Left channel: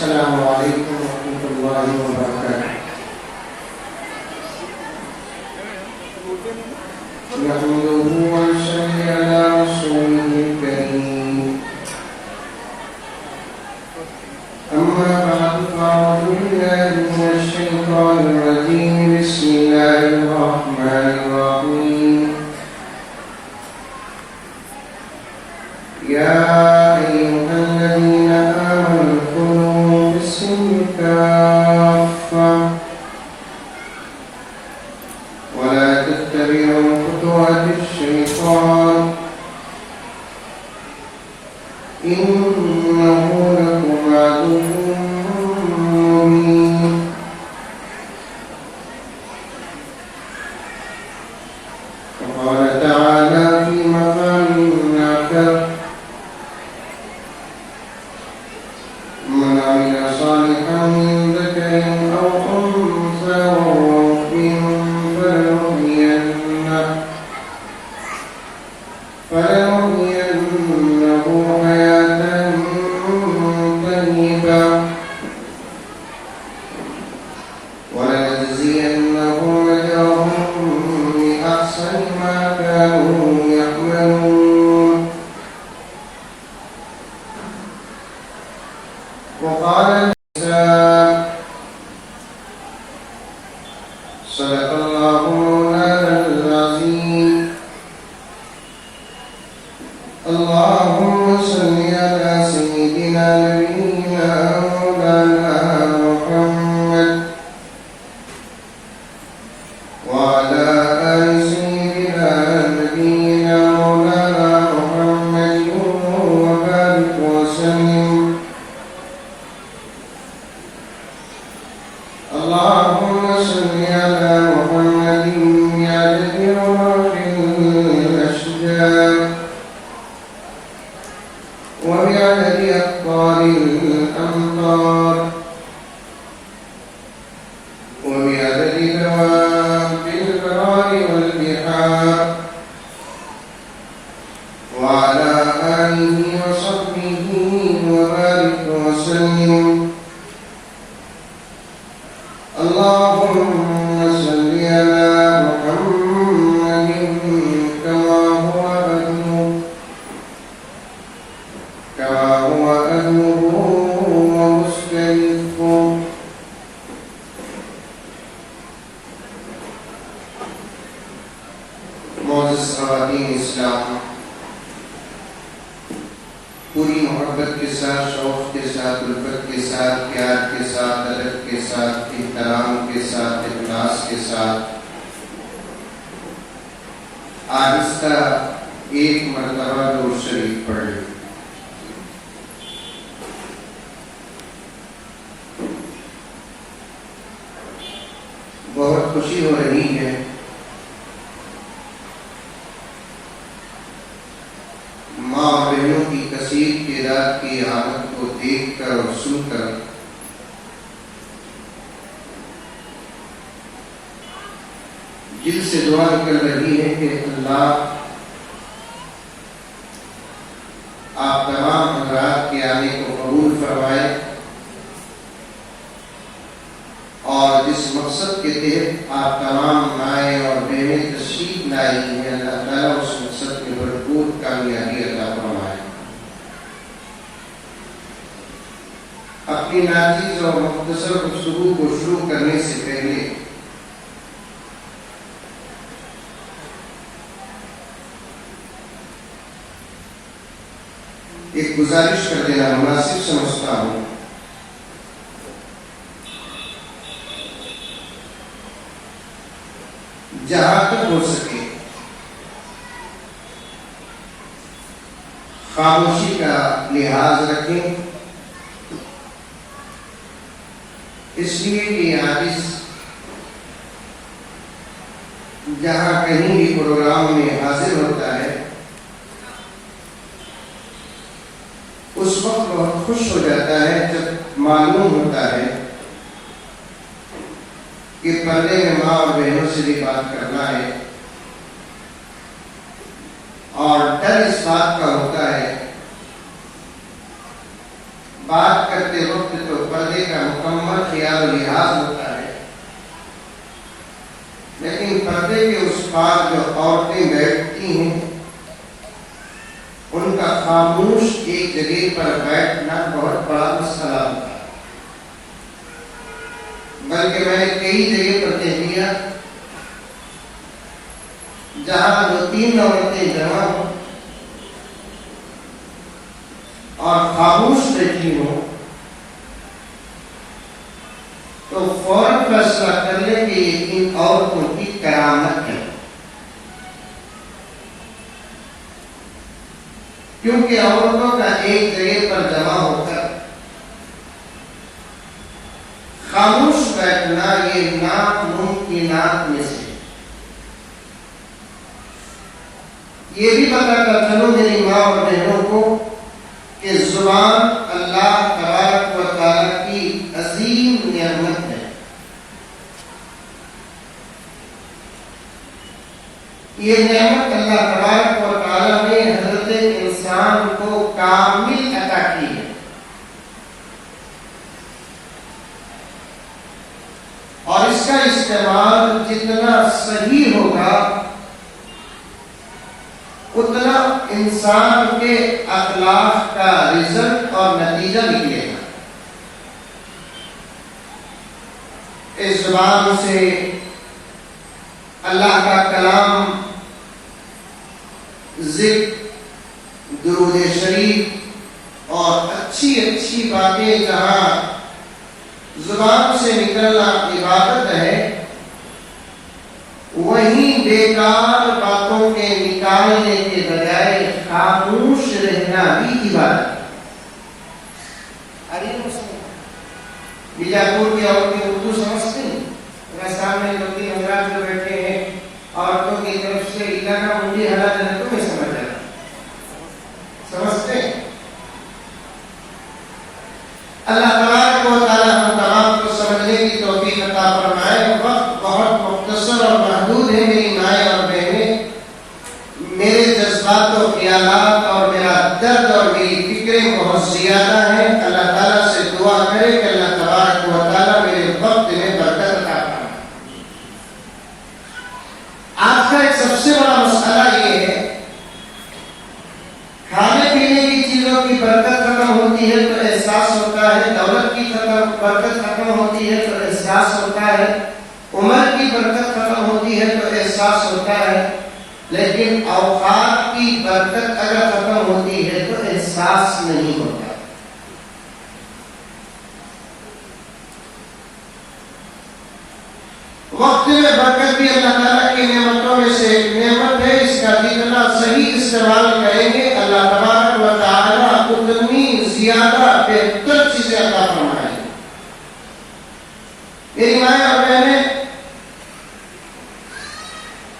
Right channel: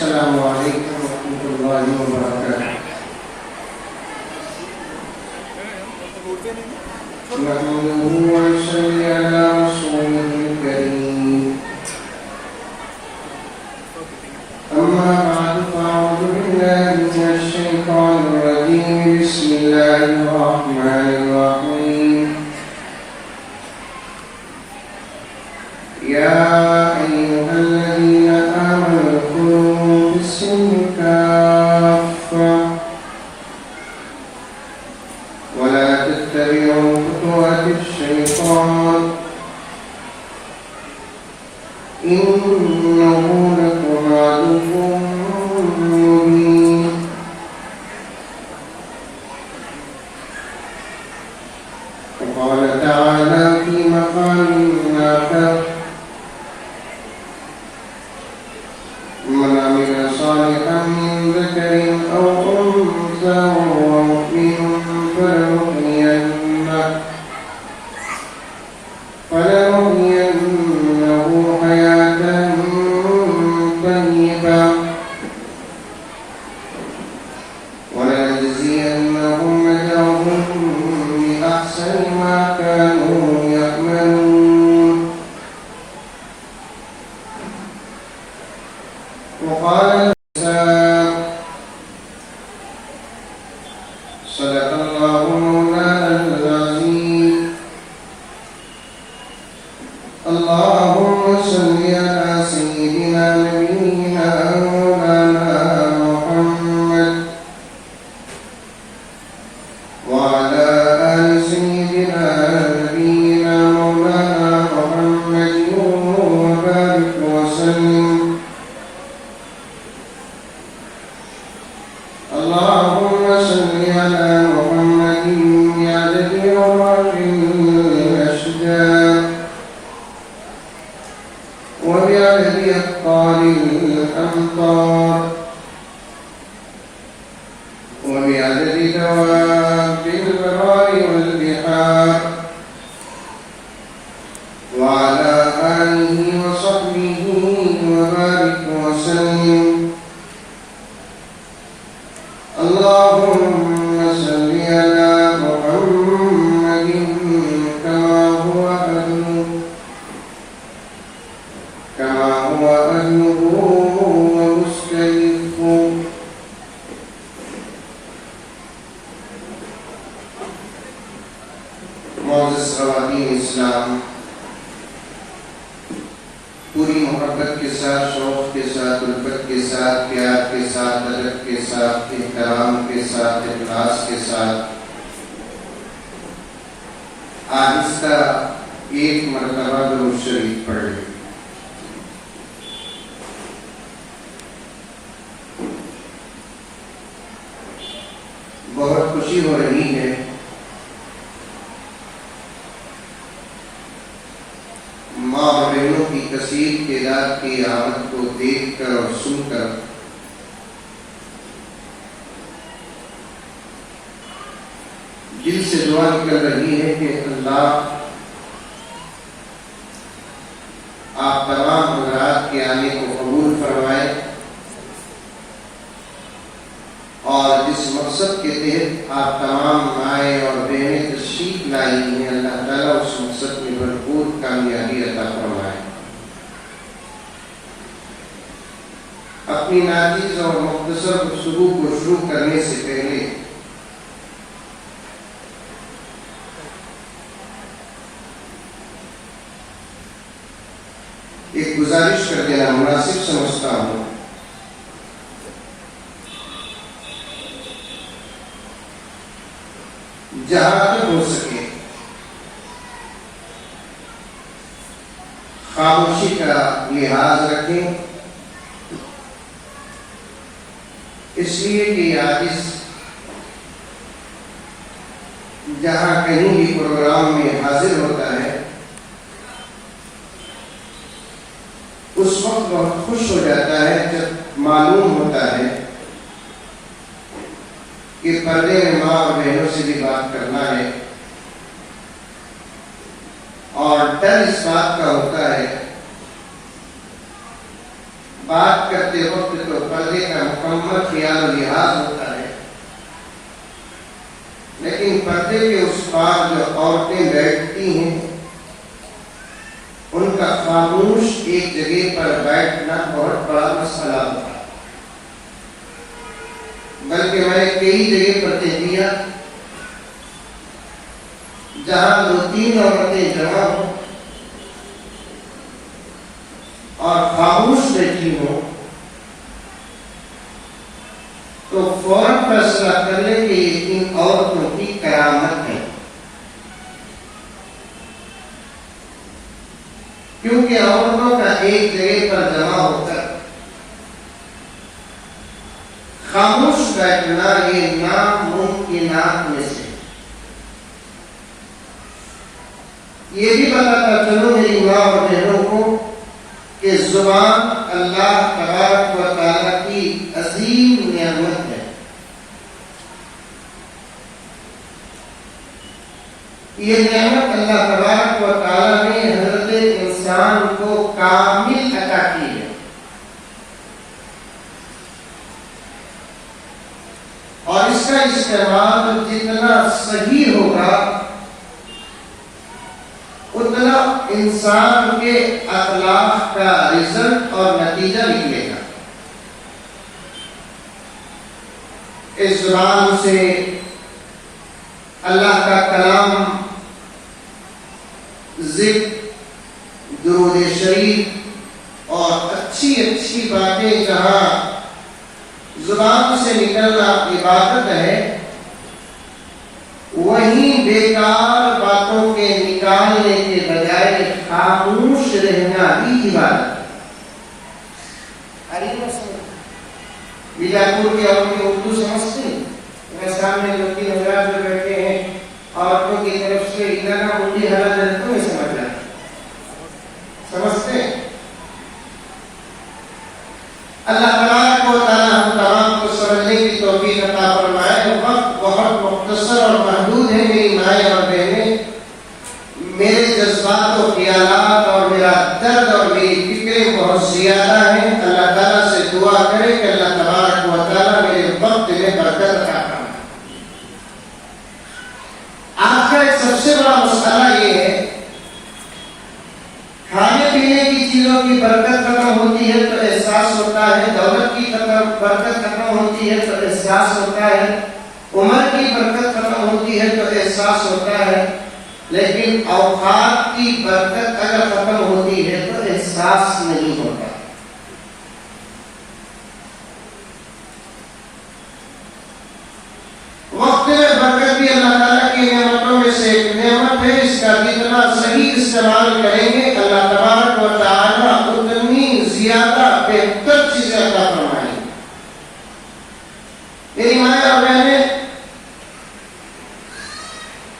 السلام علیکم ورحمۃ اللہ وبرکاتہ۔ نحمده ونصلي على رسوله الكريم، أما بعد فأعوذ بالله من الشيطان الرجيم، بسم الله الرحمن الرحيم۔ يا أيها الذين آمنوا ادخلوا في السلم كافة ولا تتبعوا خطوات الشيطان إنه لكم عدو مبين۔ وقال تعالى في مقام آخر: من عمل صالحا من ذكر أو أنثى وهو مؤمن فلنحيينه حياة طيبة ولنجزينهم أجرهم بأحسن ما كانوا يعملون۔ وقال الإنسان: صدق الله مولانا العظيم۔ اللهم صل على سيدنا نبينا مولانا محمد وعلى آل سيدنا نبينا مولانا محمد وبارك وسلم۔ اللهم صل على محمد بعدد رواق الأشجار وبعدد أقطار الأمطار وبعدد دواب البحار والبحار وعلى آله وصحبه وبارك وسلم۔ اللهم صل على محمد كما هو أهله ومستحقه۔ معزز خواتین اسلام، پوری محبت کے ساتھ، شوق کے ساتھ، الفت کے ساتھ، پیار کے ساتھ، ادب کے ساتھ، احترام کے ساتھ، اخلاص کے ساتھ آہستہ ایک مرتبہ درود شریف پڑھ لیں۔ بہت خوشی ہو رہی ہے ماں اور بہنوں کی کثیر تعداد کی آمد کو دیکھ کر اور سن کر۔ دل سے دعا نکل رہی ہے کہ اللہ آپ تمام حضرات کے آنے کو قبول فرمائے، اور جس مقصد کے تحت آپ تمام مائیں اور بہنیں تشریف لائی ہیں، اللہ تعالیٰ اس مقصد میں بھرپور کامیابی عطا فرمائے۔ اپنی ناچیز اور مختصر گفتگو کو شروع کرنے سے پہلے ایک گزارش کر دینا مناسب سمجھتا ہوں۔ جہاں تک ہو سکے خاموشی کا لحاظ رکھیں، اس لیے کہ عاجز جہاں کہیں بھی پروگرام میں حاضر ہوتا ہے اس وقت بہت خوش ہو جاتا ہے جب معلوم ہوتا ہے کہ پردے میں ماں اور بہنوں سے بھی بات کرنا ہے، اور ڈر اس بات کا ہوتا ہے بات کرتے وقت تو مکمل خیال و لحاظ ہوتا ہے، لیکن پردے کے اس پار جو عورتیں بیٹھتی ہیں ان کا خاموش ایک جگہ پر بیٹھنا بہت بڑا مسئلہ ہوتا ہے۔ بلکہ میں نے کئی جگہ پر دیکھ لیا جہاں 2-3 عورتیں جمع ہوں اور خاموش بیٹھی ہوں تو فوراً فیصلہ کر لیں کہ یہ ان عورتوں کی کرامت ہے، کیونکہ عورتوں کا ایک جگہ پر جمع ہو کر خاموش بیٹھنا یہ ناممکنات میں سے۔ یہ بھی بتاتا چلو میری ماں اور بہنوں کو کہ زبان اللہ تبارک و تعالیٰ کی عظیم نعمت ہے۔ یہ نعمت اللہ تبارک و تعالیٰ نے حضرت انسان کو کامل عطا کی ہے، اور اس کا استعمال جتنا صحیح ہوگا اتنا انسان کے اخلاق کا رزلٹ اور نتیجہ نکلے گا۔ اس زبان سے اللہ کا کلام، ذکر، درود شریف اور اچھی اچھی باتیں جہاں زبان سے نکلنا عبادت ہے، وہیں بیکار باتوں کے نکالنے کے بجائے خاموش رہنا بھی عبادت ہے۔ بیجاپور کی عورتیں اردو سمجھتے ہیں؟ میرے سامنے لڑکی حضرات جو بیٹھے ہیں عورتوں کی طرف سے علاقہ منڈی حالات تو نہیں سمجھ رہا، سمجھتے ہیں؟ اللہ تبارک و تعالیٰ ہم تمام کو سمجھنے کی توفیق عطا فرمائے۔ وقت بہت مختصر اور محدود ہے میری مائیں اور بہنیں، میرے جذبات و خیالات اور میرا درد اور میری فکریں بہت زیادہ ہیں۔ اللہ تعالیٰ سے دعا کرے کہ اللہ تبارک و تعالیٰ میرے وقت میں برکت عطا فرمائے۔ آج کا ایک سب سے بڑا مسئلہ یہ ہے، کھانے پینے کی چیزوں کی برکت ختم ہوتی ہے تو احساس ہوتا ہے، دولت کی برکت ختم ہوتی ہے تو احساس ہوتا ہے، عمر کی برکت ختم ہوتی ہے تو احساس ہوتا ہے، لیکن اوقات کی برکت اگر ختم ہوتی ہے تو احساس نہیں ہوتا۔ وقت میں برکت بھی اللہ تعالیٰ کی نعمتوں میں سے ایک نعمت ہے، اس کا جتنا صحیح استعمال کریں گے اللہ تبارک و تعالیٰ اتنی زیادہ بہتر چیزیں عطا فرمائیں گے۔ میری مائیں اور بہنیں،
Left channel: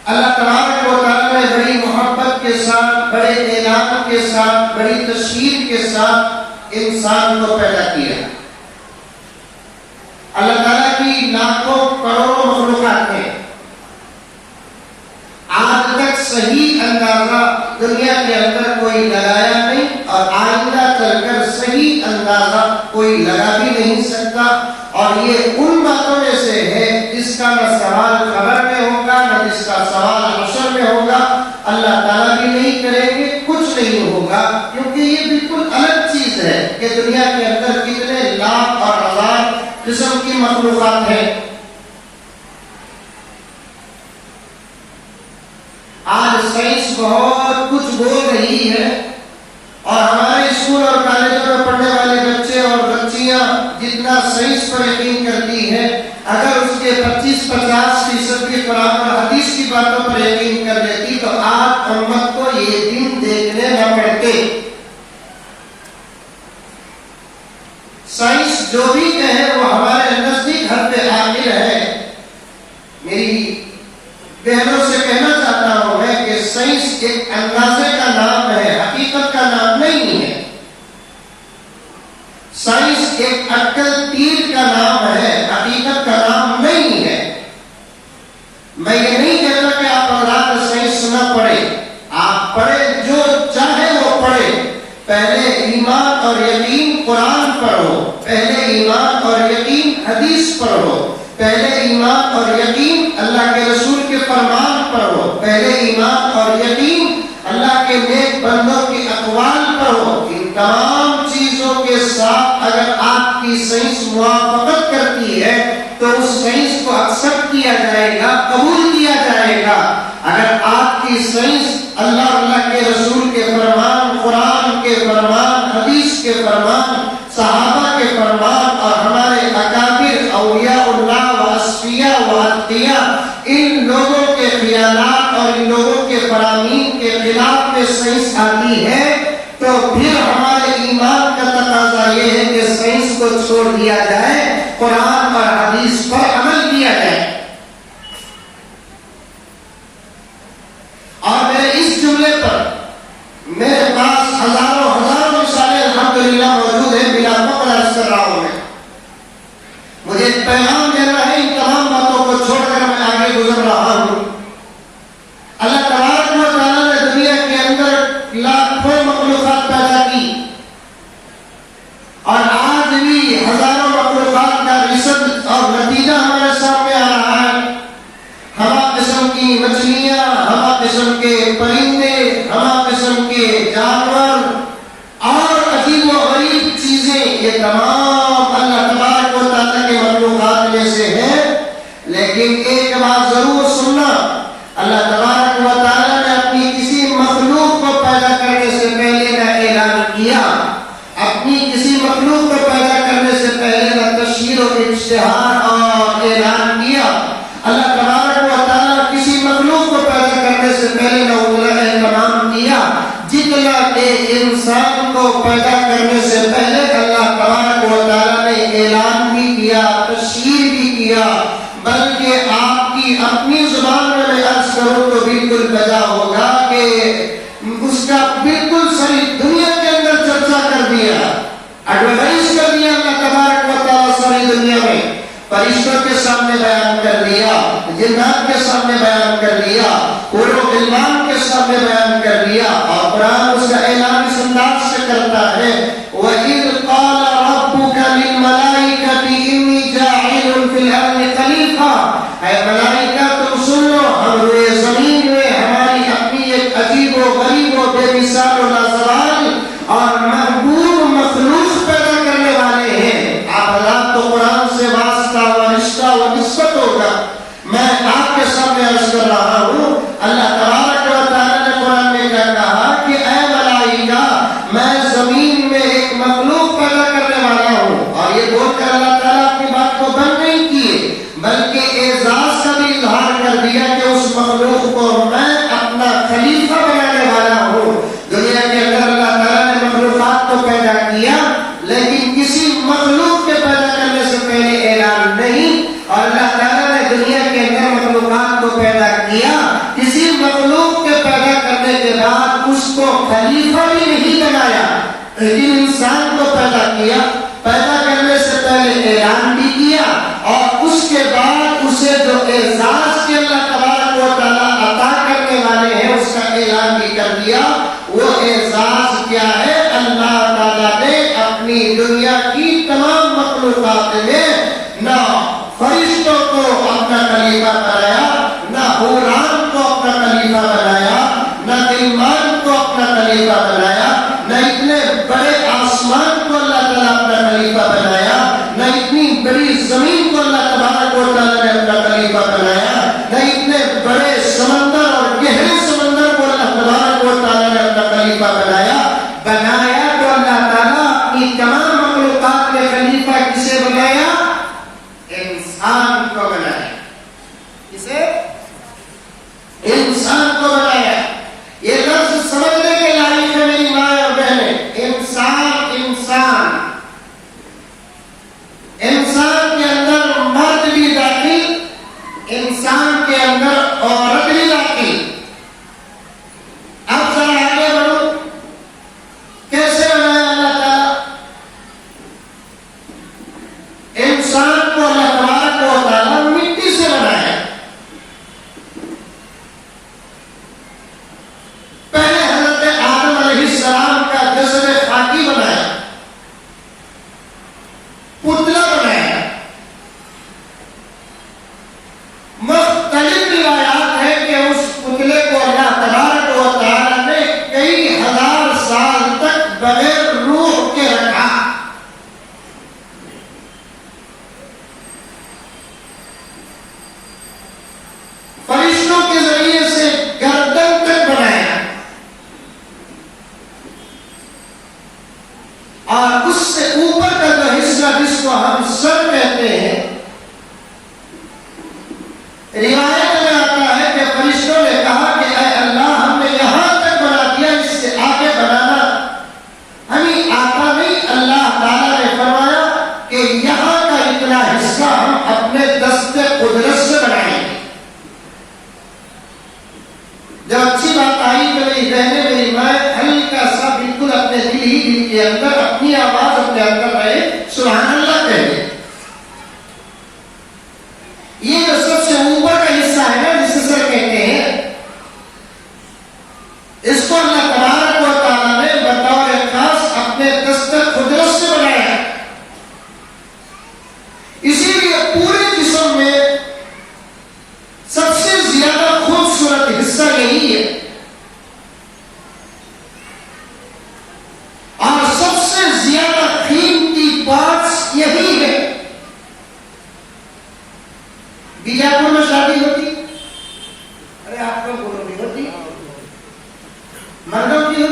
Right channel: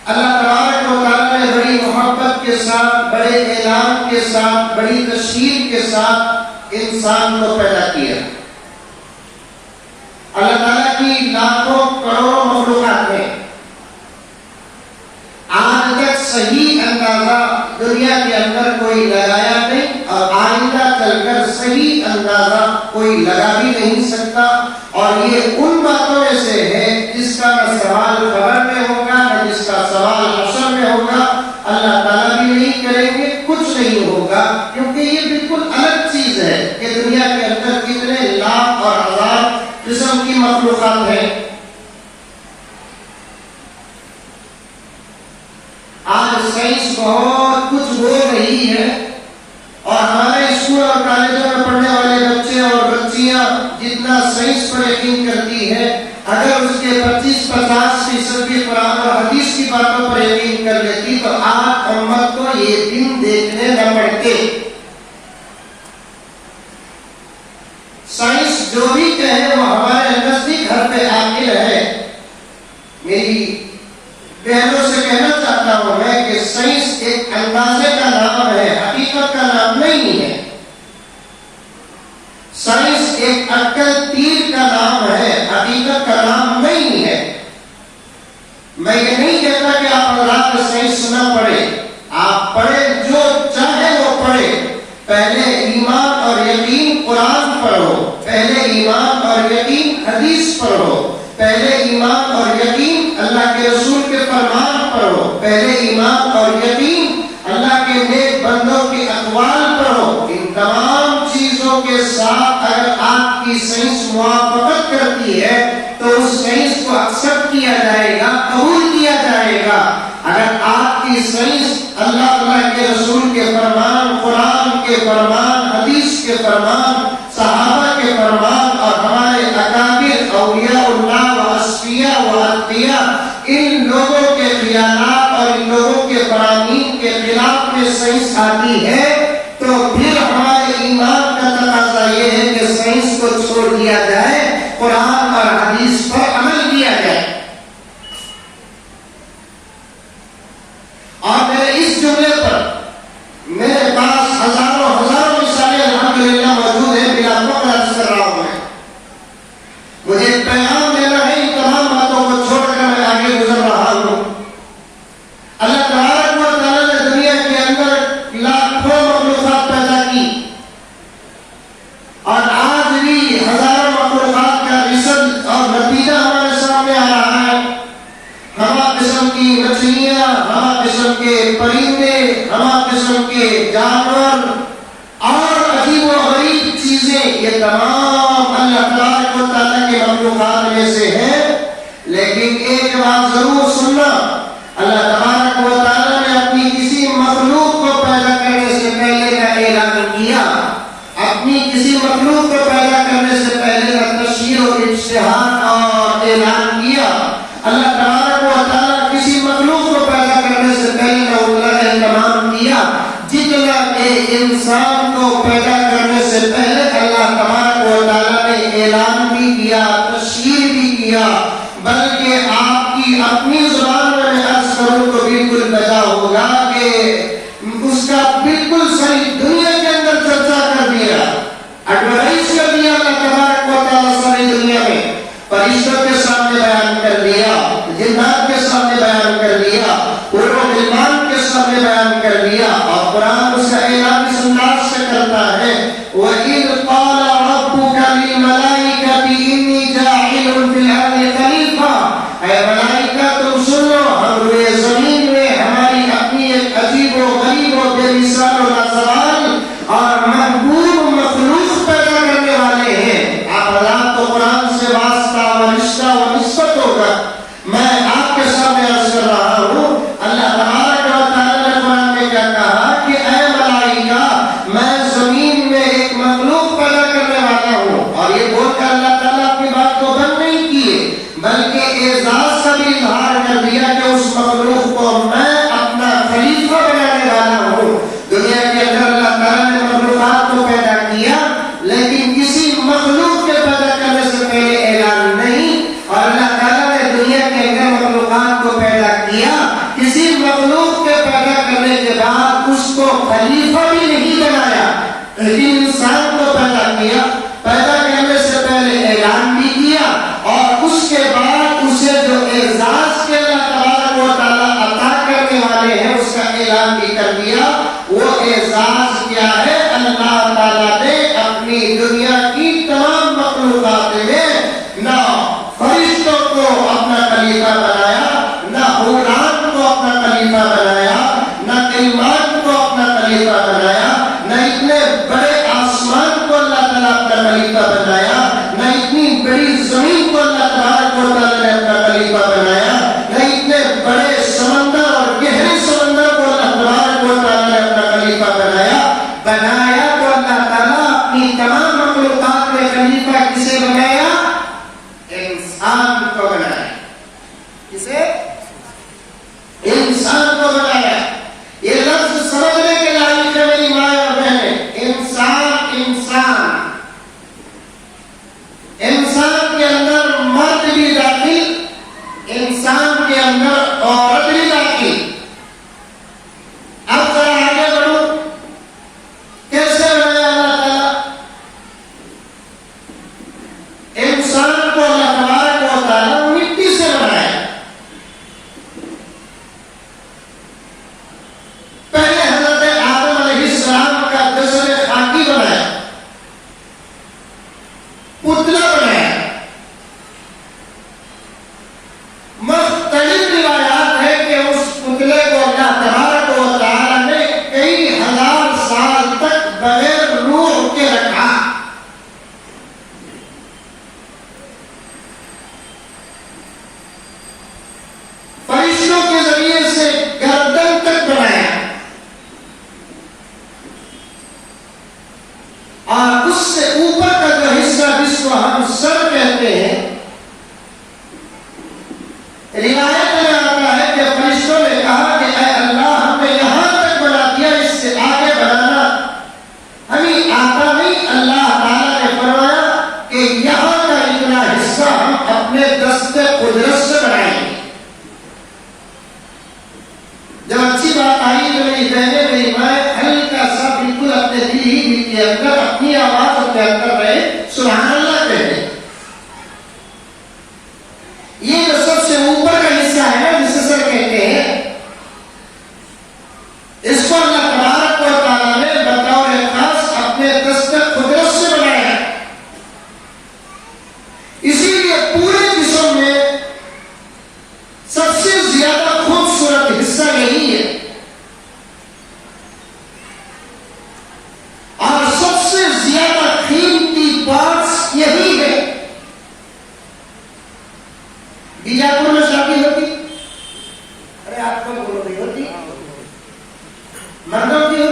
اللہ تبارک و تعالیٰ نے بڑی محبت کے ساتھ، بڑے اعلان کے ساتھ، بڑی تشریف کے ساتھ انسان کو پیدا کیا۔ اللہ تعالیٰ کی لاکھوں کروڑوں مخلوقات ہیں، آج تک صحیح اندازہ دنیا کے اندر کوئی لگایا نہیں اور آئندہ چل کر صحیح اندازہ کوئی لگا بھی نہیں سکتا، اور یہ ان باتوں میں سے ہے جس کا نہ سوال قبر میں ہوگا نہ جس کا سوال حشر میں ہوگا، اللہ تعالیٰ بھی نہیں کریں گے، کچھ نہیں ہوگا، کیونکہ یہ بالکل الگ چیز ہے کہ دنیا کے اندر کتنے لاکھ اور ہزار قسم کی مخلوقات ہیں۔ آج سائنس بہت کچھ بول رہی ہے، اور ہمارے اسکول اور کالجوں میں پڑھنے والے بچے اور بچیاں جتنا سائنس پر یقین کرتی ہے، اگر اس کے 25-50% کی قرآن اور حدیث کی باتوں پر یقین کر لیتی تو آج امت کو یہ دن دیکھنے نہ پڑتے۔ سائنس جو بھی کہے وہ ہمارے نزدیک حد عاقل ہے۔ میری بہنوں سے کہنا چاہتا ہوں میں کہ سائنس ایک اندازے کا نام ہے، حقیقت کا نام نہیں ہے۔ سائنس ایک عقل تیر کا نام ہے، حقیقت کا نام نہیں ہے۔ میں یہ نہیں کہتا کہ آپ رات میں سائنس نہ پڑھیں، آپ پڑھیں، جو چاہے وہ پڑھیں، پہلے ایمان اور یقین قرآن پڑھو، پہلے ایمان اور یقین سائنس آتی ہے تو پھر ہمارے ایمان کا تقاضا یہ ہے کہ سائنس کو چھوڑ دیا جائے، قرآن اور حدیث پر عمل کیا جائے۔ اور میرے اس جملے پر میرے پاس ہزاروں مثالیں الحمدللہ موجود ہیں، بلا فخر عرض کر رہا ہوں میں۔ مجھے ایک پیغام دینا ہے، ان تمام باتوں کو چھوڑ کر میں آگے گزر رہا ہوں۔ اللہ تبارک و تعالیٰ نے دنیا کے اندر لاکھوں مخلوقات پیدا کی، اور آج بھی ہزاروں مخلوقات کا رزق اور نتیجہ ہمارے سامنے آ رہا ہے۔ ہما قسم کی مچھلیاں، ہما قسم کے پرندے، ہما قسم کے جانور اور عجیب و غریب چیزیں، یہ تمام اللہ تبارک و تعالیٰ کے مخلوقات میں سے ہیں۔ لیکن ایک بات ضرور سننا، اللہ تبارک و تعالیٰ نے اپنی کسی مخلوق کو پیدا کرنے سے پہلے نہ اعلان کیا، اپنی کسی مخلوق کو پیدا کرنے سے پہلے نہ تشہیر و اشتہار اور اعلان کیا۔ اللہ تبارک و تعالیٰ کسی مخلوق کو پیدا کرنے سے پہلے نہ ان کا اہتمام کیا، جتنا کہ انسان کو پیدا کرنے سے پہلے اللہ تبارک و تعالیٰ نے اعلان بھی کیا، تشہیر بھی کیا۔ بلکہ آپ کی اپنی زبان میں عرض کروں تو بالکل بجا ہوگا کہ اس کا بالکل صحیح دنیا کے اندر چرچا کر دیا، ایڈورٹائز کر دیا اللہ تبارک و تعالیٰ ساری دنیا میں، فرشتوں کے سامنے بیان کر دیا، جنات کے سامنے بیان کر دیا، اولو غلمان کے سامنے بیان کر دیا۔ اور قرآن اس کا اعلان اس انداز سے کرتا ہے، وَإِذْ قَالَ رَبُّكَ لِلْمَلَائِكَةِ إِنِّي جَاعِلٌ فِي الْأَرْضِ خَلِيفَةً، اے ملائکہ تم سن لو، ہم روئے زمین میں ہماری اپنی ایک عجیب و غریب و بے مثال و لازوال اور محبوب مخلوق پیدا کرنے والے ہیں۔ آپ حضرات تو قرآن سے واسطہ و رشتہ و نسبت ہوگا، میں آپ کے سامنے عرض کر رہا ہوں۔ اللہ تبارک و تعالیٰ نے قرآن میں کیا کہا کہ اے ملائکہ، میں زمین میں ایک مخلوق پیدا کرنے والا ہوں۔ اور یہ بول کر اللہ تعالیٰ اپنی بات کو بند نہیں کیے، بلکہ اعزاز کا بھی اظہار کر دیا کہ اس مخلوق کو میں اپنا خلیفہ بنانے والا ہوں۔ دنیا کے اندر اللہ تعالیٰ نے مخلوقات کو پیدا کیا، لیکن کسی مخلوق کے پیدا کرنے سے پہلے اعلان نہیں، اور اللہ تعالیٰ نے دنیا کے اندر مخلوقات کو پیدا کیا، کسی مخلوق کے پیدا کرنے کے بعد اس کو خلیفہ بھی نہیں بنایا، لیکن انسان کو پیدا کیا، پیدا کرنے سے پہلے اعلان بھی کیا، اور اس کے بعد اسے جو اعزاز کے اللہ تبارک و تعالیٰ عطا کرنے والے ہیں اس کا اعلان بھی کر دیا۔ وہ اعزاز کیا ہے؟ اللہ تعالیٰ نے اپنی دنیا کی تمام مخلوقات میں نہ فرشتوں کو اپنا خلیفہ بنایا، نہ حوران کو اپنا خلیفہ بنایا، نہ غلمان کو اپنا خلیفہ بنایا، نہ اتنے بڑے آسمان کو اللہ تعالیٰ اپنا خلیفہ بنایا، نہ اتنی بڑی زمین کو اللہ تبارک و تعالیٰ نے اپنا خلیفہ بنایا، نہ اتنے بڑے سمندر اور گہرے سمندر کو اللہ تبارک و تعالیٰ نے اپنا خلیفہ بنایا۔ تو اللہ تعالیٰ اپنی تمام مخلوقات میں خلیفہ کسے بنایا؟ انسان کو بنایا۔ کسے؟ انسان کو بنایا۔ یہ لفظ سمجھنے کے لائق ہے میری ماں اور بہنیں۔ انسان، انسان، انسان کے اندر مرد بھی داخل، انسان کے اندر عورت بھی داخل۔ اب ذرا آگے بڑھو، کیسے بنایا اللہ تعالیٰ؟ انسان کو اللہ تبارک و تعالیٰ مٹی سے بنایا۔ پہلے حضرت آدم علیہ السلام کا جسد خاکی بنایا، پتلا بنایا۔ مختلف روایات ہے کہ اس پتلے کو اللہ تبارک و تعالیٰ نے کئی ہزار سال تک بغیر روح کے رکھا۔ فرشتوں کے ذریعے سے گردن تک بنایا، اور اس سے اوپر کا جو حصہ جس کو ہم سر کہتے ہیں، روایت میں آتا ہے کہ فرشتوں نے کہا کہ اے اللہ، ہم نے یہاں تک بنا دیا، اس سے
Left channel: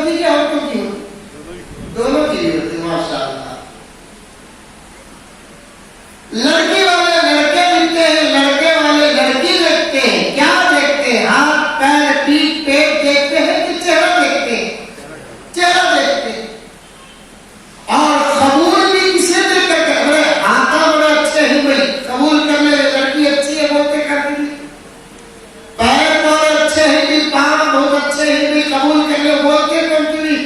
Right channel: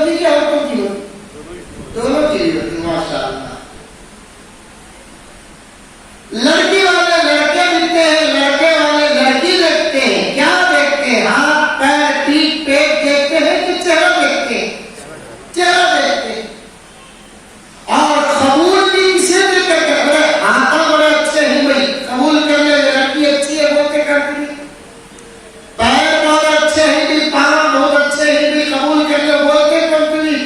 ہوتی کہ عورتوں کی ہوتی؟ دونوں کی ہوتی. ماشاء اللہ. لڑکی والے لڑکے دیکھتے ہیں, لڑکے والے لڑکی دیکھتے ہیں. کیا دیکھتے ہیں؟ ہاتھ پیر پیٹھ پیٹ دیکھتے ہیں کہ چہرہ دیکھتے ہیں؟ چہرہ دیکھتے ہیں. اور قبول بھی کسے دل کر کے بڑے آقا بڑے اچھے ہیں بھائی, قبول کر لے, لڑکی اچھی ہے بول کے کرتی. پیر بہت اچھے ہیں بھی, پاؤں بہت اچھے ہیں بھی, قبول کر لے بول کے کرتی.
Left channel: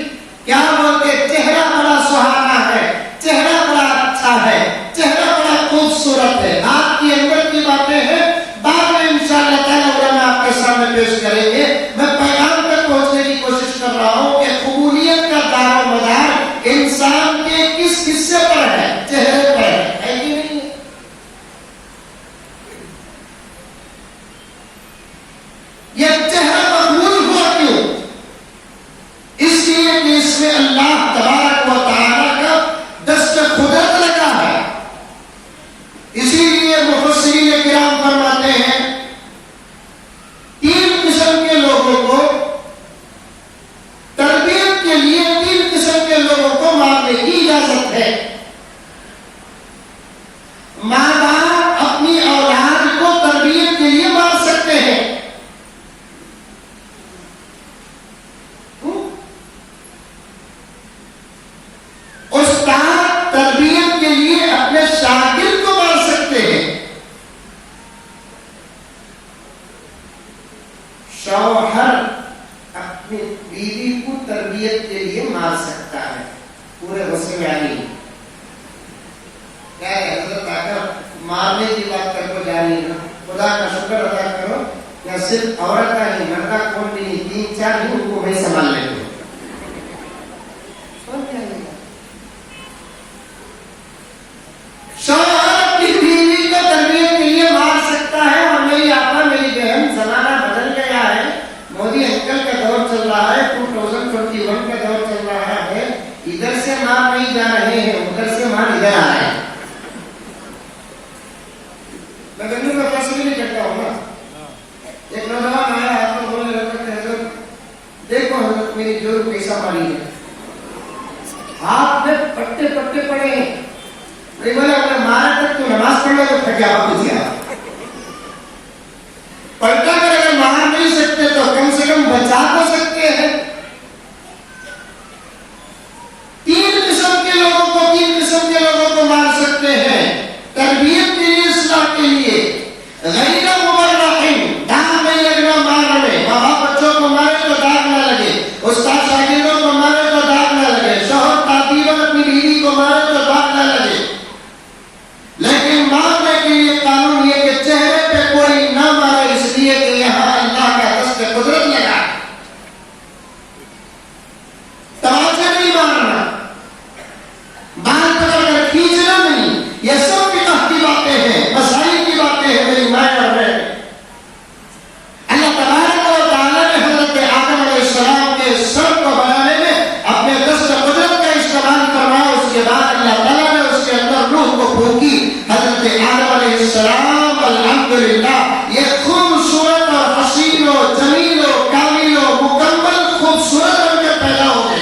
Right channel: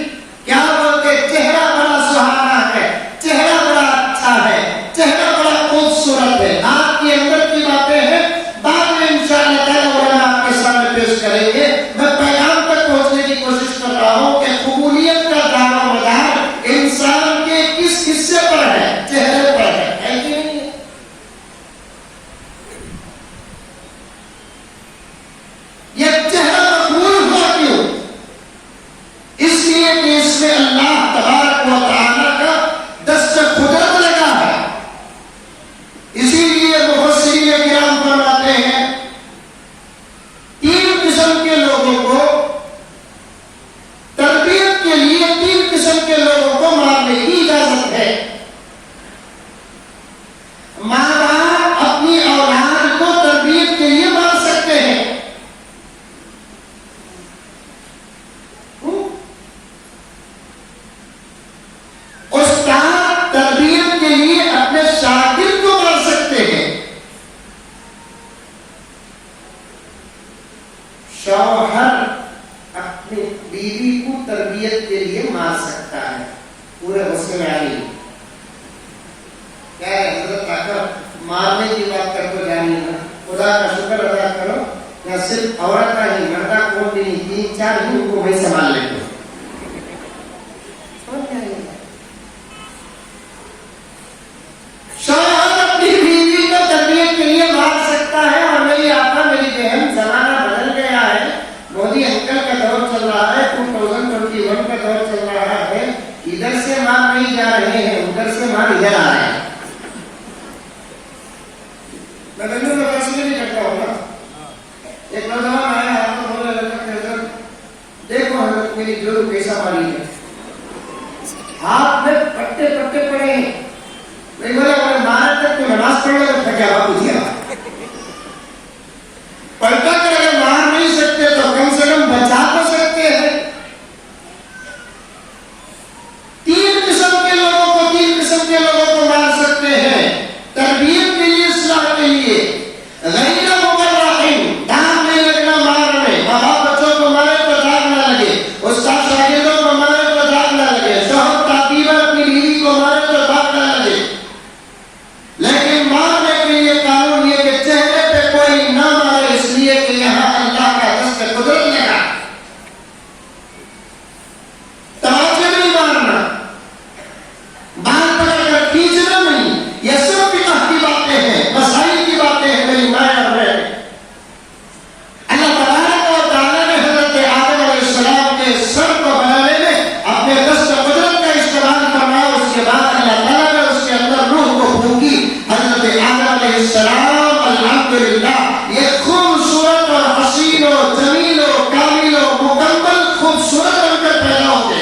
کیا بولتے؟ چہرہ بڑا سہانا ہے, چہرہ بڑا اچھا ہے, چہرہ بڑا خوبصورت ہے. آپ کے اندر کی باتیں ہیں, بعد میں انشاءاللہ تعالی علماء آپ کے سامنے پیش کریں گے. میں پیغام تک پہنچنے کی کوشش کر رہا ہوں کہ قبولیت کا دار و مدار انسان کے کس حصے پر ہے؟ چہرے پر ہے کہ نہیں؟ یہ چہرہ مقبول ہوا کیوں؟ اس لیے کہ اس میں اللہ تبارک و تعالی کا دست قدرت لگا ہے. اسی لیے مفسرین کرام فرماتے ہیں 3 قسم کے لوگوں کو تربیت کے لیے 3 قسم کے لوگوں کو مارنے کی اجازت ہے. ماں باپ اپنی اولاد کو تربیت کے لیے مار سکتے ہیں. استاد تربیت کے لیے اپنے شاگرد کو مار سکتے ہیں. شوہر اپنی بیوی کو تربیت کے لیے مار سکتا ہے. پورے غصے آئی کیا ہے حضرت آ کر مارنے کی بات کر کو جانی نا. خدا کا شکر ادا کرو یا صرف عورت کا ہی, مردہ کون بھی نہیں, 3-4 ہی ان کو میں سنبھال لیں گے. شوہر اپنی بیوی کو تربیت کے لیے مار سکتا ہے. اور میری آپا میری بہن, زمانہ بدل گیا ہے. مودی انکل کا دور چل رہا ہے, 2021 کا دور چل رہا ہے. ادھر سے مار نہیں جا رہے ہیں, ادھر سے مار ادھر آ رہا ہے. میں دنوں کا فیصلہ نہیں کرتا ہوں نا. ایک نوجوان آیا, آپ کو بولنے لگا کہ حضرت دیکھو حضرت میری جوڑ کیسا ماری ہے, ہاتھ میں پٹے پٹے پڑے ہیں. میں بولا اگر مارا تک تو نماز پڑھ لو تو پھر کیا آپ دیا پلٹا کر. اگر مار نہیں سکتے تو کم سے کم بچا تو سکتے ہیں. 3 قسم کے لوگوں کو 3 قسم کے لوگوں کو مار سکتے ہیں تربیت کے لیے, اصلاح کے لیے. غیر مبرحین, داغ نہیں لگنا مارنے. ماں باپ بچوں کو مارے تو داغ نہ لگے, استاد شاگردوں کو مارے تو داغ نہ لگے, شوہر تعطیل اپنی بیوی کو مارے تو داغ نہ لگے. لیکن مارنے کے لیے قانون یہ کہ چہرے پہ کوئی نہ مارے, اس لیے کہ یہاں اللہ کا دست قدرت لگا. تماچے نہیں مارنا, بال پکڑ کر کھینچنا نہیں. یہ سب فقہ کی باتیں ہیں, مسائل کی باتیں ہیں میری مائیں اور بہن. اللہ تبارک و تعالیٰ نے حضرت آدم علیہ السلام کے سر کو بنانے میں اپنے دست قدرت کا استعمال فرمایا. اس کے بعد اللہ تعالیٰ نے اس کے اندر روح کو پھونکی. حضرت آدم علیہ السلام الحمدللہ یہ خوبصورت اور حسین و جمیل و کامل و مکمل خوبصورت بن کر پیدا ہوتے.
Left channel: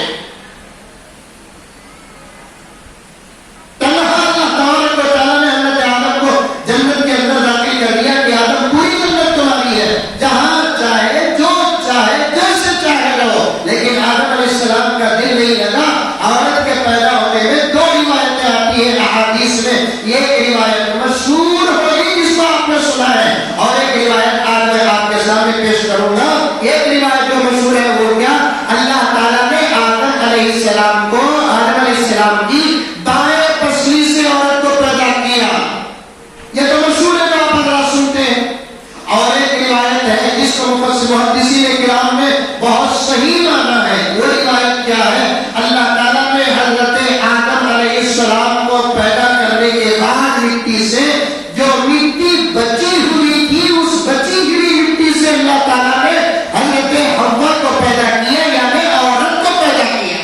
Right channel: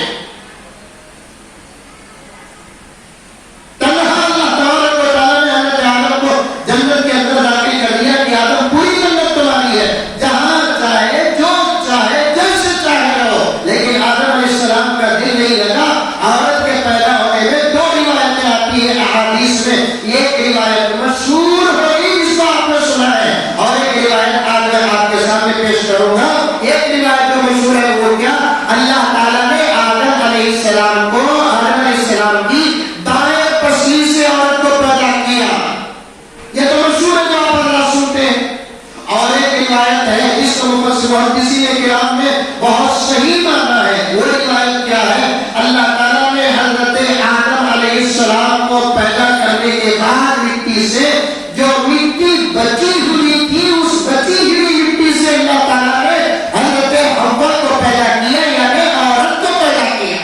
تنہا اللہ تبارک و تعالیٰ نے حضرت آدم کو جنت کے اندر داخل کر دیا کہ آدم پوری جنت تمہاری ہے, جہاں چاہے جو چاہے جیسے چاہے رہو. لیکن آدم علیہ السلام کا دل نہیں لگا. عورت کے پیدا ہونے میں 2 روایتیں آتی ہیں احادیث میں. ایک روایت مشہور ہوئی جس کو آپ نے سنا ہے, اور ایک روایت آج میں آپ کے سامنے پیش کروں گا. ایک روایت جو مشہور ہے وہ کیا, اللہ تعالیٰ نے آدم علیہ السلام کو, آدم علیہ السلام کی دائیں پسلی سے عورت کو پیدا کیا. یہ تو مشہور ہے جو آپ حضرات سنتے ہیں. اور ایک روایت ہے جس کو محدثین کرام نے بہت صحیح مانا ہے. وہ روایت کیا ہے, اللہ تعالیٰ نے حضرت آدم علیہ السلام کو پیدا کرنے کے بعد مٹی سے جو مٹی بچی ہوئی تھی, اس بچی ہوئی مٹی سے اللہ تعالیٰ نے حضرت حوا کو پیدا کیا, یعنی عورت کو پیدا کیا.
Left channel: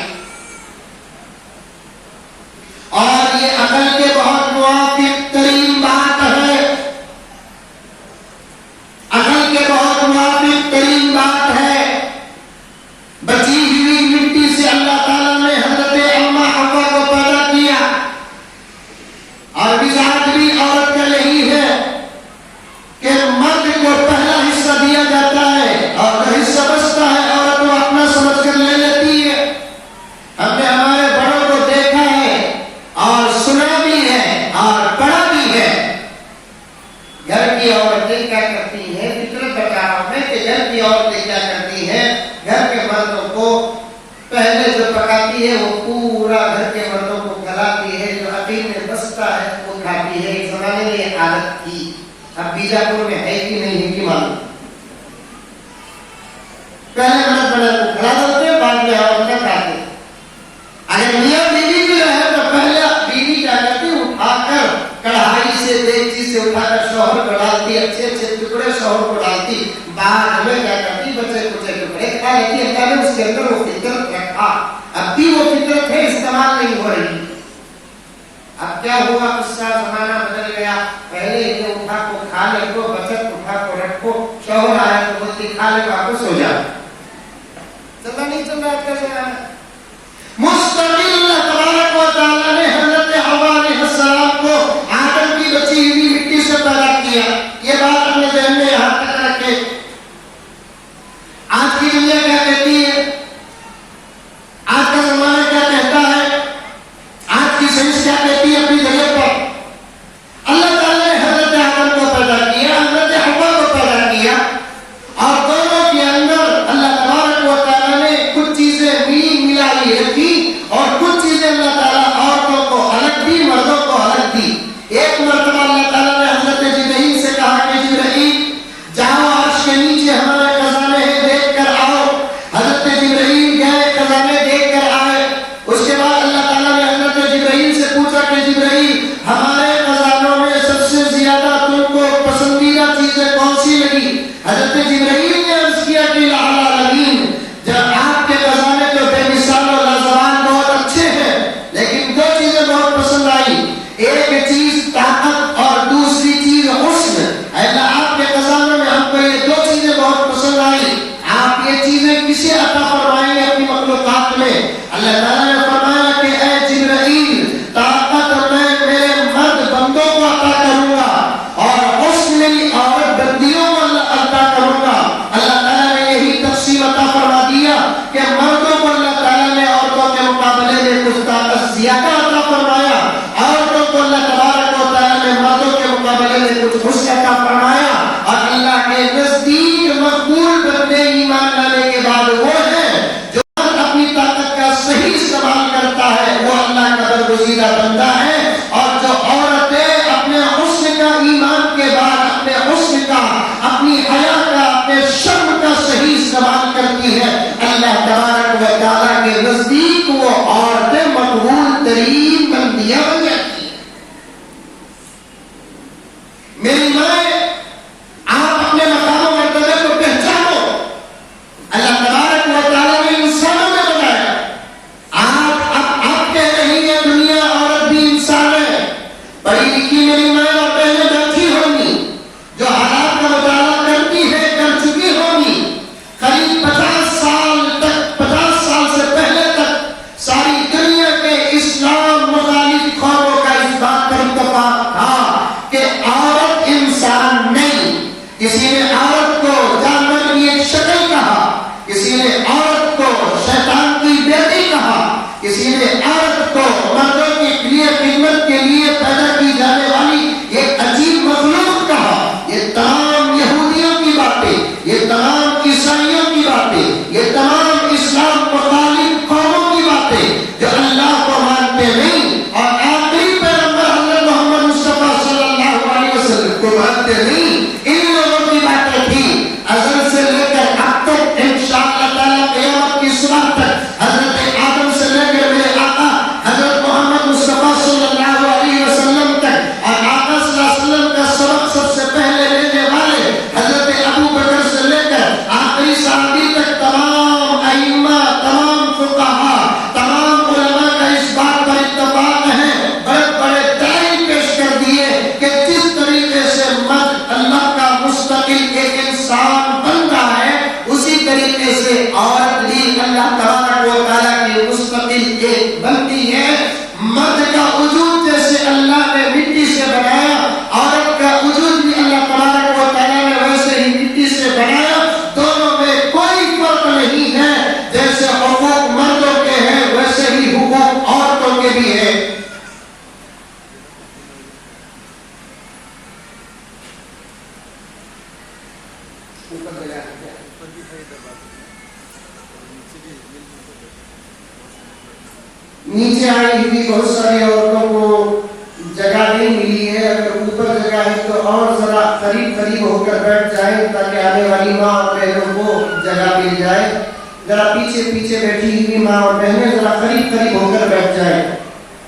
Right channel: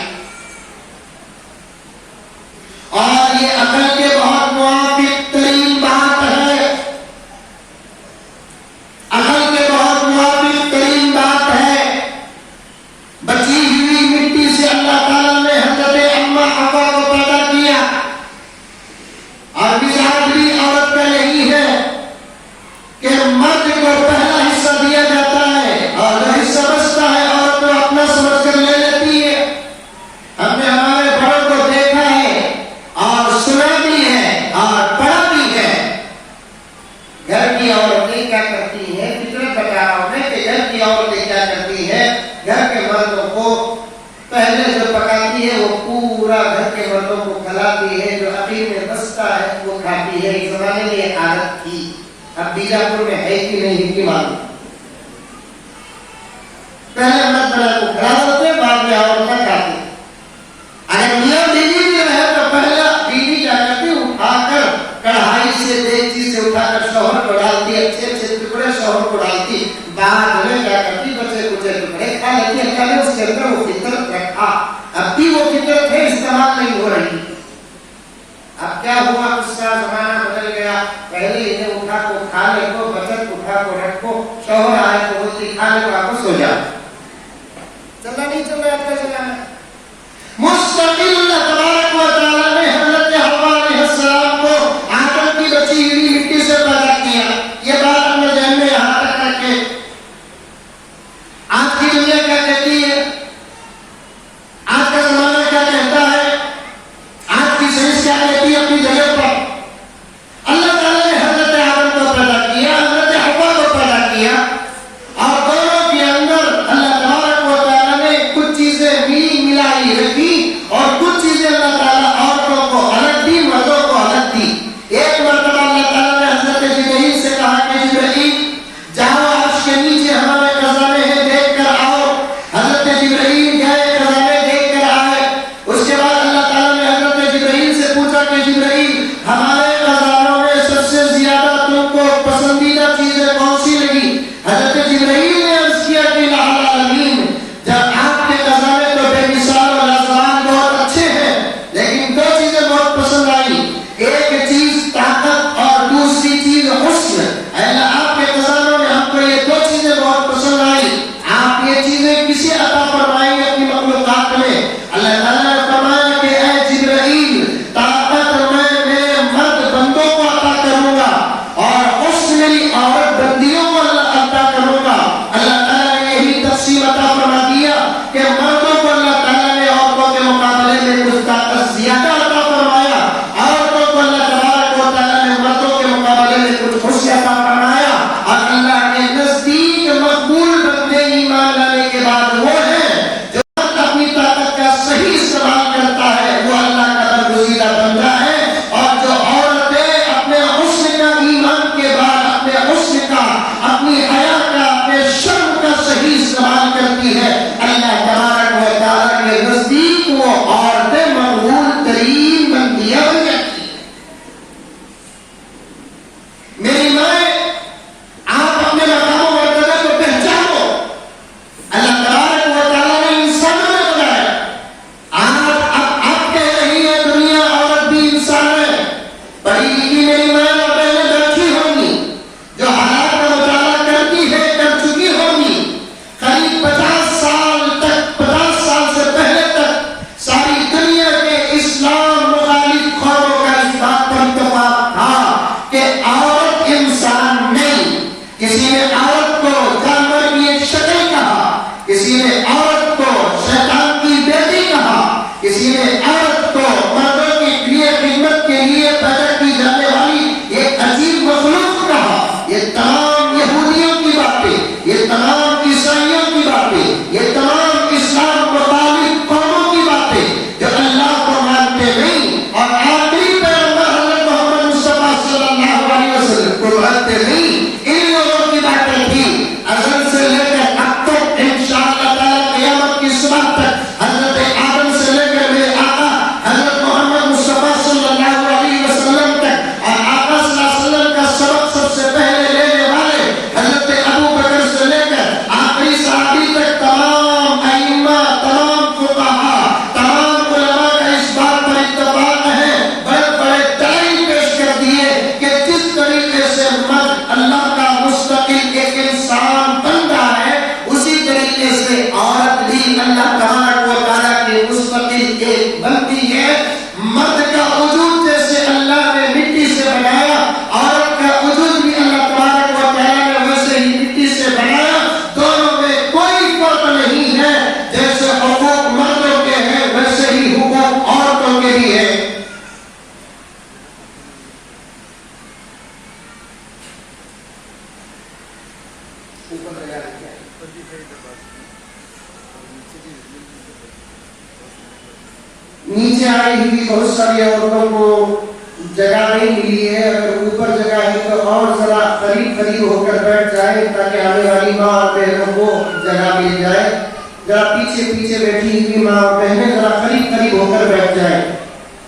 زمانے میں یہ عادت تھی. اب بیجاپور میں ہے کہ نہیں ہے کہ معلوم. پہلے مرد بڑا کو کھڑا کرتے بعد میں عورت کا کھاتے. اگر میاں بیوی بھی رہے تو پہلے بیوی کیا کرتی اٹھا کر کڑھائی سے دیگچی سے اٹھا کر شوہر کو ڈالتی, اچھے اچھے ٹکڑے شوہر کو ڈالتی, بعد میں کیا کرتی بچے کچے ٹکڑے کھا لیتی. پہلے اس کے اندر وہ فطرت رکھا, اب بھی وہ فطرت ہے, استعمال نہیں ہو رہی. اب کیا ہوا, اس کا زمانہ بدل گیا. پہلے انہیں اٹھا کو کھا لے کو, بچت اٹھا کو رکھو, شوہر آئے تو بولتی کھا لے کو آپ سو جاؤ. چلنا نہیں چل رہا آپ کا زمانہ. مستقل اللہ تبارک و تعالیٰ نے حضرت حوا علیہ السلام کو آدم کی بچی ہوئی مٹی سے پیدا کیا. یہ بات اپنے ذہن میں یہاں تک رکھے. آج کی دنیا کیا کہتی ہے, آج کا زمانہ کیا کہتا ہے, آج کی سائنس کیا کہتی ہے اپنی جگہ پر. اللہ تعالیٰ نے حضرت آدم کو پیدا کیا, حضرت حوا کو پیدا کیا, اور دونوں کے اندر اللہ تبارک و تعالیٰ نے کچھ چیزیں ملائی رکھی اور کچھ چیزیں اللہ تعالیٰ عورتوں کو الگ دی, مردوں کو الگ دی. ایک مرتبہ اللہ تعالیٰ نے حضرت جبرائیل سے کہا کہ جبرائیل جاؤ عرش کے نیچے ہمارے خزانے ہیں دیکھ کر آؤ. حضرت جبرائیل گئے, خزانے دیکھ کر آئے. اس کے بعد اللہ تعالیٰ نے حضرت جبرائیل سے پوچھا کہ جبرائیل ہمارے خزانوں میں سب سے زیادہ تم کو پسندیدہ چیزیں کون سی لگی. حضرت جبرائیل نے عرض کیا کہ العالمین, جب آپ کے خزانے تو بے مثال و لازوال بہت اچھے ہیں, لیکن دو چیزیں بہت پسند آئی. ایک چیز طاقت اور دوسری چیز حسن. اللہ آپ کے خزانوں میں ہم کو یہ دو چیزیں بہت پسند آئی, آپ یہ چیزیں کسی عطا فرمائیں اپنی مخلوقات میں. اللہ تعالیٰ نے فرمایا کہ اے جبرائیل طاقت میں میرے مرد بندوں کو عطا کروں گا اور حسن میری عورت بندیوں کو عطا کروں گا. اللہ تعالیٰ نے یہی تقسیم عطا فرما دیا کہ مردوں کو اللہ تعالیٰ نے عورتوں کے مقابلے میں کچھ طاقت زیادہ عطا فرمایا, عورتوں کو اللہ تبارک و تعالیٰ نے مردوں کے مقابلے میں کچھ حسن عطا فرمایا. اور اللہ کے نزدیک مقبول بندے ایمان لانے کے بعد وہ ہیں جو اپنی طاقت کا صحیح استعمال کرتا ہے, وہ اللہ کا برگزیدہ بندہ ہے. اور جو عورتیں اپنے حسن کا ایمان کے بعد اپنے حسن کا, اپنی حیا کا, اپنے شرم کا صحیح استعمال کرتی ہے, اللہ تبارک و تعالیٰ کے نزدیک وہ عورتیں مقبول ترین بندیاں بن جاتی ہیں. میری مائیں, آپ اپنے مقام و مرتبے کو پہچانو. اللہ تبارک و تعالیٰ نے انسانوں میں بنایا. آپ کہہ رہی ہے دنیا عورت بھی انسان ہے. پڑھی لکھی میری مائیں اور بہنیں بیٹھی ہوں گی, جو حالات کا مطالعہ کرتی ہے, کر چکی ہوں گی. قریب 50 سال تک, 50 سال سے پہلے تک ساری دنیا کے اسلام مخالف قوموں کا اس بات پر اتفاق تھا کہ عورت انسان نہیں. کسی نے عورت کو جانور کی ایک شکل کہا, کسی نے عورت کو شیطان کی بیٹی کہا, کسی نے عورت کو مردوں کے لیے خدمت کے لیے پیدا کی جانے والی ایک عجیب مخلوق کہا. یہ تمام یہودیوں کی باتیں, یہ تمام عیسائیوں کی باتیں, یہ تمام اسلام مخالف قوموں کی باتیں جو اللہ کو مانتے نہیں اور آخری پیغمبر حضرت محمد مصطفیٰ صلی اللہ علیہ وسلم کو مانتے نہیں, ان لوگوں کی باتیں تھیں. ازل سے لے کر اب تک انشاءاللہ تعالیٰ قیامت کی صبح تک حضرت آدم سے لے کر میرے آقا حضرت محمد مصطفیٰ صلی اللہ علیہ وسلم تک, اور آقا صلی اللہ علیہ وسلم کا سبق سب سے پہلے لینے والے حضرت ابو بکر سے لے کر آخری صحابی تک تمام ائمہ, تمام فقہا, تمام علماء کا اس بات پر اتفاق ہے. بڑے بڑے دلائل پیش کر دیے کہ جس طریقے سے مرد اللہ کا مستقل ایک انسان بنتا ہے, اسی طریقے سے عورت بھی اللہ تبارک و تعالیٰ کی مستقل ایک بنتی ہے. مرد کا وجود جیسے اللہ نے مٹی سے بنایا, عورت کا وجود بھی اللہ تبارک و تعالیٰ نے ویسے ہی مٹی سے بنایا. دونوں میں کوئی فرق نہیں ہے. جیسے حقوق مردوں کے ہیں ویسے ہی حقوق عورتوں کے بھی ہیں. نیچے آئی ہوئی بہت ساری عورتوں کو جگہ نہیں ملی ہے، اگر اوپر جگہ ہے تو اور ذرا قریب قریب ہو کر بیٹھ جائیں تاکہ آنے والی ماں اور بہنوں کو جگہ مل جائے. ذرا پیچھے پیچھے بیٹھی ہوئی ماں اور بہنیں ذرا قریب قریب ہو کر بیٹھ جائیں.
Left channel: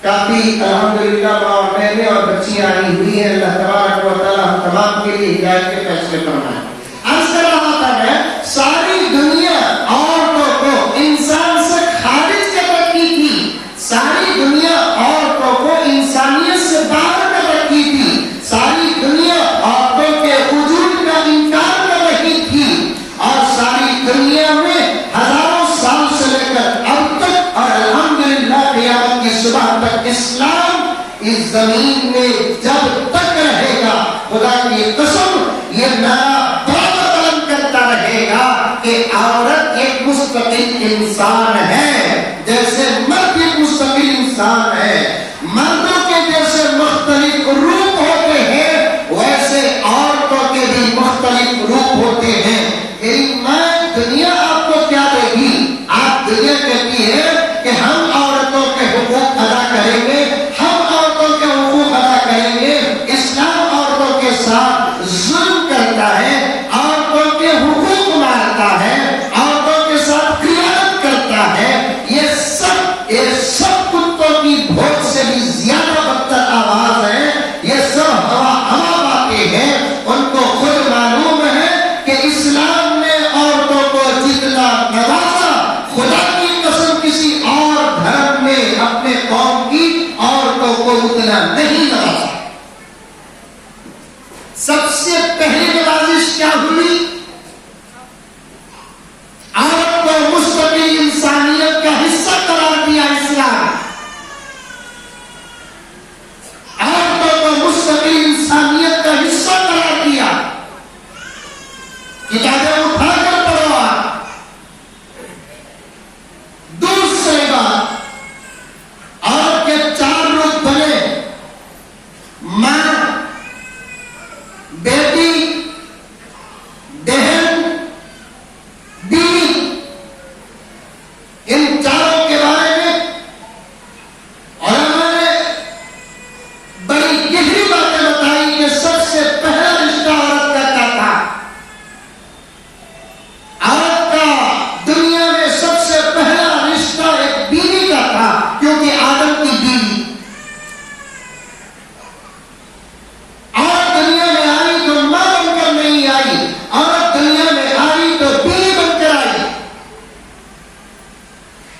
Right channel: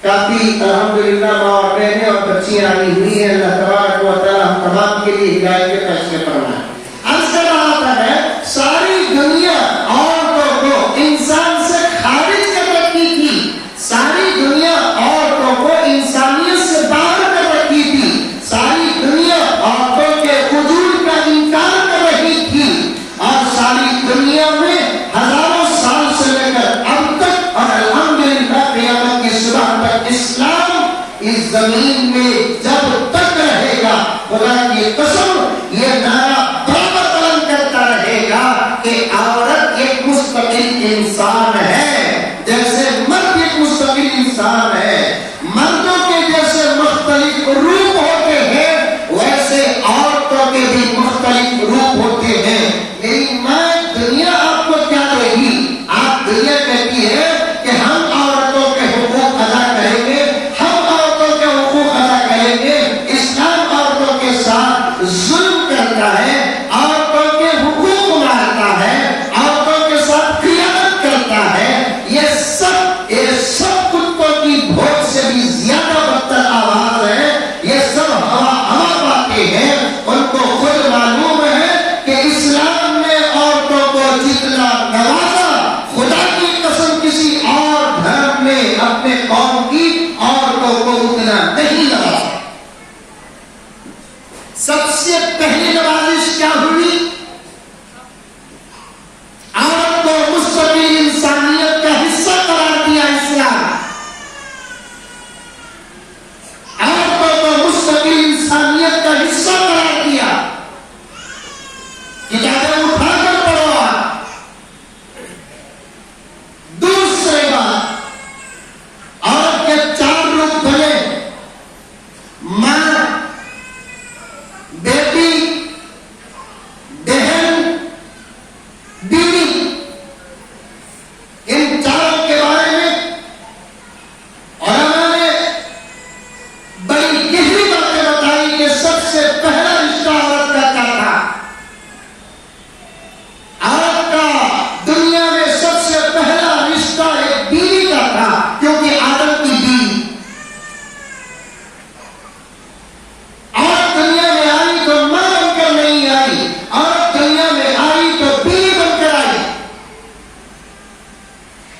کافی الحمدللہ ماں اور بہنیں اور بچیاں آئی ہوئی ہیں. اللہ تبارک و تعالیٰ ہم تمام کے لیے ہدایت کے فیصلے فرمائے. عرض کر رہا ہے ساری دنیا عورتوں کو انسان سے خارج کر رکھی تھی، ساری دنیا عورتوں کو انسانیت سے باہر کر رکھی تھی، ساری دنیا عورتوں کے وجود کا انکار کر رہی تھی، اور ساری دنیا میں ہزاروں سال سے لے کر اب تک اور الحمدللہ قیامت کی صبح تک اسلام اس زمین میں جب تک رہے گا، خدا کی قسم یہ نعرہ کہ عورت ایک مستقل انسان ہے، جیسے مرد ایک مستقل انسان ہے. مردوں کے جیسے مختلف روپ ہوتے ہیں ویسے عورتوں کے بھی مختلف روپ ہوتے ہیں. میری ماں دنیا آپ کو کیا دے گی؟ آپ دنیا کہتی ہے کہ ہم عورتوں کے حقوق ادا کریں گے، ہم عورتوں کے حقوق ادا کریں گے. اسلام عورتوں کے ساتھ ظلم کرتا ہے، عورتوں کے حقوق مارتا ہے، عورتوں کے ساتھ خیانت کرتا ہے. یہ سب کتوں کی بھوک سے بھی زیادہ بدتر آواز ہے. یہ سب ہوا باتیں ہیں. ان کو خود معلوم ہے کہ اسلام نے عورتوں کو جتنا نوازا خدا کی قسم کسی اور دھرم میں اپنے قوم کی عورتوں کو اتنا نہیں نوازا. سب سے پہلی نوازش کیا ہوئی؟ عورت کو مستقل انسانیت کا حصہ قرار دیا اسلام. عورتوں کو مستقل انسانیت کا حصہ قرار دیا. کتابیں اٹھا کر پڑھو آپ. دوسری بات، عورت کے 4 روپ بنے: ماں، بیٹی، بہن، بیوی. ان چاروں کے بارے میں علماء نے بڑی گہری باتیں بتائی کہ سب سے پہلا رشتہ عورت کا کیا تھا. عورت کا دنیا میں سب سے پہلا رشتہ ایک بیوی کا تھا، کیونکہ آدم کی بیوی. عورت دنیا میں آئی تو ماں بن کر نہیں آئی، عورت دنیا میں آئی تو بیوی بن کر آئی.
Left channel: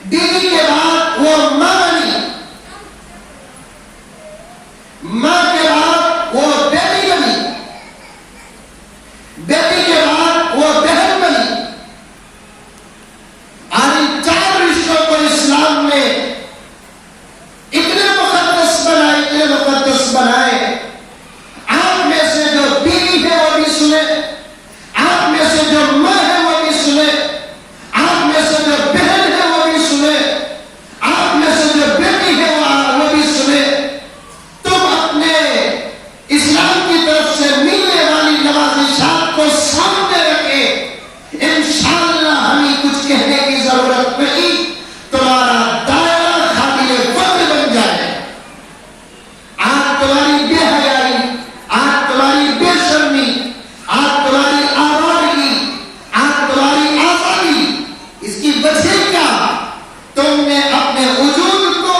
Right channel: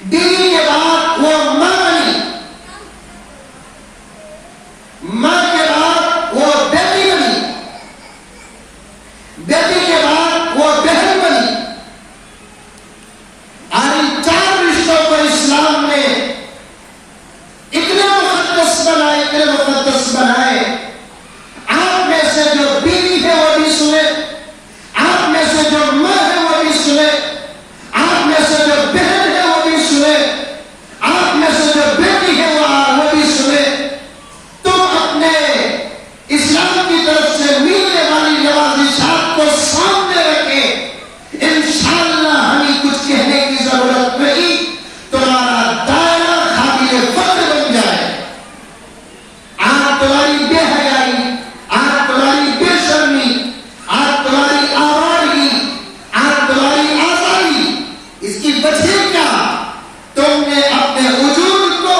بیوی کے بعد وہ ماں بنی، ماں کے بعد وہ بیٹی بنی، بیٹی کے بعد وہ بہن بنی. اور ان 4 رشتوں کو اسلام نے اتنے مقدس بنائے، اتنے مقدس بنائے. آپ میں سے جو بیوی ہے وہ بھی سنے، آپ میں سے جو ماں ہے وہ بھی سنے، آپ میں سے جو بہن ہے وہ بھی سنے، آپ میں سے جو بیٹی ہے وہ بھی سنے. تم اپنے اسلام کی طرف سے ملنے والی نوازشات کو سامنے رکھے. انشاءاللہ ہمیں کچھ کہنے کی ضرورت نہیں، تمہارا دائرہ قابل فخر بن جائے. آپ تمہاری بے حیائی، آپ تمہاری بے شرمی، آپ تمہاری آوارگی، آپ تمہاری آزادی، اس کی وجہ کیا؟ تم نے اپنے وجود کو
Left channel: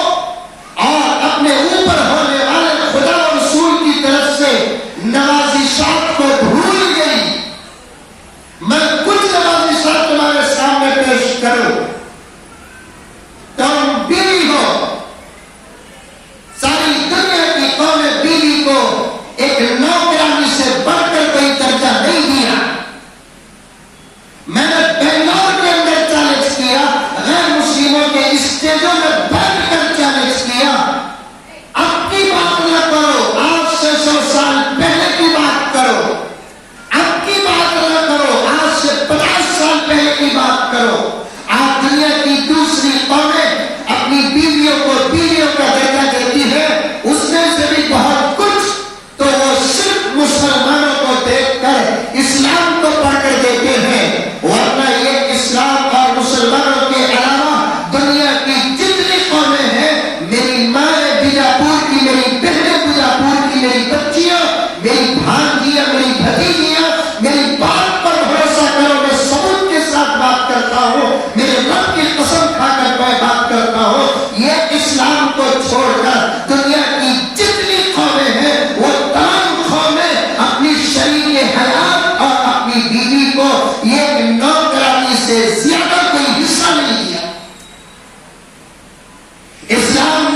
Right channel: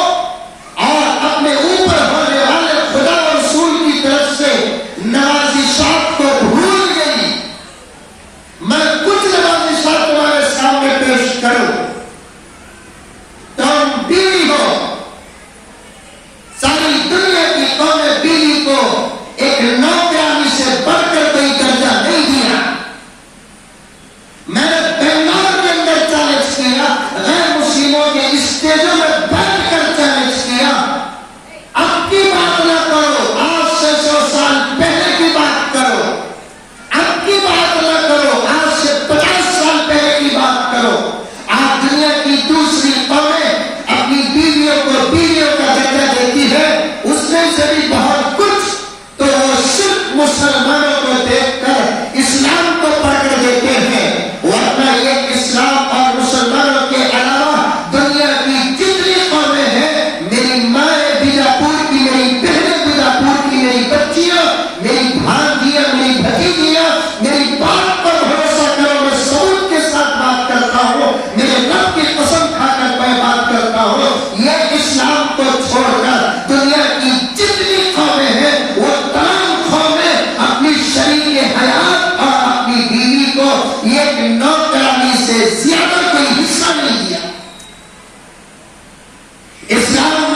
اور اپنے اوپر ہونے والے خدا و رسول کی طرف سے نوازشات کو بھول گئی. میں کچھ نوازشات تمہارے سامنے پیش کروں. تم بیوی ہو، ساری دنیا کی قومیں بیوی کو ایک نوکرانی سے بڑھ کر کوئی درجہ نہیں دیا. میں نے بنگلور کے اندر چیلنج کیا، غیر مسلموں کے اسٹیجوں میں بیٹھ کر چیلنج کیا. اب کی بات نہ کرو، آج سے 100 سال پہلے کی بات کرو. اب کی بات نہ کرو، آج سے 50 سال پہلے کی بات کرو. آج دنیا کی دوسری قومیں اپنی بیویوں کا درجہ دیتی ہے، اس میں سے بھی بہت کچھ تو وہ صرف مسلمانوں کو دیکھ کر اسلام کو پڑھ کر دیتے ہیں. ورنہ یہ اسلام اور مسلمانوں کے علاوہ دنیا کی جتنی قومیں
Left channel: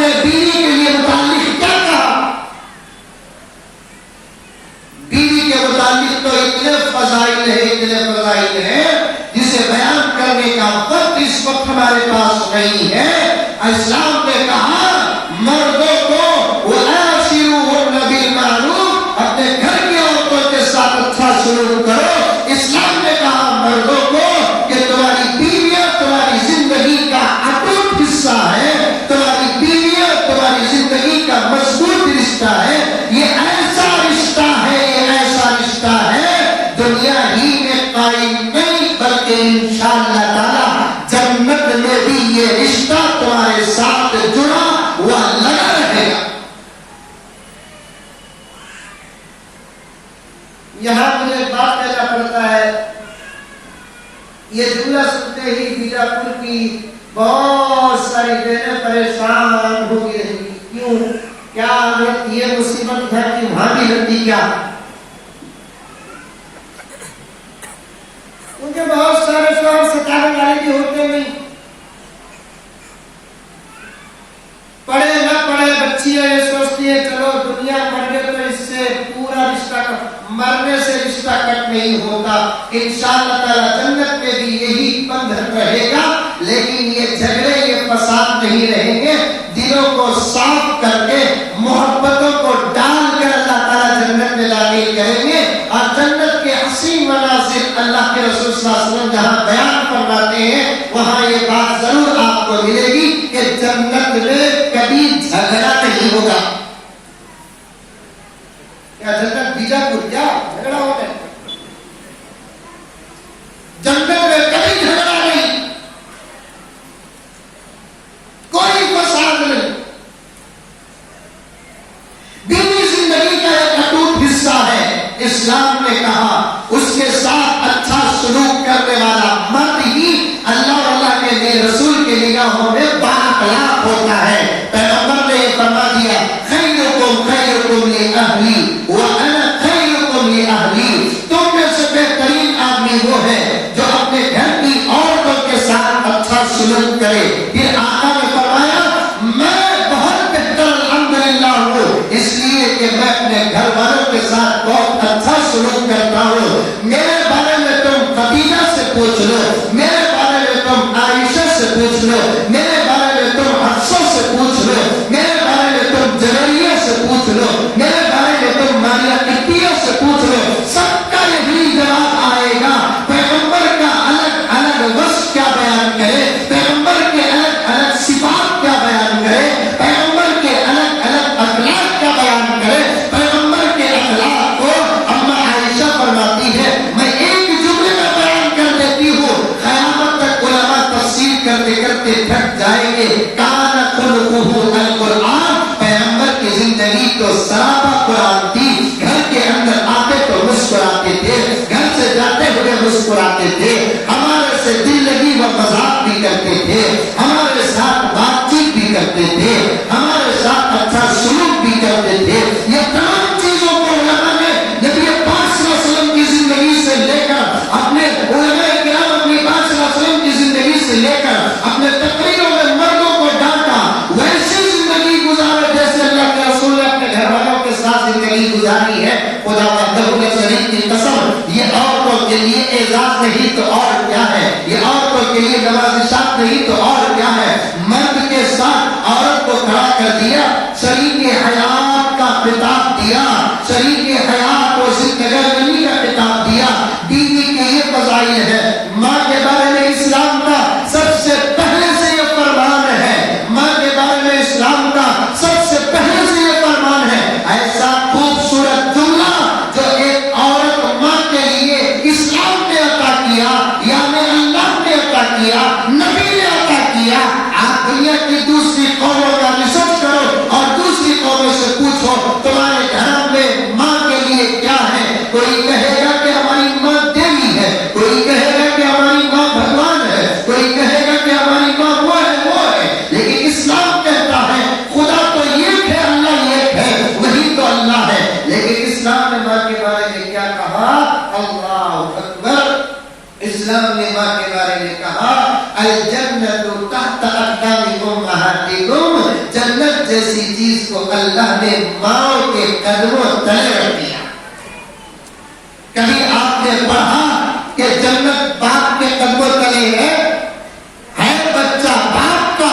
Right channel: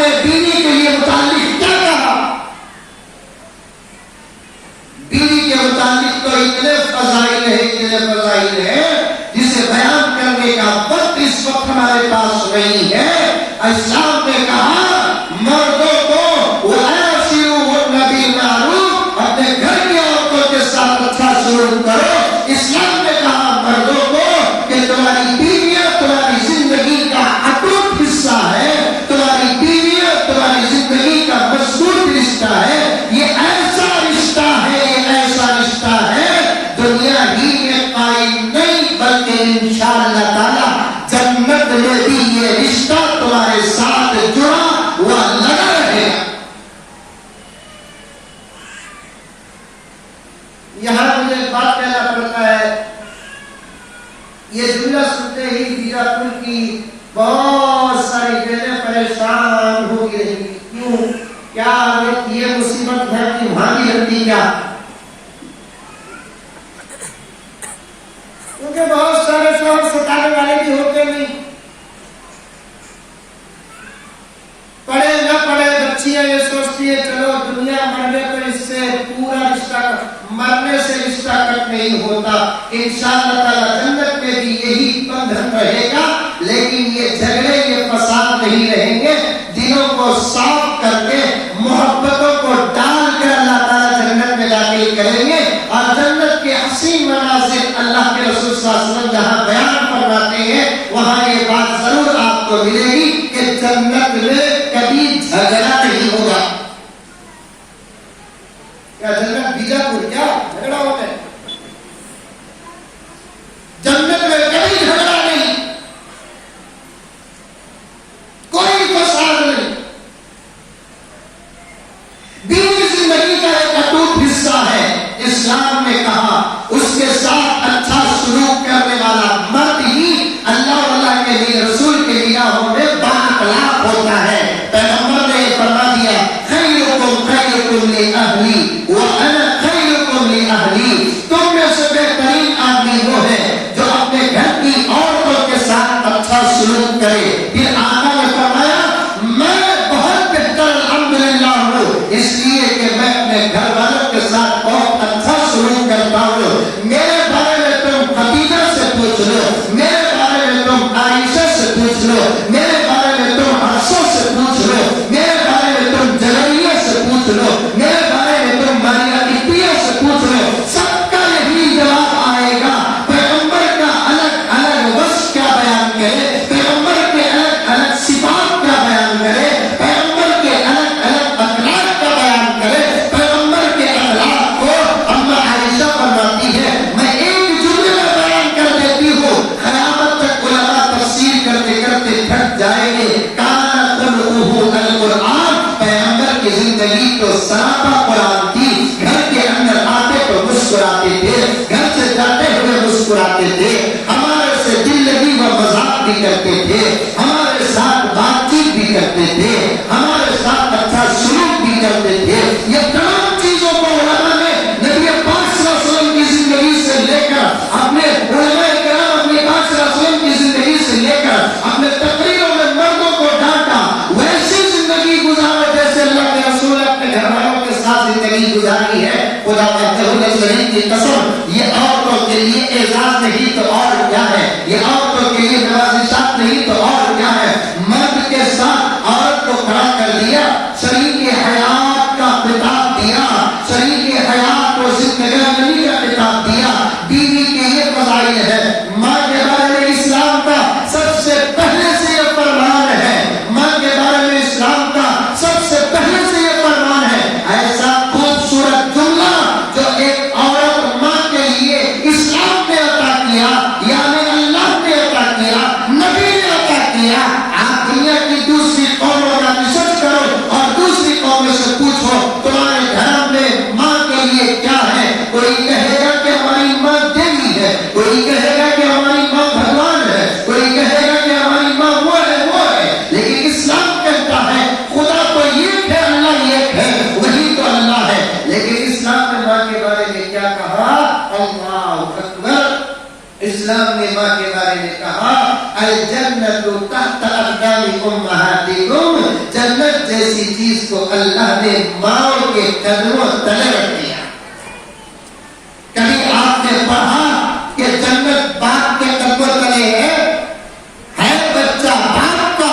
نے بیوی کے لیے متعلق کیا کہا؟ بیوی کے متعلق تو اتنے فضائل ہیں جسے بیان کرنے کا وقت اس وقت ہمارے پاس نہیں ہے۔ اسلام نے کہا مردوں کو وَآشِرُوهُنَّ بِالْمَعْرُوفِ، اپنے گھر کی عورتوں کے ساتھ اچھا سلوک کرو۔ اسلام نے کہا مردوں کو کہ تمہاری بیویاں تمہاری زندگی کا اٹوٹ حصہ ہے، تمہاری بیویاں تمہاری زندگی کا مضبوط رشتہ ہے۔ یہ ایسا رشتہ ہے، یہ ایسا رشتہ ہے دنیا ہی میں قائم نہیں بلکہ انشاءاللہ تعالی جنت میں بھی یہ رشتہ تمہارے ساتھ جڑا ہوا لگا رہے گا۔ یہاں مجھے ایک بات کہنا پڑتا ہے، یہ جملہ سنتے ہی میرا پل کی بہت ساری بہنیں پریشان ہو گئی۔ کیوں؟ کیا یہ مصیبت گھر کی وہاں بھی لگتی کیا؟ کیونکہ بہت سارے شوہر ستانے والے بھی ہوتے نہیں، پڑھے نہ پڑھے بچیاں یہ سوچتی ہے چلو دنیا مرنے تو اس سے پورا رشتہ مرنے سے رشتہ کٹ نہیں ہوتا، انشاءاللہ تعالی جنت میں بھی یہی بندھن رہے گا، لیکن یہ جھگڑے یہ فساد نہیں رہیں گے۔ دلوں کو صاف کر کے محبتوں کو ڈال کر اللہ تعالی جنت میں داخل کریں گے، اور جنت کے حسین مناظر اللہ کے رسول صلی اللہ علیہ وسلم جہاں بیان فرماتے ہیں وہاں یہ بات ضرور آپ کو ملے گی کہ جنت میں کبھی جھگڑا نہیں ہوگا۔ کیا جنت بیجاپور کیا جھگڑا ہوتا ہے؟ جنت میں کبھی جھگڑا نہیں، کوئی فساد نہیں۔ بیوی زندگی کا ایک اٹوٹ حصہ ہے۔ اسلام نے کہا اس کے ساتھ اچھا سلوک کرنے والا مرد ہی اللہ اور اللہ کے لیے رسول کے نگاہوں میں بااخلاق ہوتا ہے۔ پیغمبر نے یہ فرما دیا خیرکم خیرکم لأہلی وأنا خیرکم لأہلی، تم میں سے بہترین آدمی وہ ہے جو اپنے گھر کی عورتوں کے ساتھ اچھا سلوک کرے۔ پھر آقا نے فرمایا میں بہت بہتر الحمدللہ ہوں، اس لیے کہ میں اپنے گھر والوں کے ساتھ بہت اچھا سلوک کرتا ہوں۔ میرے بارے میں تم خدیجہ سے پوچھ لو، میرے بارے میں تم عائشہ سے پوچھ لو، میرے بارے میں تم حفصہ سے پوچھ لو، میرے بارے میں تم جویریہ سے پوچھ لو، میرے بارے میں تم ماریہ قبطیہ سے پوچھ لو، سب کا یہی جواب آئے گا۔ پیغمبر کا الگ الگ وصف کیا بیان کرے، پیغمبر کے الگ الگ صفات کیا بیان کرے، پیغمبر کے الگ الگ اخلاق کا بیان کرے۔ پیغمبر کے اخلاق کو اما عائشہ فرماتی ہے میں ایک جملے میں بیان کر دیتی ہوں، قیامت تک علماء تفسیر کرتے کرتے تھک جائیں گے۔ کانا خلقہ القرآن، پیغمبر کی زندگی تو سراپا قرآن تھی۔ گھر کے اندر آتے تو مسکراتے تھے، گھر سے جاتے ہوئے مسکراتے تھے، ہمارے سے دل لگی و مذاق بھی کرتے تھے، ہمارے ساتھ بات چیت بھی کرتے تھے، ہمارے ساتھ اچھا سلوک بھی کرتے تھے۔ یہ تمام چیزوں کو علماء نے نبی پاک صلی اللہ علیہ وسلم کی زندگی سے لے کر اپنے علماء کرام اپنے پاک صلی اللہ علیہ وسلم کی زندگی سے لے کر اپنے تقریروں میں مردوں کو ڈانٹا، ویسی زندگی گزارو جیسے اللہ کے رسول نے اپنے گھر والوں کے ساتھ زندگی گزاری ہے۔ خدا وحدہ لا شریک کی قسم، یہ عورتوں کے لیے اعزاز نہیں تو اور کیا ہے، یہ عورتوں کے لیے نوازشات نہیں تو اور کیا ہے۔ مرد کے ساتھ عورت کو کھڑا کر دیا، شریک حیات کا خطاب دیا، شریک حیات کو زندگانی کا خطاب دیا۔ بیوی کے یہ فضائل ہے۔ ماں کے بارے میں اسلام کا سب سے پہلے سے یہ فرمان ہے، ماں کے بارے میں اسلام کا سب سے پہلے سے یہ فرمان ہے۔ ایسا خوبصورت جملہ جو ایک عورت ماں کے لیے اسلام نے عطا کیا، یعنی اللہ نے عطا کیا، نبی نے عطا کیا۔ آپ دنیا کی دوسری قوموں کا ریسرچ کرو اور دوسری قوموں سے پوچھو تمہارے گھر میں ماں کے لیے کیا ہے۔ کوئی کہے گا کہ ہماری ماں دیوی ہے، کوئی کہے گا کہ ہماری ماں بھگوان ہے، کوئی کہے گا کہ ہماری ماں وہ ہے، لیکن اسلام کہتا ہے خدا تو ایک ہے، اللہ ایک ہے، وہی تو اللہ ہے۔ لیکن اسلام نے ماں کے بارے میں کیا کہا؟ اللہ اکبر۔ اسلام نے ماں کے بارے میں کہا الجنت تحت اقدام امہاتکم، کو اللہ نے ماں کے قدموں تلے رکھ دیا. کبھی آپ نے پڑھا کہ جنت باپ کے قدموں تلے ہے بچہ باپ کا،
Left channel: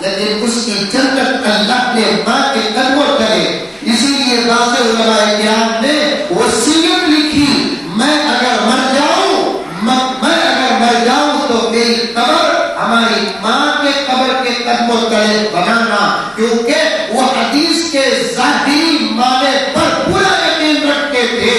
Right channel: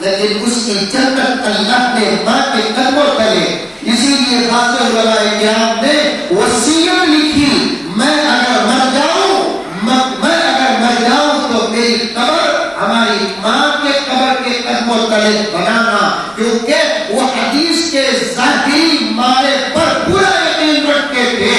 لیکن اس کی جنت اللہ نے ماں کے قدموں تلے. اسی لیے بعض علماء کرام نے وصیت لکھی، میں اگر مر جاؤں تو میری قبر ہماری ماں کے قبر کے قدموں تلے بنانا، کیونکہ وہ حدیث کے ظاہری معنی پر پورا یقین رکھتے تھے.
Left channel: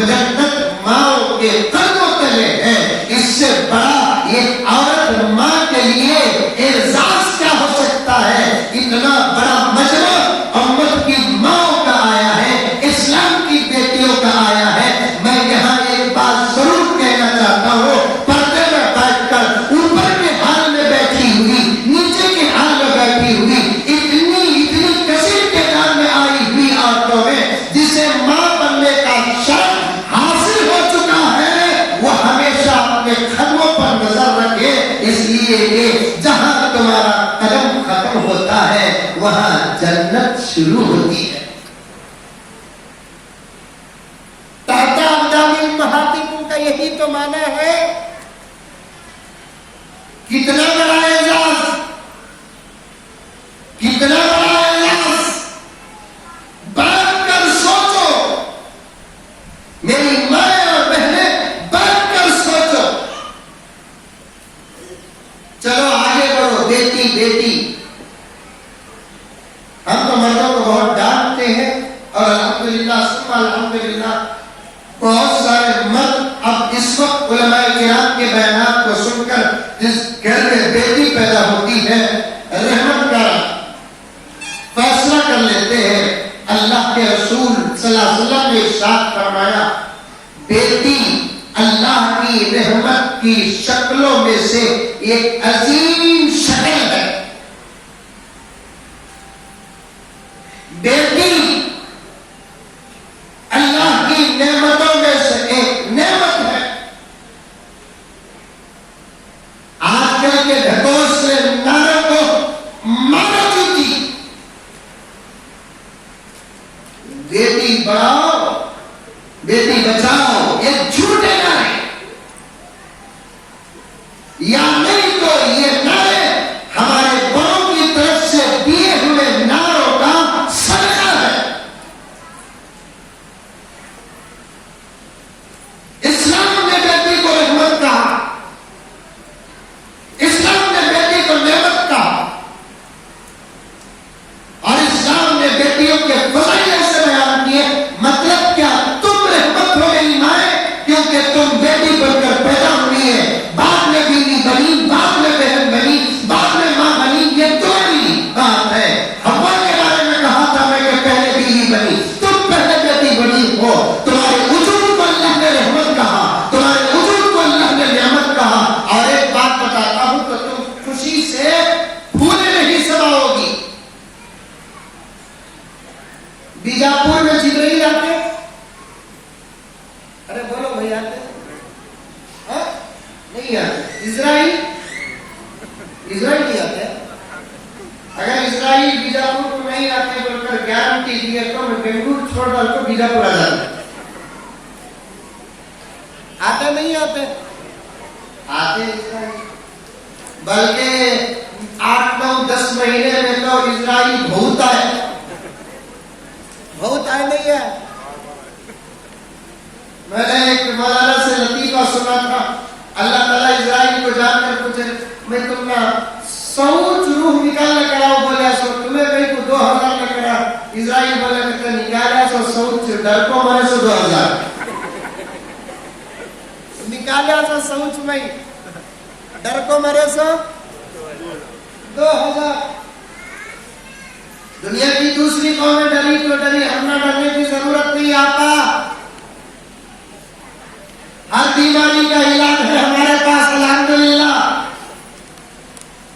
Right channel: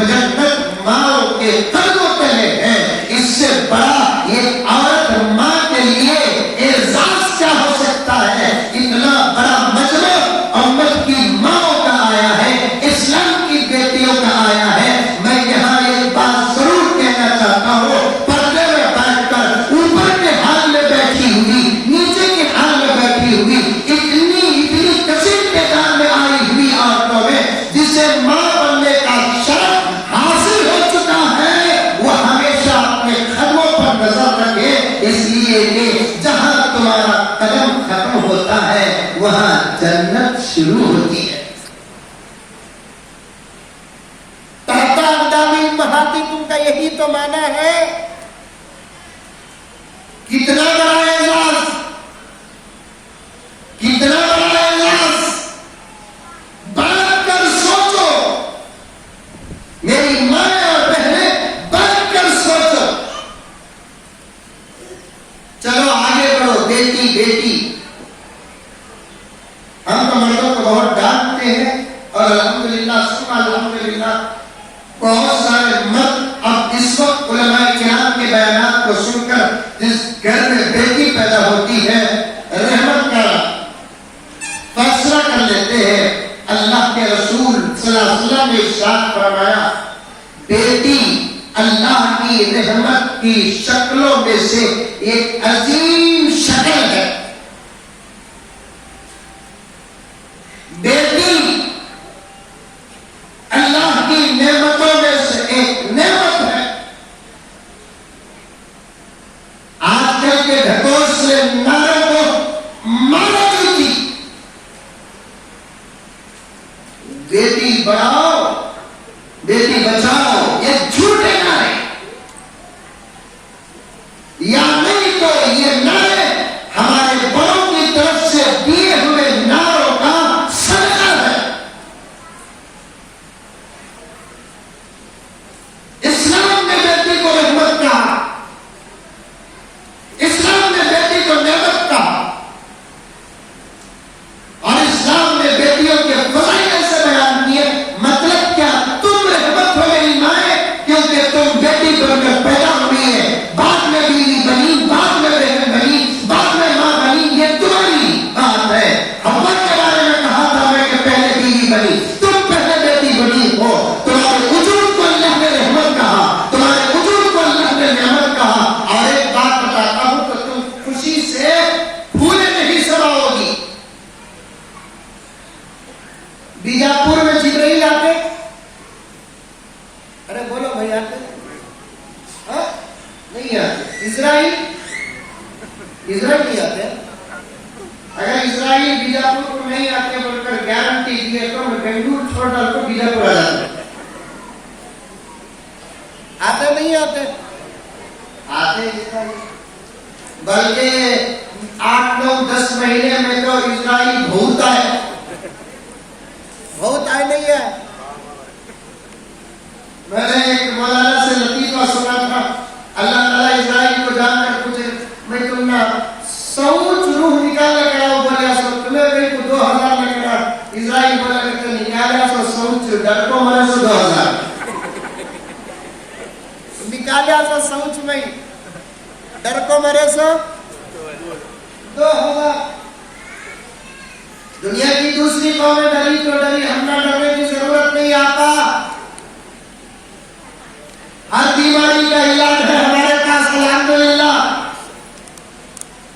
جنت ماں کے قدموں تلے ہے. اس سے بڑا یہ عورت ماں کے لیے اعزاز کیا ہو سکتا ہے؟ اتنا بڑا مجمع امت کی ماں کا آیا ہے، اسلام کی بیٹیوں کا آیا ہے. میں یہاں ایک بات ضرور کہنا چاہتا ہوں، پردے میں بیٹھ کر اوپر کے حال میں بیٹھی ہوئی، نیچے کے حال میں بیٹھی ہوئی، اتنی کثیر تعداد میں آئی ہوئی عورتوں میں جسے ماں بننے کا شرف حاصل ہو چکا ہے، وہ ہمیشہ اپنے قدموں پر نظر رکھے، اس لیے کہ جہاں تمہارا قدم ختم ہوتا ہے وہاں جنت شروع ہوتی ہے. تحت اقدام امہاتکم کا یہی تو معنی ہے. کتنا بڑا اعزاز، کتنا بڑا اعزاز. بیٹھ کر سوچو میری ماں اور بہنیں، بیٹھ کر سوچو. چلو آگے بڑھو. بیٹی بیٹی، ہم تو مردوں کو بہت ڈانٹتے ہیں، اور الحمدللہ ثم الحمدللہ بہت سارے مرد اب اس وقت علماء کرام کے بیانات کو سن کر جس گھر میں بیٹی پیدا ہوتی ہے رحمت کا فیصلہ کر لیتے ہیں. اللہ کے رسول صلی اللہ علیہ وسلم نے ارشاد فرمایا، بیٹی اللہ کی رحمت کی شکلوں میں سے ایک عظیم شکل ہے. بیٹی اللہ کی نعمتوں میں سے ایک نعمت ہے. آج کل کے ڈھکوس سے نعروں کو مارا چکی. بیٹی بڑھاؤ بیٹی بچاؤ، یہ جھوٹے نعرے، یا نہیں تو یہ نعرے ہمارے بڑوں کی طرف سے دیے ہوئے نعروں کا صدقہ ہے. اسلام نے بیٹی کو رحمت کہا، اسلام نے بیٹی کو نعمت کہا، اور اسلام نے بیٹیوں کے فضائل ایسے بیان کیے. مطلب کیا؟ تم رحمت ہو گئی مائیں، کیونکہ تم بیٹی بن کر پیدا ہوئی ہے. بعد میں بیوی بنی، بعد میں بہن بنی، بعد میں ماں بنی، یہ تمہاری بات ہے. حوا کے بارے میں کہا تھا میں کہ پہلے بیوی بنی، تم پہلے بیٹی بنی ہو. تمہارے وجود کو اللہ نے رحمت کہا، تمہارے وجود کو اللہ نے نعمت کہا. اور ایک بات بتاتا ہوں تو تم خوشی سے پھولے نہیں سماؤ گی. بیجاپور میں جبرائیل آتے، ارے بولو بھائی آتے نہیں آتے. اسرائیل نہیں آتے. اگر اسرائیل بیجاپور کو نہیں آتے بول کر گارنٹی دیے تو میں بنگلور چھوڑ ڈال کو بیجاپور آ جاتے. آتے نہیں آتے؟ آتے اسرائیل. بلکہ 8 9 10 مہینے میں تو اسرائیل بھولتا ہے. بہت آئے نہیں ہے. میں نے ایک مولانا سے لطیفہ سنا تھا، اللہ تعالیٰ اسرائیل کو جان کر پوچھے میں تم نہ سوچ روح نکالنے کراؤ بولیا سو تمہیں کہیں کو 2000 میں کرا. اسرائیل بولا کہ نکالیا سو سوچ ڈر کو مرے سو 2000 نکالیا سو سوچ میں ڈر کو مرے سو 2000. دنیا کی دوسری قومیں ڈری تو ڈری، ہم نہ ڈرنے کی ضرورت نہیں. آتا ہر بیماری کا علاج ہے ہمارے پاس الحمدللہ.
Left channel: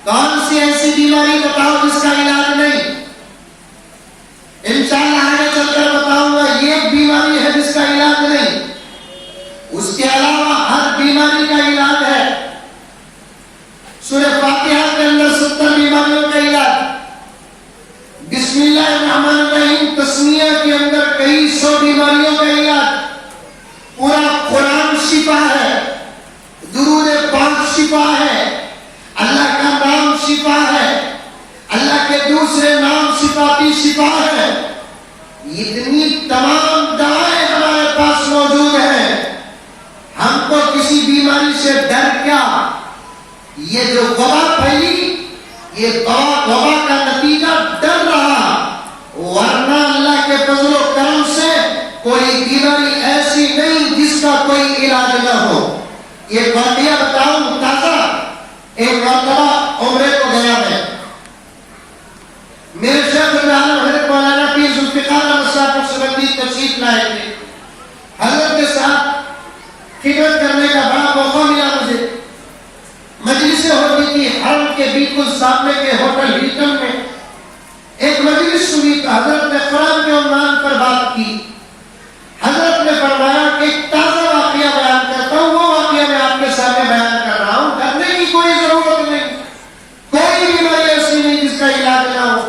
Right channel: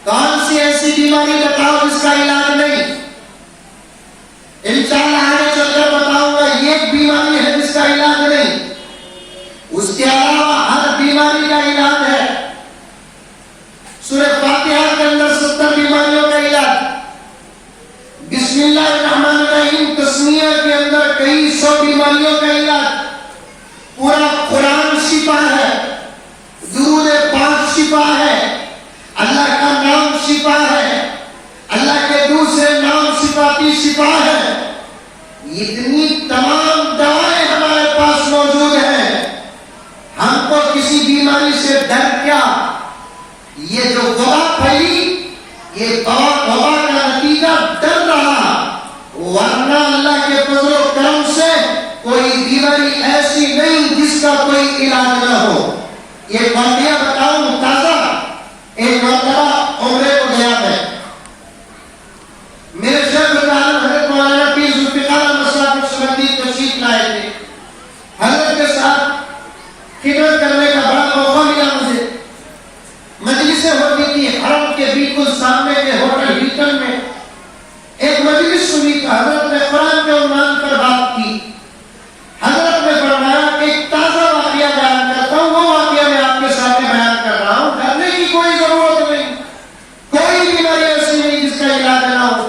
کون سی ایسی بیماری بتاؤ جس کا علاج نہیں؟ انشاءاللہ آگے چل کر بتاؤں گا. ایک بیماری ہے جس کا علاج نہیں، اس کے علاوہ ہر بیماری کا علاج ہے. سورہ فاتحہ کے اندر 70 بیماریوں کا علاج. بسم اللہ الرحمن کئی سو بیماریوں کا علاج، پورا قرآن شفا ہے، درود پاک شفا ہے، اللہ کا نام شفا ہے، اللہ کے دوسرے نام صفاتی شفا ہے، اتنی تمام دوائیں ہمارے پاس موجود ہیں، ہم کو کسی بیماری سے ڈر کیا؟ یہ جو وبا پھیلی، یہ وبا کا نتیجہ ڈر رہا، ورنہ اللہ کے فضل و کرم سے کوئی بیماری ایسی نہیں جس کا کوئی علاج نہ ہو۔ یہ واقعہ بتاؤں تازہ، ایک مرتبہ عمرے کو گیا میں، میرے شیخ العالم حضرت مولانا پیر ذوالفقار احمد صاحب نقشبندی تشریف لائے تھے، حضرت کے ساتھ خدمت کرنے کا بڑا موقع ملا مجھے۔ مجلسیں ہوتی تھی حرم کے بالکل سامنے کے ہوٹل ہلٹن میں، ایک مجلس سنی تو حضرت نے قرآن کے عنوان پر بات کی۔ حضرت نے فرمایا کہ ایک تازہ واقعہ بیان کرتا ہوں، وہ واقعہ میں آپ کے سامنے بیان کر رہا ہوں، ڈرنے کی کوئی ضرورت نہیں، کوئی بیماری ایسی نہیں جس کا علاج نہ ہو۔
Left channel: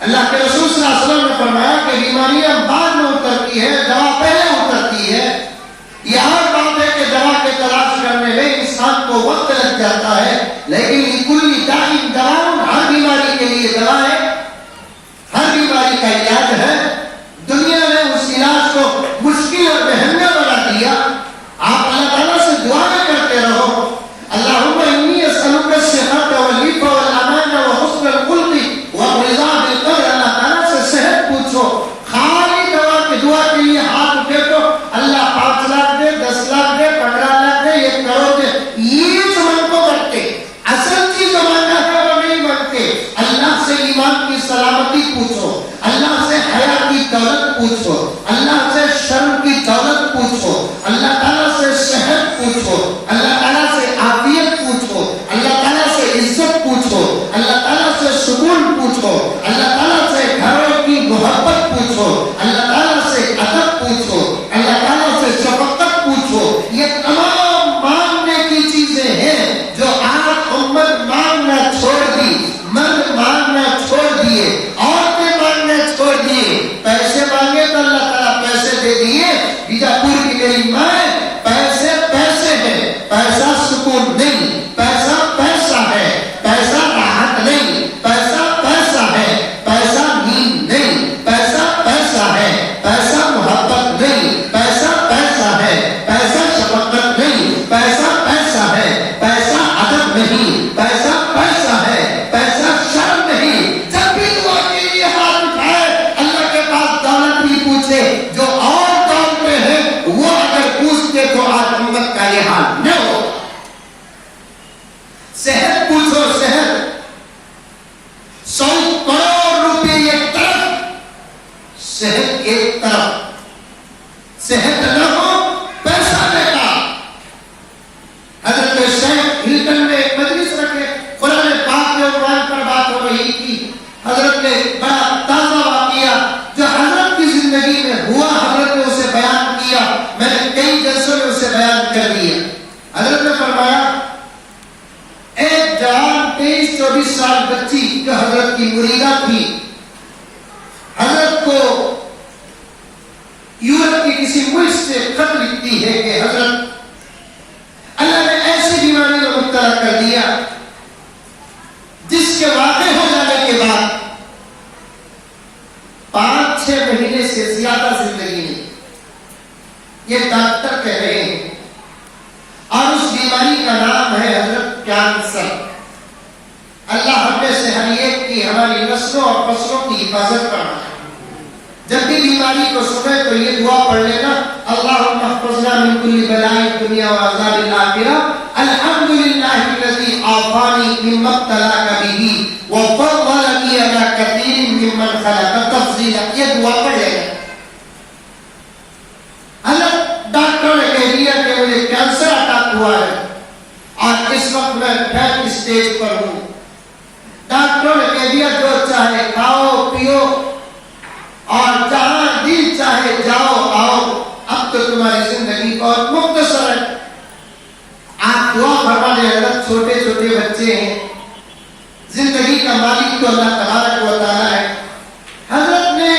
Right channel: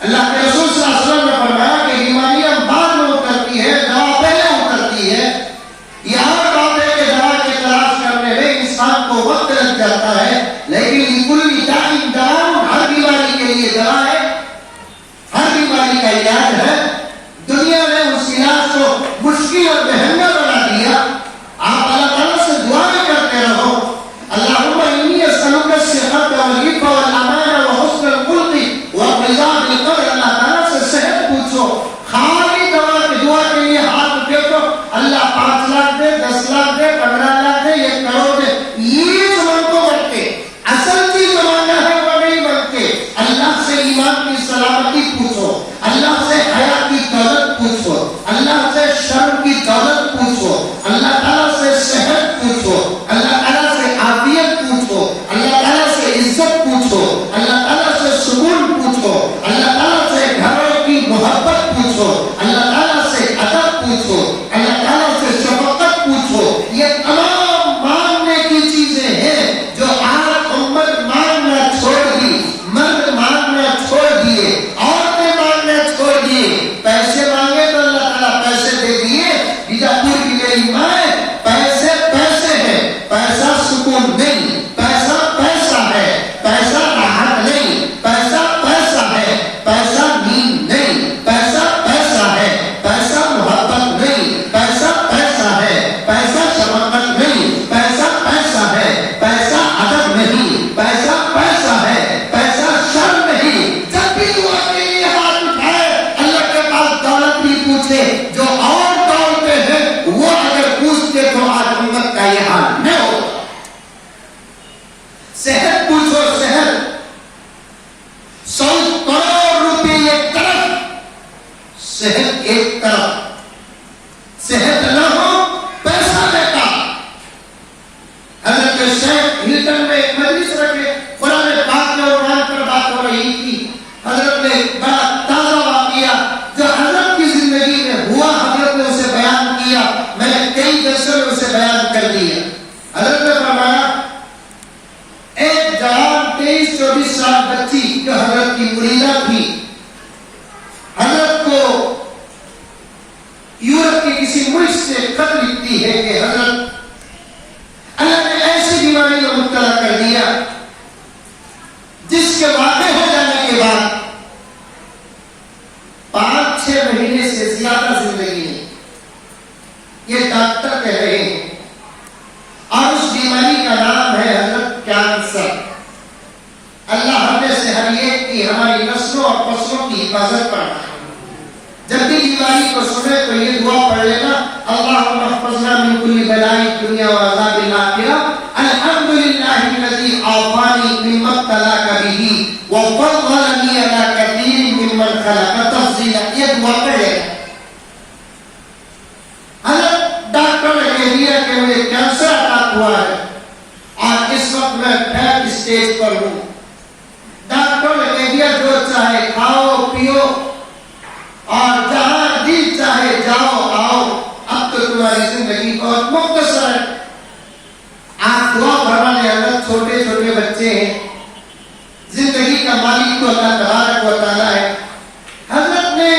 اللہ کے رسول صلی اللہ علیہ وسلم نے فرمایا کہ بیماریاں بعد میں اترتی ہے، دوا پہلے اترتی ہے۔ یہ ہر بات ہے کہ دوا کے تلاش کرنے میں انسان کو وقت لگ جاتا ہے، لیکن کل دائم دوا، ہر بیماری کے لیے دوا ہے، ہر بیماری کا علاج ہے۔ دنیا نے اس علاج کو مشکل اور مہنگا بنا دیا۔ آپ اللہ تعالیٰ سے دعائیں کرتے رہو، اللہم انی اسألک الصحۃ والعفو والامان وحسن الخلق والرضا بالقدر۔ اللہ تعالیٰ سے صحت پوچھو، خالی دوا کی دعا کے لیے ہاتھ اٹھے تو اللہ 5 لاکھ دے، 10 لاکھ دے، 15 لاکھ دے، 1 کروڑ دے، یہ جو من کو بنتے، اصل چیز جو مانگا ہے وہ نہیں بنتے۔ اللہ سے ایمان کی سلامتی پوچھو، اللہ سے حیا کی دولت پوچھو، اللہ سے شرم کی دولت پوچھو، اللہ تعالیٰ سے صحت پوچھو، اللہ تعالیٰ سے عافیت پوچھو، اللہ تعالیٰ سے عزت پوچھو، اللہ تعالیٰ سے سکون پوچھو، اللہ تعالیٰ سے گھروں کی محبت پوچھو، اللہ تعالیٰ سے ادب پوچھو، اللہ تعالیٰ سے شفقت پوچھو۔ یہ تمام مانگنے کی چیزیں ہیں جو آج امت مانگنا چھوڑ دی، مرد مانگنا چھوڑ دیے، عورتیں مانگنا چھوڑ دیے۔ پیسے مانگے تو اللہ تعالیٰ پیسے دے دیے۔ بیجاپور کی میری ماں، پیسے پیسے ہیں، پیسہ سکون نہیں، پیسہ پیسہ ہے، پیسہ راحت نہیں، پیسہ پیسہ ہے، پیسہ نیند نہیں، پیسہ پیسہ ہے، پیسہ محبت نہیں، پیسہ پیسہ ہے، پیسہ شفقت نہیں، پیسہ پیسہ ہے، پیسہ ادب نہیں، پیسہ پیسہ ہے، پیسہ شرم نہیں۔ جب بھی دعا کے لیے ہاتھ اٹھائے، اللہ کے پاس دولت نہیں پوچھے، جو اور دولتے ہیں وہ اگر پوچھتے تو آج امت کا یہ حال نہ ہو۔ صحت پوچھو، صحت 100 کروڑ روپے ایک طرف، صحت ایک طرف، صحت نہ ہو پیسہ بیکار۔ حضرت شیخ ہلٹن میں ایک مجلس رکھے، قرآن پاک کے عنوان پر بات ہو رہی تھی۔ حضرت نے بڑا تازہ واقعہ جو حضرت کی زندگی میں ہوا، حضرت نے اسے بیان کیا، میں نے کئی جلسوں میں اسے بیان کر دیا۔ حضرت نے فرمایا ایک جوان 23-24 سال بچی جو حضرت کی مریدہ تھی، حضرت کو یورپ کی کسی ملک سے خط لکھتی ہے کہ حضرت اللہ نے ایسی بیماری میں مبتلا کر دیا جس کے واقع ہو جانے کے بعد 5-6 مہینے سے زیادہ زندگی نہیں، یہ ڈاکٹر کہہ رہے ہیں، اور اس بیماری کا نام ہے حضرت کینسر۔ اللہ ہم میں سے ہر ایک کی، ہماری نسلوں اور فصلوں کی حفاظت کرنا ہے۔ جب بھی بیماری کو سنے تو یہ دعا پڑھ لینا، اللہم احفظنا من کل بلاء الدنیا وعذاب الآخرہ، الحمدللہ الذی عافانی مما ابتلاک بہ وفضلنی علی کثیر ممن خلق تفضیلا۔ یہ دعا پڑھ لینا۔ حضرت ڈاکٹر نے کہہ دیا کہ مجھے کینسر اٹیک ہوا ہے اور اس وقت میں 3rd اسٹیج پر ہوں۔ ڈاکٹر نے کہہ دیا جو چاہے کھاؤ پیو اور جہاں دل چاہے جاؤ آؤ، اب تو تمہاری زندگی بہت مختصر ہے۔ آپ دعا فرما دیں، حضرت چھوٹے چھوٹے بچے ہیں، زندگی کا مالک تو اللہ تبارک و تعالیٰ ہے۔ حضرت نے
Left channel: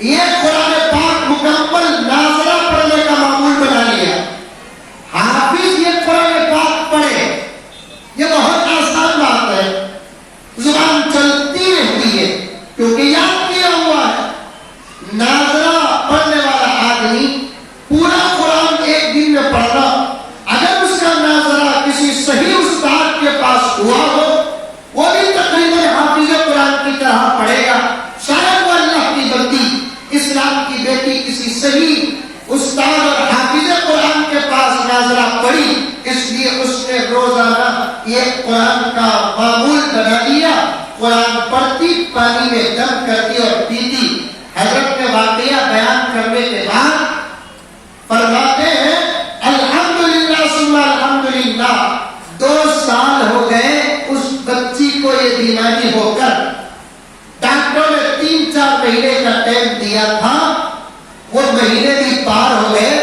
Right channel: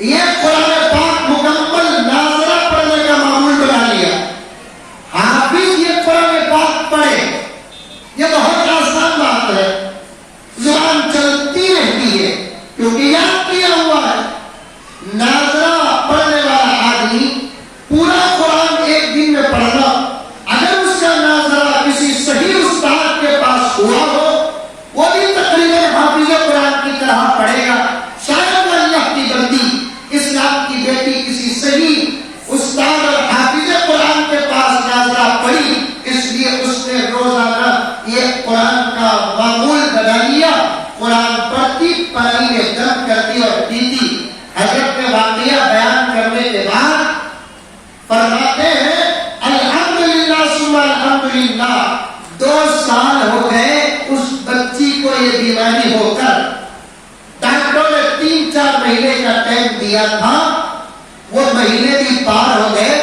یہ قرآن پاک مکمل ناظرہ پڑھنے کا معمول بنا لیا. حافظ یہ قرآن پاک پڑھے، یہ بہت آسان بات ہے، زبان چلتی رہتی ہے کیونکہ یاد کیا ہوا ہے. ناظرہ پڑھنے والا آدمی پورا قرآن ایک دن میں پڑھنا، اگر اس کا ناظرہ کسی صحیح استاد کے پاس ہوا ہو، وہ بھی تقریباً حافظ قرآن کی طرح پڑھے گا. شاید وہ اللہ کی بندی، اسلام کی بیٹی کسی صحیح استاد اور حافظ قرآن کے پاس ناظرہ پڑھی، اس لیے اس نے روزانہ یہ قرآن کا معمول بنا لیا. قرآن پڑھتی، پانی میں دم کرتی اور پیتی. حضرت نے واقعہ بیان کرنے کے بعد فرماتے ہیں الحمدللہ ثم الحمدللہ، 2 سال ہو گئے اس بچی کو یہ بیماری ہو کر. ڈاکٹروں نے 3-4 مہینے کا ٹائم دیا تھا، وہ مہینے بھی پار ہو گئے.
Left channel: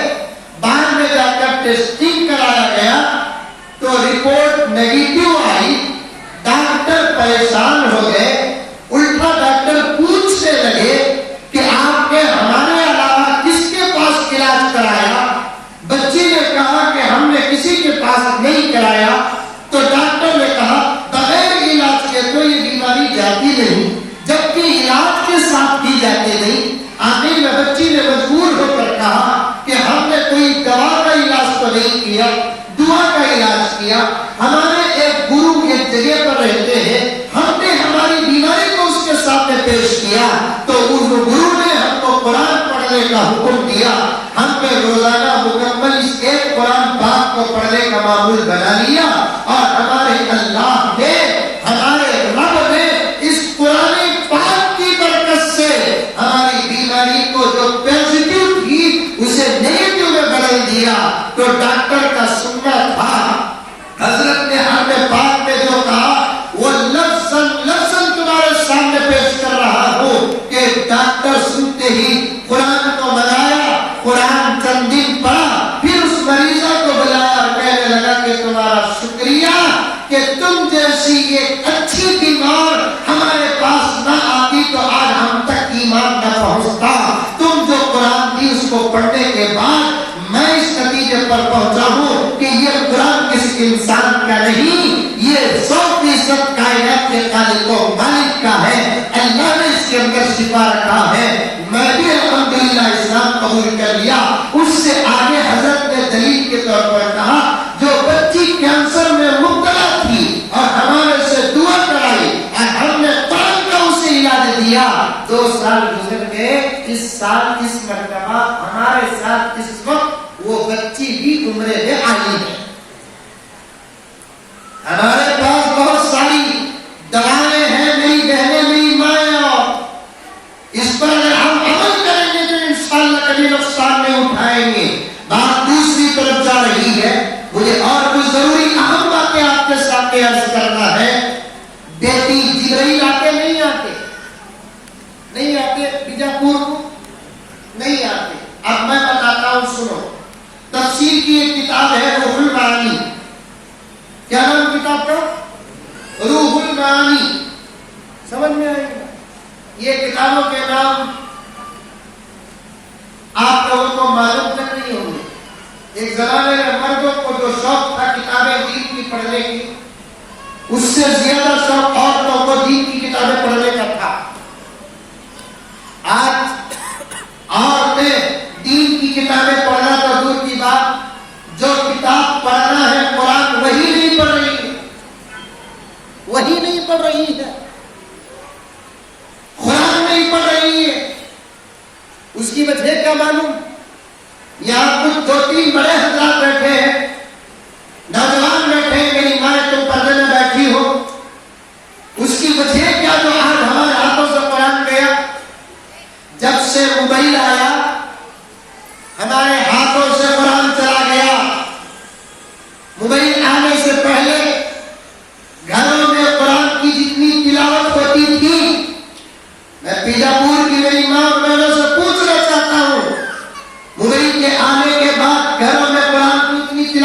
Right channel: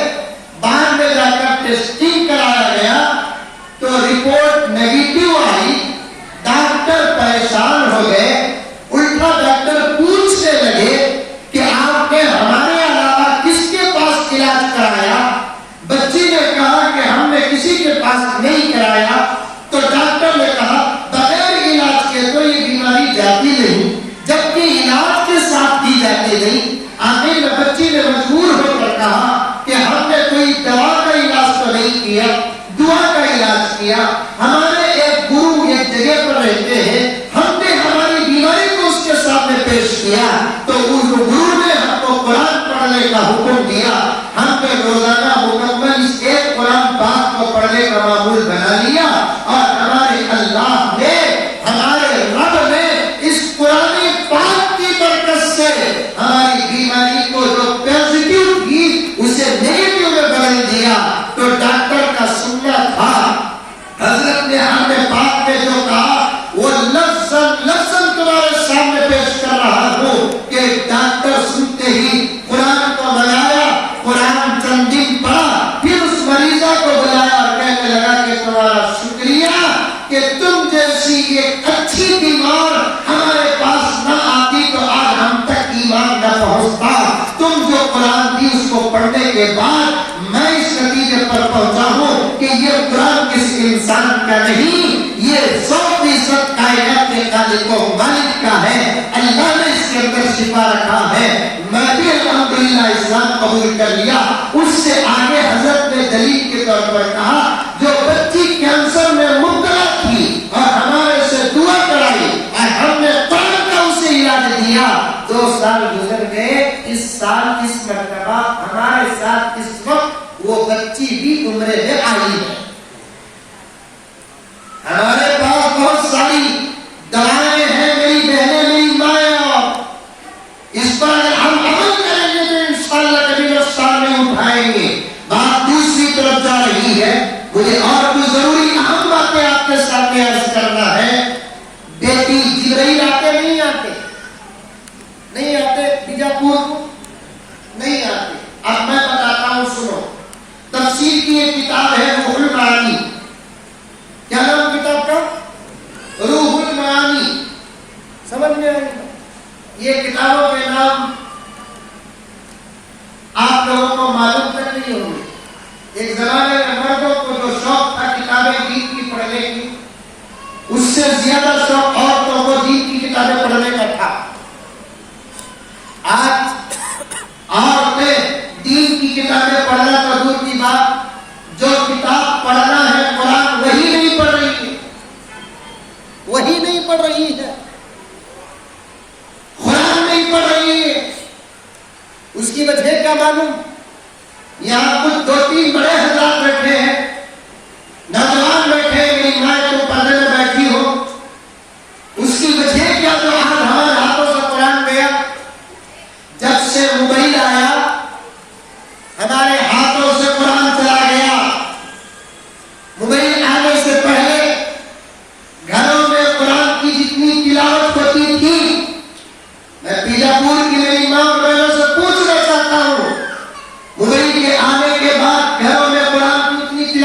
بعد میں جا کر ٹیسٹنگ کرایا گیا تو رپورٹ نیگیٹو آئی. ڈاکٹر پریشان ہو گئے، الٹا ڈاکٹر پوچھنے لگے کہ آپ نے ہمارے علاوہ کس کے پاس علاج کرایا؟ بچی نے کہا کہ ہم نے کسی کے پاس نہیں کرایا. تو ڈاکٹر نے کہا بغیر علاج کے تو یہ بیماری جاتی نہیں، جبکہ علاج کے ساتھ کی جاتی نہیں. آخر میں بچی نے مجبور ہو کر کہا کہ ہم نے کوئی دوا کا علاج تو نہیں کیا، دعا کا علاج کیا. ہمارے ایک گرو ایک جگہ پر رہتے ہیں، ہم نے ہماری بیماری کو اس کے سامنے پیش کیا تو اس گرو نے ہم کو قرآن پڑھنے کا حکم دیا. ہم نے روزانہ مکمل اس ایک قرآن پاک کو پڑھنے کا معمول بنا لیا اور ہمارے اللہ نے، ہمارے رب نے اس قرآن پاک کی برکت سے ہماری بیماری کو جو پازیٹیو تھی اسے نیگیٹو میں بدل دیا. تو ڈاکٹر کا سننا تھا، حضرت نے ہمیں پاک میں جو کہا وہ لفظاً تمہارے سامنے پیش کر رہا ہوں کہ ڈاکٹر سنتے ہی قرآن کو منایا، قرآن چند دن پڑھا، پھر اس مریضہ کو بلایا اور کہنے لگا کہ تمہارا شکریہ کہ تم جیسی ایک اچھی بیمار ہمارے پاس نہ آتی تو آج ہم تک ایمان نہ پہنچتا. تم جو قرآن دی اس کو پڑھنے کے بعد میں اس نتیجے پر پہنچا ہوں کہ یہ قرآن کسی انسان کا نہیں، یہ 100% کائنات کے خالق و مالک کا ہے. اللہ نے اس کے اندر شفا رکھا ہے. میں بھی الحمدللہ اسلام قبول کر لیا. اس سے آگے حضرت نے دلیل کے طور پر کہا جو بچی کینسر میں مبتلا تھی اور ہمارے سے دعا کرائی اور ہم نے قرآن کا اسے علاج دیا. 2 سال گزر گئے. اس سال اس مرتبہ ہمارے ساتھ اس وقت وہ بچی بھی عمرے میں آئی ہے. ہمارے پاس بہت ساری دوائیں ہیں میری بہنیں، میری مائیں، اور اس پر اگر ہم عمل کریں گے تو انشاءاللہ کبھی نقصان نہیں اٹھائیں گے. بات دوسری طرف جا رہی ہے. مجھے اور کوئی ضروری اہم باتیں آپ کے سامنے عرض کرنا ہے. بیٹی جبرائیل آتے نہیں آتے؟ نہیں آتے بیجاپور کو؟ نہیں آتے. اب میں بتاتا ہوں، سنو. تفسیر کی ایک کتاب ہے روح المعانی. کیا نام کتاب کا؟ روح المعانی. سمجھ میں آئی گا؟ یہ کتابوں کے نام آپ لوگوں کو معلوم تک نہیں ہوں گے. ایک زمانے میں مردوں کو جو شوق تھا کتابیں دین کی پڑھنے کی، اس سے زیادہ شوق عورتوں کو دین کی کتابیں پڑھنے کا تھا. آج عورتیں دین کی کتابیں پڑھنا تو دور کی بات، جو کتاب پڑھنا ہے قرآن وہی نہیں پڑھ رہی ہے. وہی نہیں پڑھ رہی ہے، قرآن نہیں پڑھ رہی ہے. اس کی وجہ کیا معلوم؟ یہاں کچھ 2-3 بڑے حضرات بیٹھے ہیں، نوجوان بیٹھے ہیں، میری ماں تم پردے میں بیٹھی ہو. اس کی وجہ کیا؟ جو آج ہمارے ہاتھوں سے قرآن گیا. جب سے موبائل آیا ہمارے ہاتھوں سے قرآن چلا گیا. موبائل آنے سے پہلے گھروں میں قرآن کی جتنی تلاوت ہوتی تھی، میں بیجاپور کی میری ماں اور بہنوں سے پوچھنا چاہتا ہوں، موبائل کے آنے کے بعد گھروں میں قرآن کی اتنی تلاوت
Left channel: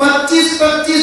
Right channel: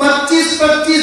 25-25,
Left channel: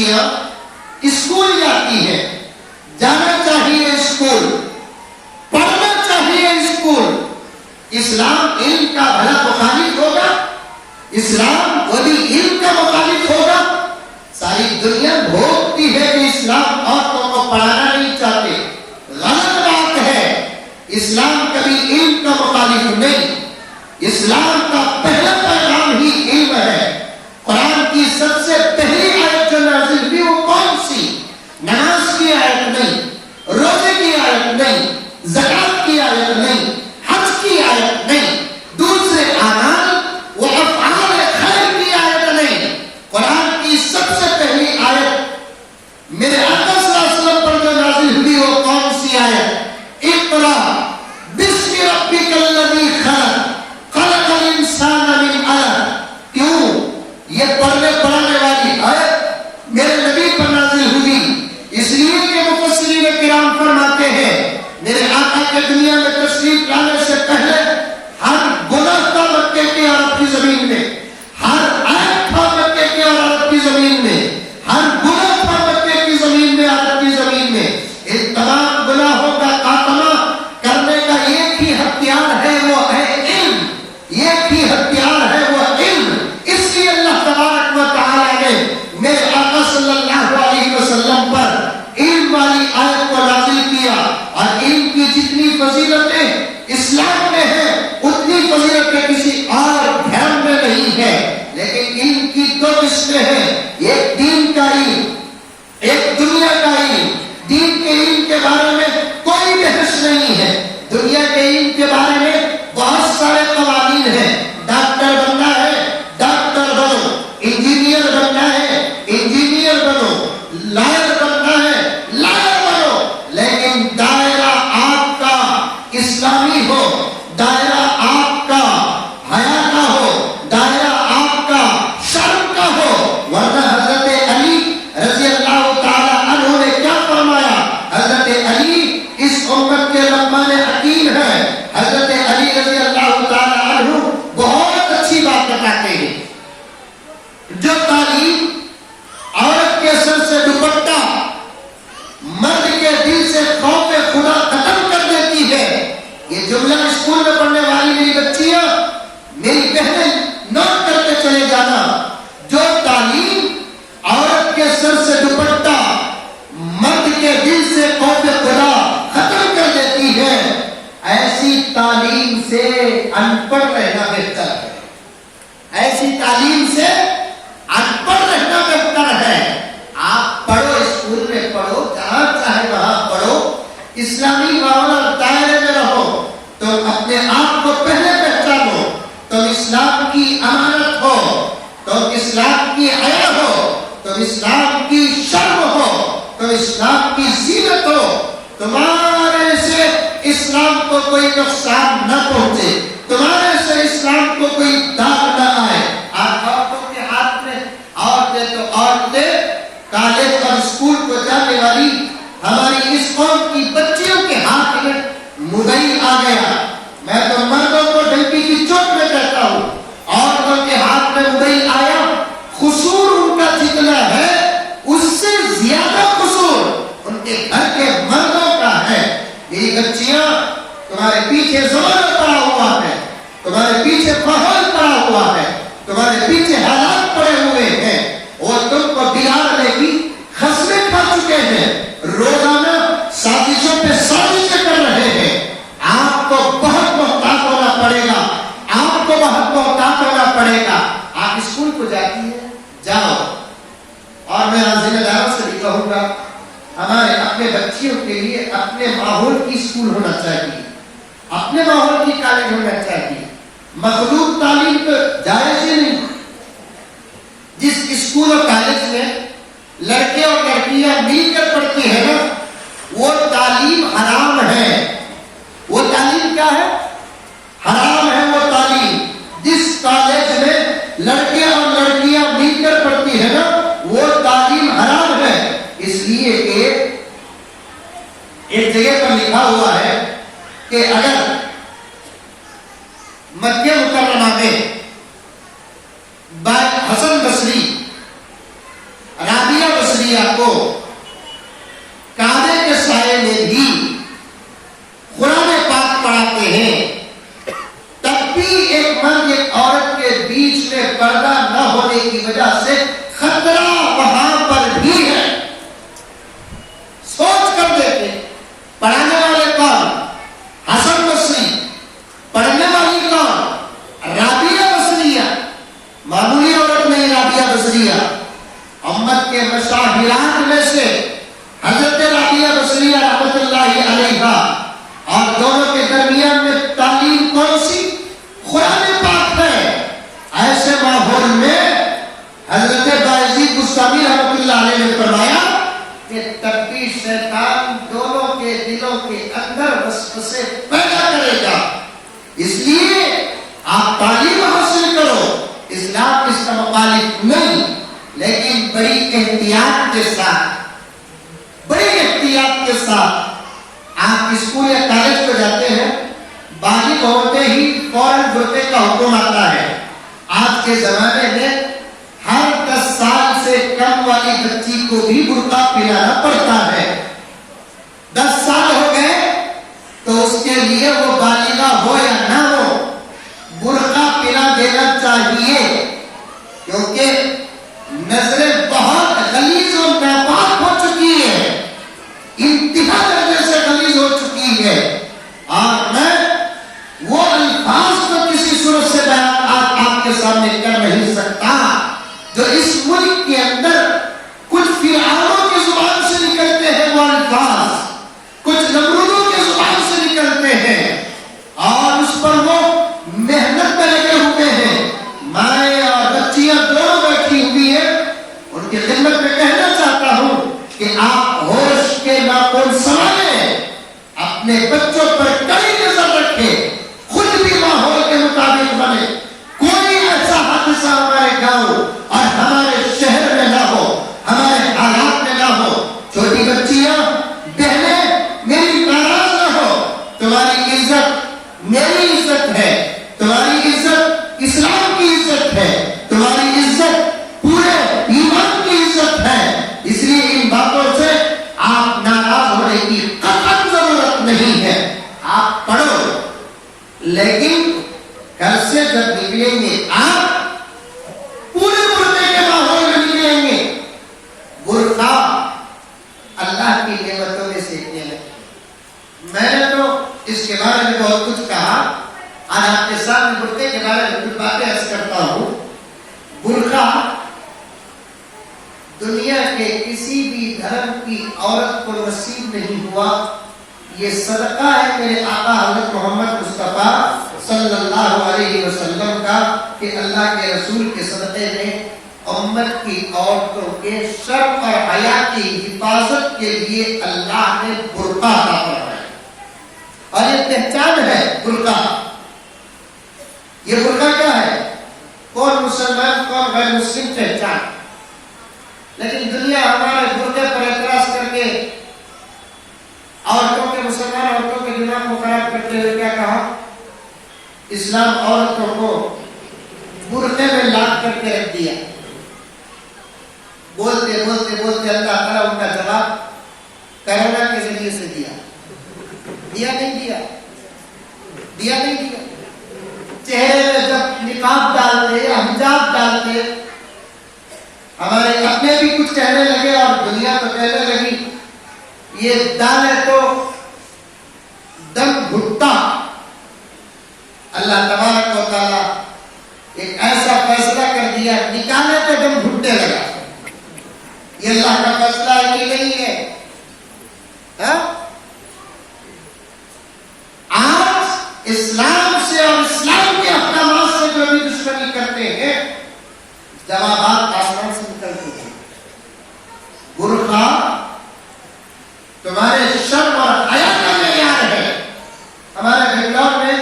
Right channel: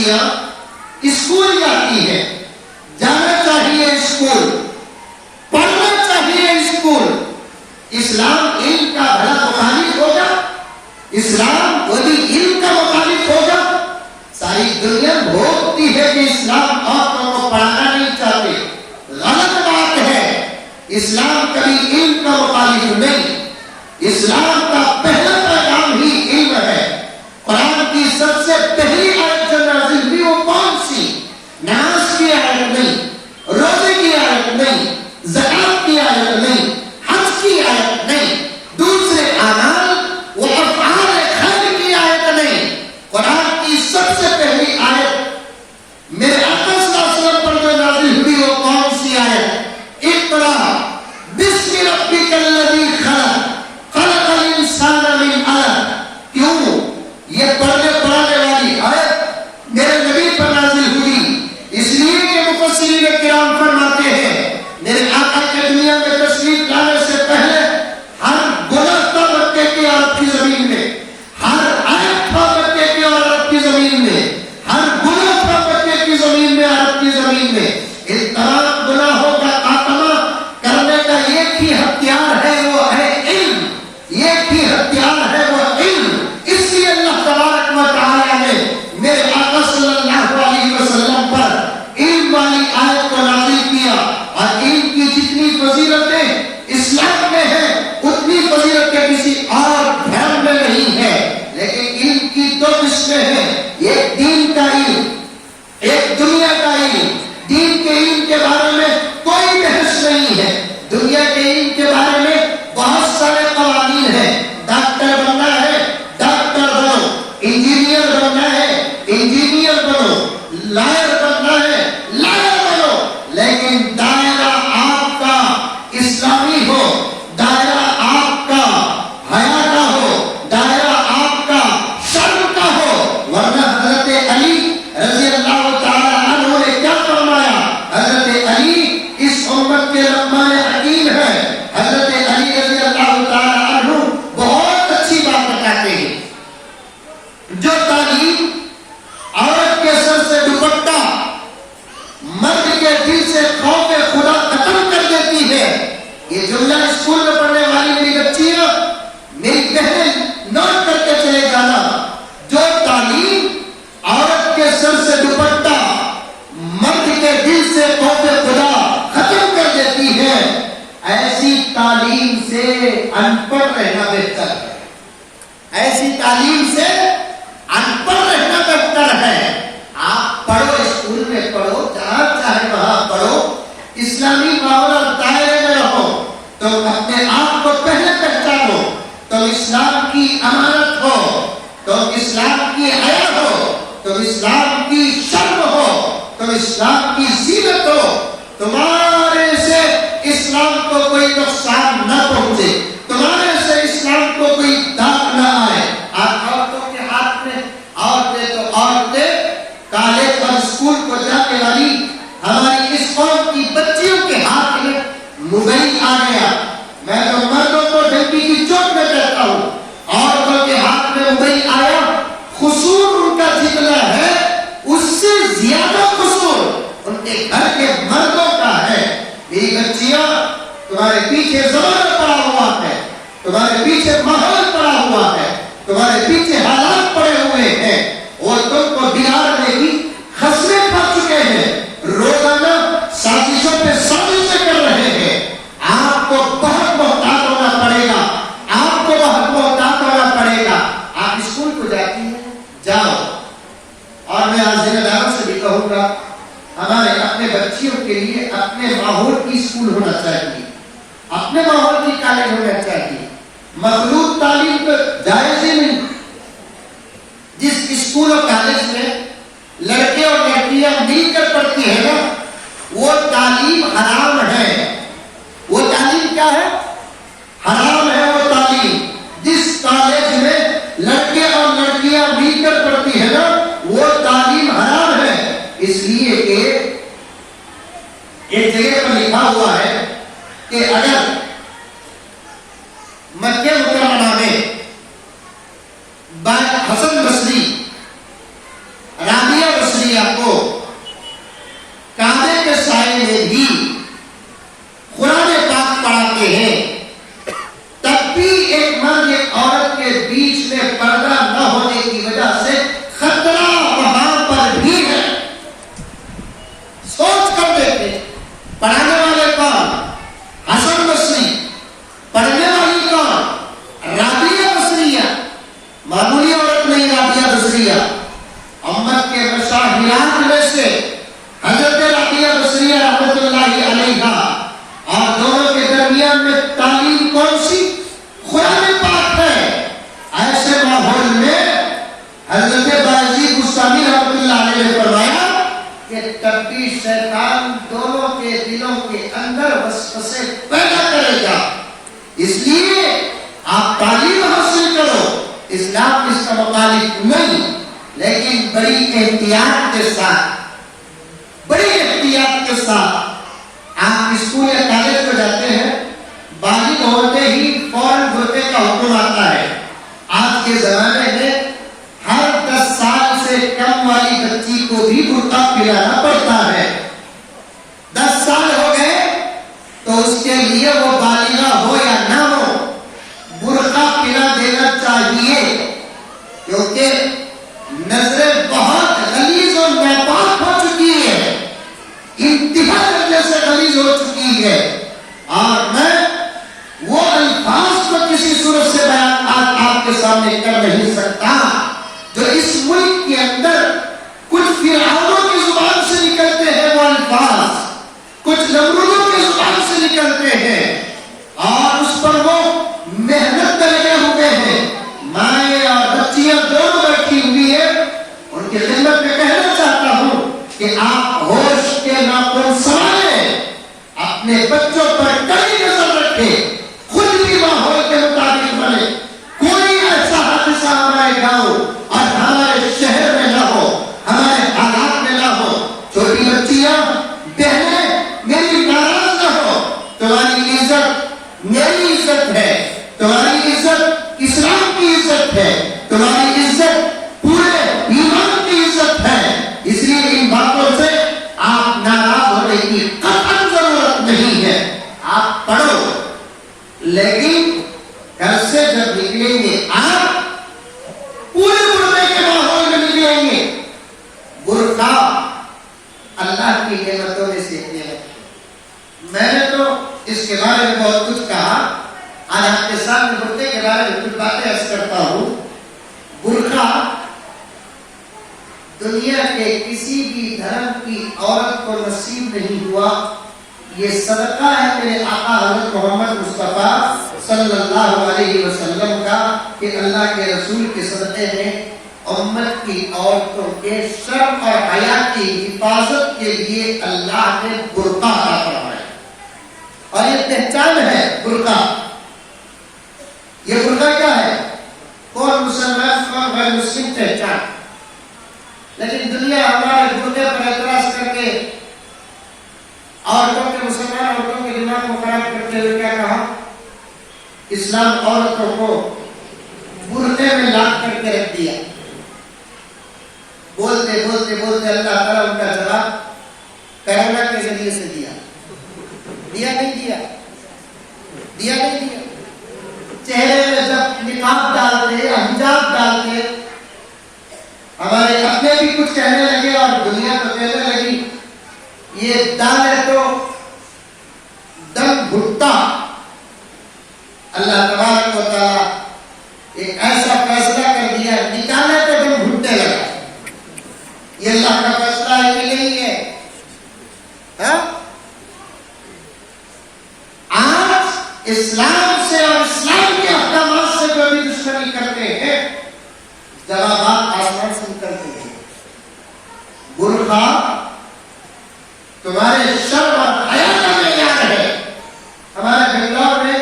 بچیاں اسکول جاتی ہیں، جانا چاہیے اسکول، پڑھنا چاہیے اسکول۔ اسلام علم کا بھلا مخالف ہوگا؟ اسلام وہی علم کا مخالف ہوگا؟ ساری دنیا بھوگتی ہے کہ اسلام عورتوں کو پڑھانا نہیں چاہتے، غلط بات ہے۔ اسلام کبھی علم کا مخالف نہیں، اسلام کا پہلا پیغام ہی علم ہے۔ قرآن کی سب سے پہلی آیت جو نازل ہوئی وہ کون سی؟ نماز کی آیت نہیں، روزے کی آیت نہیں، زکات کی آیت نہیں، حج کی آیت نہیں، دوسرے اعمال و افعال خیر کی آیت نہیں۔ قرآن کی سب سے پہلی آیت میرے آقا صلی اللہ علیہ وسلم پر جو نازل ہوئی وہ کون سی آیت؟ اقرا بسم ربک الذی خلق خلق الانسان من علق۔ کیوں یہ پڑھنے پڑھانے والی آیت میرے نبی پر نازل ہوئی؟ اس لیے کہ مفسرین کرام فرماتے ہیں میرے آقا کے دنیا میں تشریف لانے سے پہلے ہر گناہ تھا مکے کی عرب کی زمین میں، ہر عیب تھا مکے کی اور عرب کی زمین میں، ہر گناہ تھا مکے کی زمین میں، عرب کی زمین میں۔ ان تمام گناہوں کا خاتمہ کرنے کا ایک ہی ہتھیار ہے، وہ ہے علم۔ ایک ہی ہتھیار ہے، وہ علم۔ اس لیے اللہ تبارک و تعالی نے میرے آقا صلی اللہ علیہ وسلم پر علم والی آیت کو نازل کیا، اور علم کی جتنی فضیلتیں اسلام میں ہیں اتنی فضیلتیں کسی اور دھرم میں نہیں ہے۔ لیکن علم کی دو قسمیں ہیں، ایک دین کا علم، ایک دنیا کا علم۔ دین کے علم کے بارے میں کوئی بحث نہیں ہے، دنیا کے علم کے بارے میں بہت سارے قوانین ہیں۔ ڈاکٹر بننا ہے ڈاکٹر بنو، انجینئر بننا ہے انجینئر بنو، لائر بننا ہے لائر بنو، لیکن دائرہ آپ کا اسلامی ہو، دائرہ آپ کا حیا کا ہو، دائرہ آپ کا شرم کا ہو۔ ورنہ حضرت علی رضی اللہ تعالی عنہ نے کیا فرمایا؟ حضرت علی اس امت کے لقمان حکیم ہے۔ حضرت علی رضی اللہ تعالی عنہ بہت اچھی بات بتاتے ہیں، جو تعلیم عورت کے سر سے دوپٹہ، مرد کے دل سے خوف خدا ختم کر دیتی ہے۔ یہ جملہ اسکول میں پڑھنے والی میری بچیاں، میری بہنیں نوٹ کر کے چلے جانا، جو تعلیم عورت کے سر سے دوپٹہ، مرد کے دل سے خوف خدا ختم کر دیتی ہے، ایسی تعلیم سے ان پڑھ رہنا بہتر ہے۔ ایسی تعلیم سے ان پڑھ رہنا بہتر ہے۔ آپ پڑھو، اسکول میں پڑھو، جہاں چاہے وہاں پڑھو، اسلامی ماحول اور دائرے میں رہو، تم اپنے آپ کو پہلے پہچانو، تم اسلام کی امانت ہو، تم اسلام کی حیا ہو، تم اسلام کی شرم ہو، تم اسلام کی زینت ہو، تمہارے سے اسلام کو کوئی نقصان نہ پہنچے، تمہارے سے اسلام کو کوئی داغ نہ آئے۔ آج عورتوں کے ہاتھ میں، عورتیں تو عورتیں، کالج اور اسکول کو جانے والی ہماری اس قوم کی بچیوں کے ہاتھ میں موبائل آ گیا۔ میں تو مردوں کو ڈنکی کی چوٹ میں کہتا ہوں، عورتوں کے ہاتھ میں موبائل آیا، قصور ان کا جتنا ہے اس سے زیادہ قصور ان کے گھر کے مردوں کا ہے۔ میری بچیاں، تمہارے پیچھے زمانہ پڑا ہوا ہے، تمہارے پیچھے ماحول پڑا ہوا ہے، تمہارے پیچھے حالات پڑے ہوئے ہیں، اور تم کو بگاڑنے کی خصلیں کھا چکے ہیں، روزانہ سازشوں پہ سازشیں کر رہے ہیں۔ آپ کو بہت محتاط ہونا پڑے گا، آپ کو بہت محتاط ہونا پڑے گا۔ آپ اسکول کو جاتی ہیں، جاؤ، اور میں آج ذمہ داروں سے بھی کہوں گا، ہمارے اپنے بچیوں کے لیے اپنے ماحول کی اسکول ہونا چاہیے، اپنے ماحول کی کالج ہونا چاہیے۔ مخلوط تعلیم تو جائز ہی نہیں۔ جس اسکول اور کالج میں لڑکے اور لڑکیاں مل کر پڑھتی ہیں نا، وہ تعلیم حرام ہے۔ وہ تعلیم کیا ہے؟ حرام ہے وہ تعلیم۔ جس کالج میں لڑکے اور لڑکیاں مل کر پڑھتی ہیں نا، وہ تعلیم حرام ہے۔ اس لیے کہ ایک جگہ پر لکھا ہوا ہے کہ اگر مکہ مکرمہ میں حسن بصری، رابعہ بصری بصریہ کو کعبے کے سائے میں بھی قرآن پاک پڑھاتے ہیں، تب بھی ایک مرد ایک عورت کے بیچ میں پردہ نہ ہونے کی وجہ سے خطرہ وہاں پر بھی ہے۔ سوچ کر دیکھیں، پڑھانے والے کون؟ حسن بصری۔ پڑھنے والی کون؟ رابعہ بصریہ، معمولی عورت نہیں رابعہ بصریہ۔ امت کے مشاہیرات میں سے حضرت رابعہ بصریہ رحمۃ اللہ علیہا، اور دونوں کے درمیان میں تعلیم کون سی؟ قرآن پاک ہے۔ ایسے ماحول میں حضرت بایزید بستامی رحمۃ اللہ علیہ نے فرمایا کہ تب بھی شیطان دونوں کے دلوں کے اندر وسوسے پیدا کرے گا، اس لیے آپ تعلیم حاصل کرو، اسلام اس کا مخالف نہیں، لیکن بڑی احتیاط کے ساتھ، بڑی احتیاط کے ساتھ۔ آپ اسکول یا کالج کو جاتے ہیں، بالغ ہوتے ہی فوراً برقعے کا حکم آتا ہے۔ آج کے زمانے میں ہر 10 سال سے کم والی بچی کو بھی برقع پہنانا پڑتا ہے۔ 10 سال ہو گئے تو اس کے لیے وہ بالغہ ہو یا نہ ہو، برقع پہنا دینا چاہیے، کیونکہ نظریں بہت غلیظ اور ناپاک ہو چکی ہے، انتہا درجے سے غلیظ ہو چکی ہے، اور میں وہ الفاظ کو کسی صورت سے بیان آپ کے سامنے کر نہیں سکتا جو اس ملک کے اندر کچھ فرعونوں کی زبان سے نکلتے ہیں، وہ الفاظ کچھ نمرودوں کی زبان سے نکلتے ہیں، اور اس پر وہ محنت میں لگے ہوئے ہیں۔ مائیں اور بچیاں دونوں بیٹھی ہوئی ہیں، ان کی خدمت میں کہنا چاہتا ہوں کہ آپ ہوش کے ناخن سنبھالیں، اپنے بچوں پر کڑی نظر رکھیں، خود بھی ماحول کے مطابق بنے، کوئی ایسا حادثہ ہمارے گاؤں اور ہمارے شہر میں نہ ہو، ہمارے حالات میں نہ ہو۔ چھوٹی بچیاں، بہنیں، میری ناراض نہ ہو، تمہاری عزت میری عزت ہے، تمہاری عزت اسلام کی عزت ہے، تمہاری عزت پورے ایمان کی عزت ہے، اس لیے ان باتوں سے آپ ناراض ہونے کی قطعاً ضرورت نہیں ہے۔ آپ پڑھو، لیکن گھر سے جب نکلیں گے آپ پورے برقعے کے ماحول میں نکلیں گے۔ برقع اللہ کی نعمتوں میں سے ایک نعمت ہے۔ میں نے تو اس کے بارے میں بہت کچھ کہا، آج آپ کے سامنے برقعے کے بارے میں کچھ باتیں عرض کرتا ہوں۔ برقع دنیا کے کسی بھی دھرم کی عورت کو نصیب نہیں ہوا، یہ صدقہ ہے میرے آقا حضرت محمد مصطفیٰ صلی اللہ علیہ وسلم کا، کہ اللہ کے رسول کے صدقے میں امت کی عورتوں کے شرم اور حیا کی حفاظت کے لیے اللہ نے برقع عطا فرمایا، اور یہ پہچان ہے برقع۔ یہ برقع کیا ہے؟ کون مسلمان کون غیر مسلم پہچان، لیکن دنیا ہمارے برقعے پر اعتراض کر کے عورتوں کے، مسلمان عورتوں کے دماغ کو خراب کرتے ہوئے کیا کہا؟ اسلام عورتوں کو برقعے میں لاٹ کر کے رکھ دیا۔ بولتے بولتے بولتے اللہ تعالیٰ ان کا جواب کرونا کے ذریعے سے دیا نہیں دیا؟ دیا نہیں دیا؟ چہرے میں جب نقاب ڈالتے، حجاب ڈالتے، ہمارے اپنے بھی کچھ کہنے لگے اور دنیا تو کہنے لگی یہ دم ہے تو دم گھٹتا۔ اللہ تبارک و تعالیٰ ایک ایسا فیصلہ کر دیا، نکالنے پہ دم گھٹنے لگا۔ یہ اللہ کا فیصلہ ہے کہ نہیں ہے؟ آج اسلام سے اور اسلام کے احکامات سے جو بھی دشمنی کرتے ہیں، جوابات آسمان سے نکلتے ہیں۔ برقع تمہارے شرم اور حیا کا معیار ہے۔ ہمارے بنگلور میں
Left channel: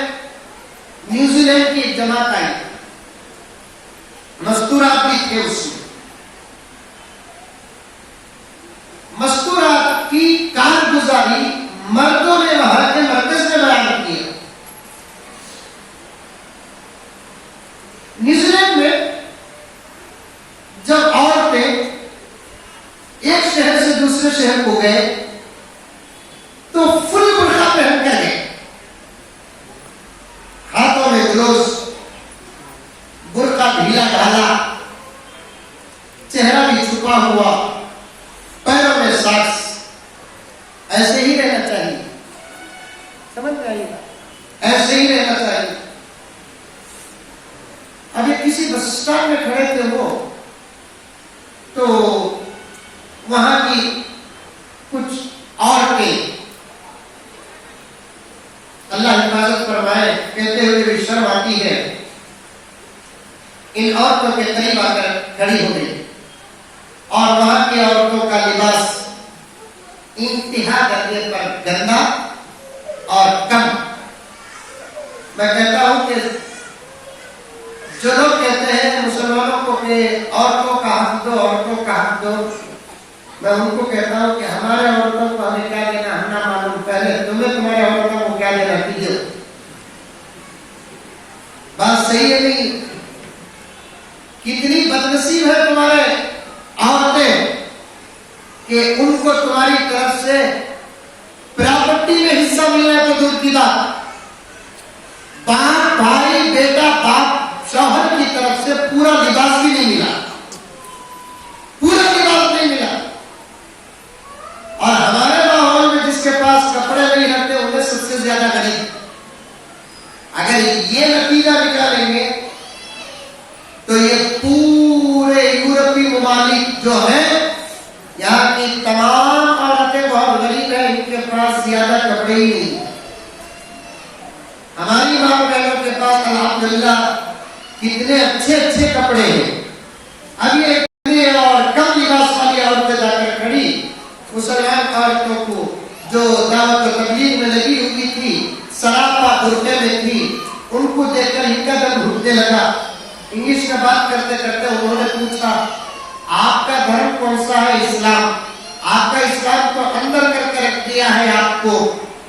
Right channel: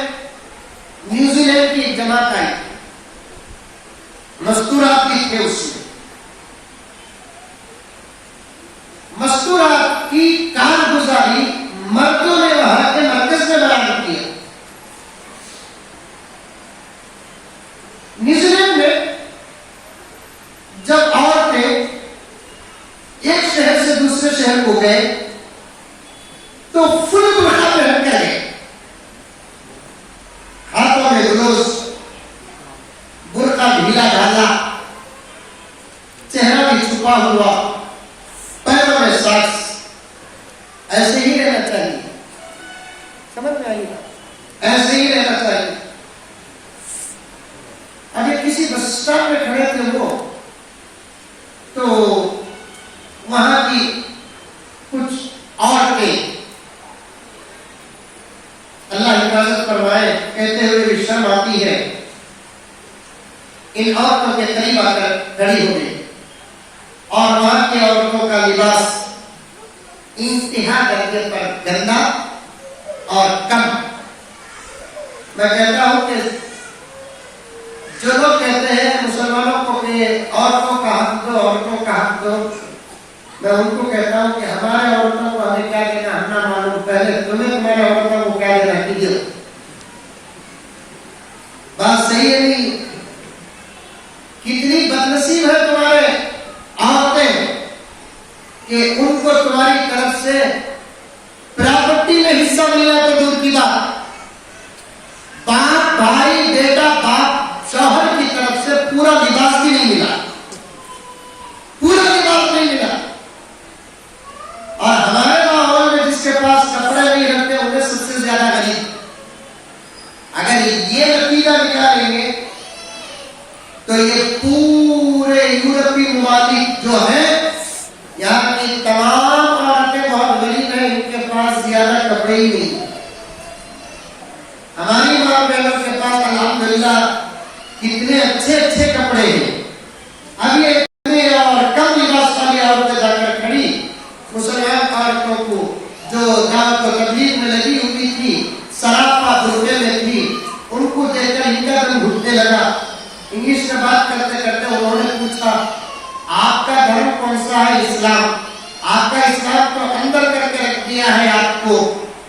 نیوزی لینڈ کی ایک جماعت آئی، مستورات بھی تھے اس میں، چھپا ہوا، پیروں میں ساکس، ایسے ہی رہنا چاہیے. سمجھ میں آئی بات؟ ایسے ہی رہنا چاہیے. ابھی کسی بس اسٹاپ میں کھڑے تھے وہ، تو وہاں کی کچھ عورتیں، اللہ حفاظت فرمائے، کہتے ہوئے بھی شرم آتی ہے، ان عورتوں کے قریب آ کر کھڑی ہو گئی، اور وہاں کی عورتوں کا لباس انتہا درجے پر گندا اور کم. میں کہتا ہوں کہ جو لوگ کہتے ہیں مسلمانوں کو کہ عورتوں کا حق دو، عورتوں کا حق دو، میں ان کو کہتا ہوں کہ ہمارے عورتوں کو ہمیں کیا دینا ہم نہ معلوم، پہلے تمہیں تمہارے عورتوں کو کیا دینا کیجیے. بات صحیح ہے نہیں؟ کتنی بدنصیب ہے تمہارے عورتیں کہ ان کو تمہاری طرف سے پراپرٹی میں حصہ ملنا تو دور کی بات، باپ بھائی بیٹا باپ شوہر کی طرف سے پورا لباس بھی نہیں ملا، پورا لباس نہیں ملا. اور ہمارے ماحول میں جس کے پاس کپڑے نہیں رہتے انہیں سب سے زیادہ غریب. اگر یہ نتیجہ نکالیں گے تو یہ پورے یورپی ممالک جو ہیں، یہاں کی تمام عورتیں بہت غریب ہیں، ان کے پاس زیادہ کپڑے ہی نہیں. ہماری ماں بہنوں کے پاس الحمدللہ کتنے اچھے اچھے کپڑے ہیں. اب یہ اتنے اور کم لباس والی عورتیں جا کر کھڑی مسلمان عورتوں کو جو دعوت و تبلیغ میں لگی ہوئی تھی، سراپا برقعے میں تھی، ان کو دیکھ کر ان کا دم گھٹنے لگا. انگلش میں بات کرتے کرتے انہوں نے پوچھا آپ کا دھرم کون سا ہے؟ اسلام. آپ کا اسلام تو اندر کر کے رکھ دیا ہے آپ کو.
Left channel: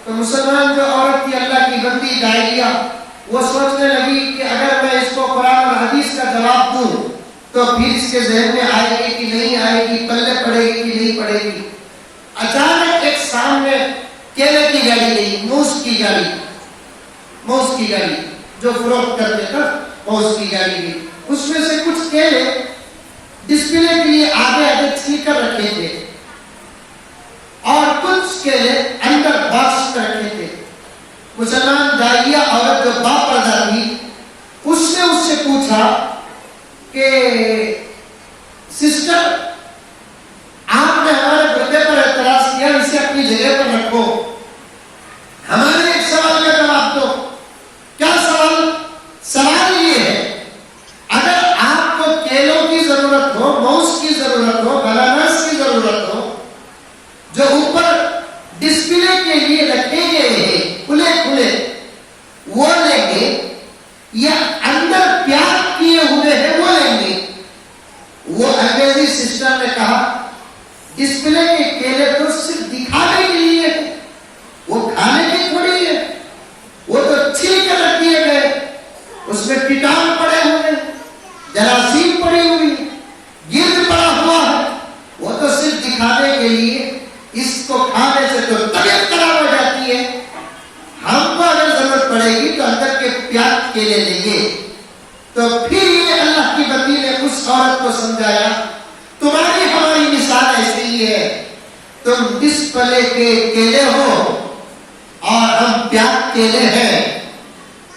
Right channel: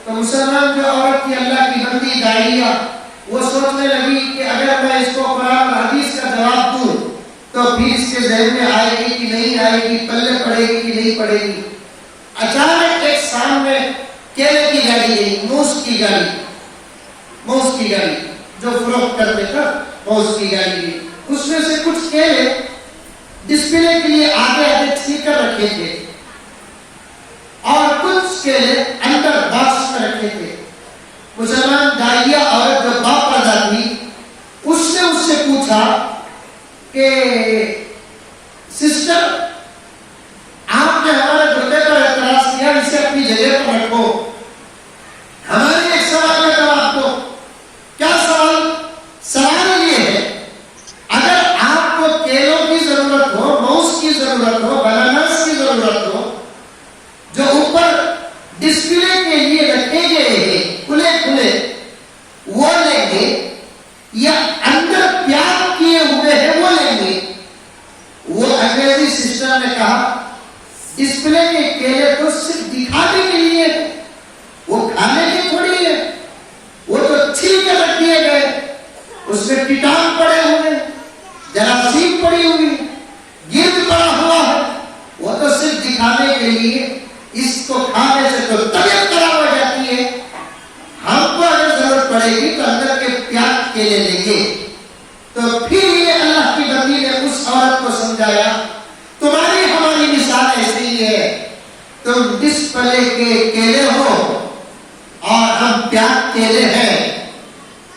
تو مسلمان جو عورت کی اللہ کی بندی داعیہ، وہ سوچنے لگی کہ اگر میں اس کو قرآن اور حدیث کا جواب دوں تو پھر اس کے ذہن میں آئے گی کہ نہیں آئے گی، پلے پڑے گی کہ نہیں پڑے گی. اچانک ایک سامنے کیلے کی گاڑی گئی، موز کی گاڑی جو فروخت کرتے تھا، موز کی گاڑی گئی. اس میں سے کچھ کیلے ڈسپلے کے لیے آگے آگے چھیل کر رکھے تھے اور کچھ کیلے اندر باکس میں رکھے تھے. مسلمان داعیہ عورت جو باپردہ تھی، اس نے اس سے پوچھا کہ سسٹر آپ نے ہمارے گردے پر اعتراض کیا، اسے اپنی جگہ پر رکھو، ہمارے ایک سوال کا جواب دو. کیا سوال؟ سوال یہ ہے اگر آپ کو کیلوں کی ضرورت ہو، موز کی ضرورت ہو، بناناس کی ضرورت ہو، جو اوپر ڈسپلے کے لیے رکھے گئے ہیں کھلے کھلے، وہ لیں گے یا اندر پیاک کیے ہوئے ہیں وہ لیں گے؟ وہ انگریزی سسٹر نے کہا ڈسپلے کے کیلے تو صرف دکھانے کے لیے، وہ کھانے کے تھوڑی ہے، وہ تو چھیل کے رکھ دیے گئے، اس میں کیٹاڑو پڑے ہوئے، جراثیم پڑی ہوئی، گرد پڑا ہوا ہے، وہ تو صرف دکھانے کے لیے. اس کو کھانے سے تو طبیعت خراب ہو جاتی ہے. ہم کو اگر ضرورت پڑے گی تو اندر کے پیاز کیلے لیں گے. تو پھر یہ اللہ کی بندی نے اس عورت کو سمجھایا تمہاری ہماری مثال ایسی ہی ہے، تم ڈسپلے کے کیلے ہو اور ہم پیاز کیلے ہیں.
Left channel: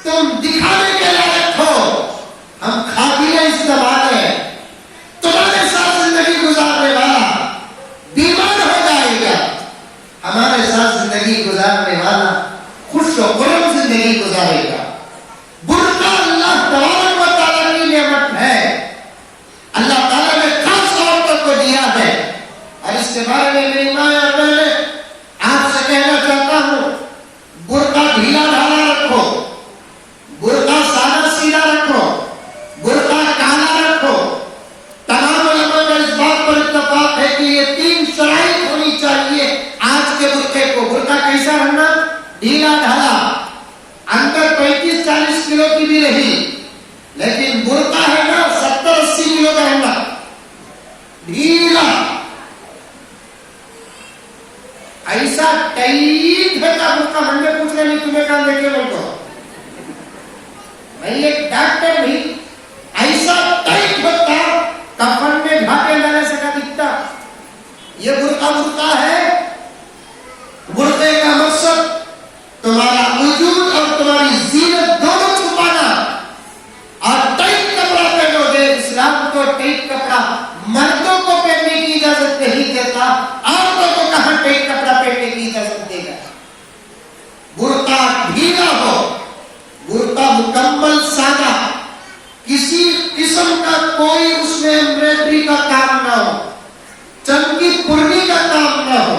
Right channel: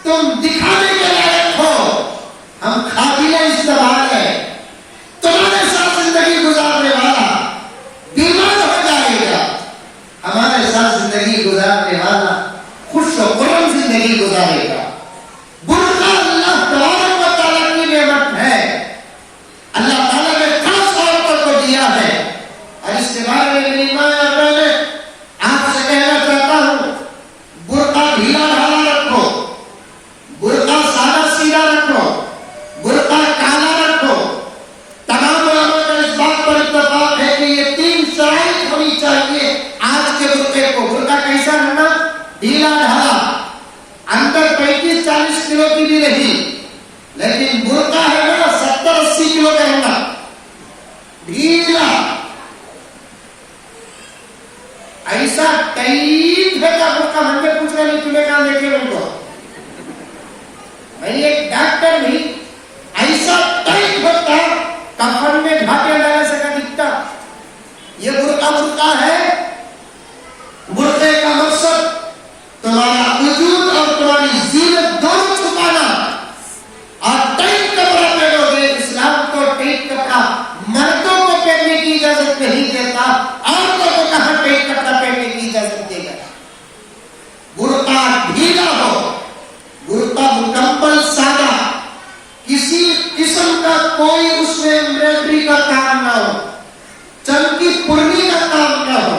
تم دکھانے کے لائق ہو، ہم قابل استعمال ہیں. تمہارے ساتھ زندگی گزارنے والا بیمار ہو جائے گا، ہمارے ساتھ زندگی گزارنے والا خوش و خرم زندگی گزارے گا. برقع اللہ تبارک و تعالیٰ کی نعمت ہے، اللہ تعالیٰ نے خاص عورتوں کو دیا ہے. اور اس کے بارے میں میری ماں اور میں آپ سے کہنا چاہتا ہوں برقع ڈھیلا ڈھالا رکھو، برقع سادہ سیدھا رکھو، برقع کالا رکھو. تمام علماء کا اس بات پر اتفاق ہے کہ یہ 3 شرائط ہونی چاہیے آج کے برقعے کو. برقع کیسا رہنا؟ ڈھیلا ڈھالا، اندر 35-40 کلو کی بھی رہی، لیکن برقع ہے نا 70-80 کلو کا رہنا، ڈھیلا. ایسا ٹائٹ ہے کا برقع ہم نے پوچھنا نہیں، تمہیں کہاں دیکھے لوگ کو. میں ایک ڈاکٹر بھی ایسا ٹائٹ ہوتا کفن میں ڈھانپے ڈالے سے کبھی برقع ہے، برقعے کا مقصد تمہارا وجود اور تمہاری زینت دونوں چھپانا، اور ٹائٹ کپڑا پہنو گے، اسلام کو ٹائٹ کپڑا مردوں کو پہننے کی اجازت نہیں دیتا، عورتوں کو کہاں ٹائٹ کپڑا پہننے کی اجازت دے گا؟ برقع ڈھیلا ہو، برقع مکمل سادہ، کسی قسم کا کوئی اس میں ایمبرائڈری کا کام نہ ہو، چمکی پرنی کا کام نہ ہو،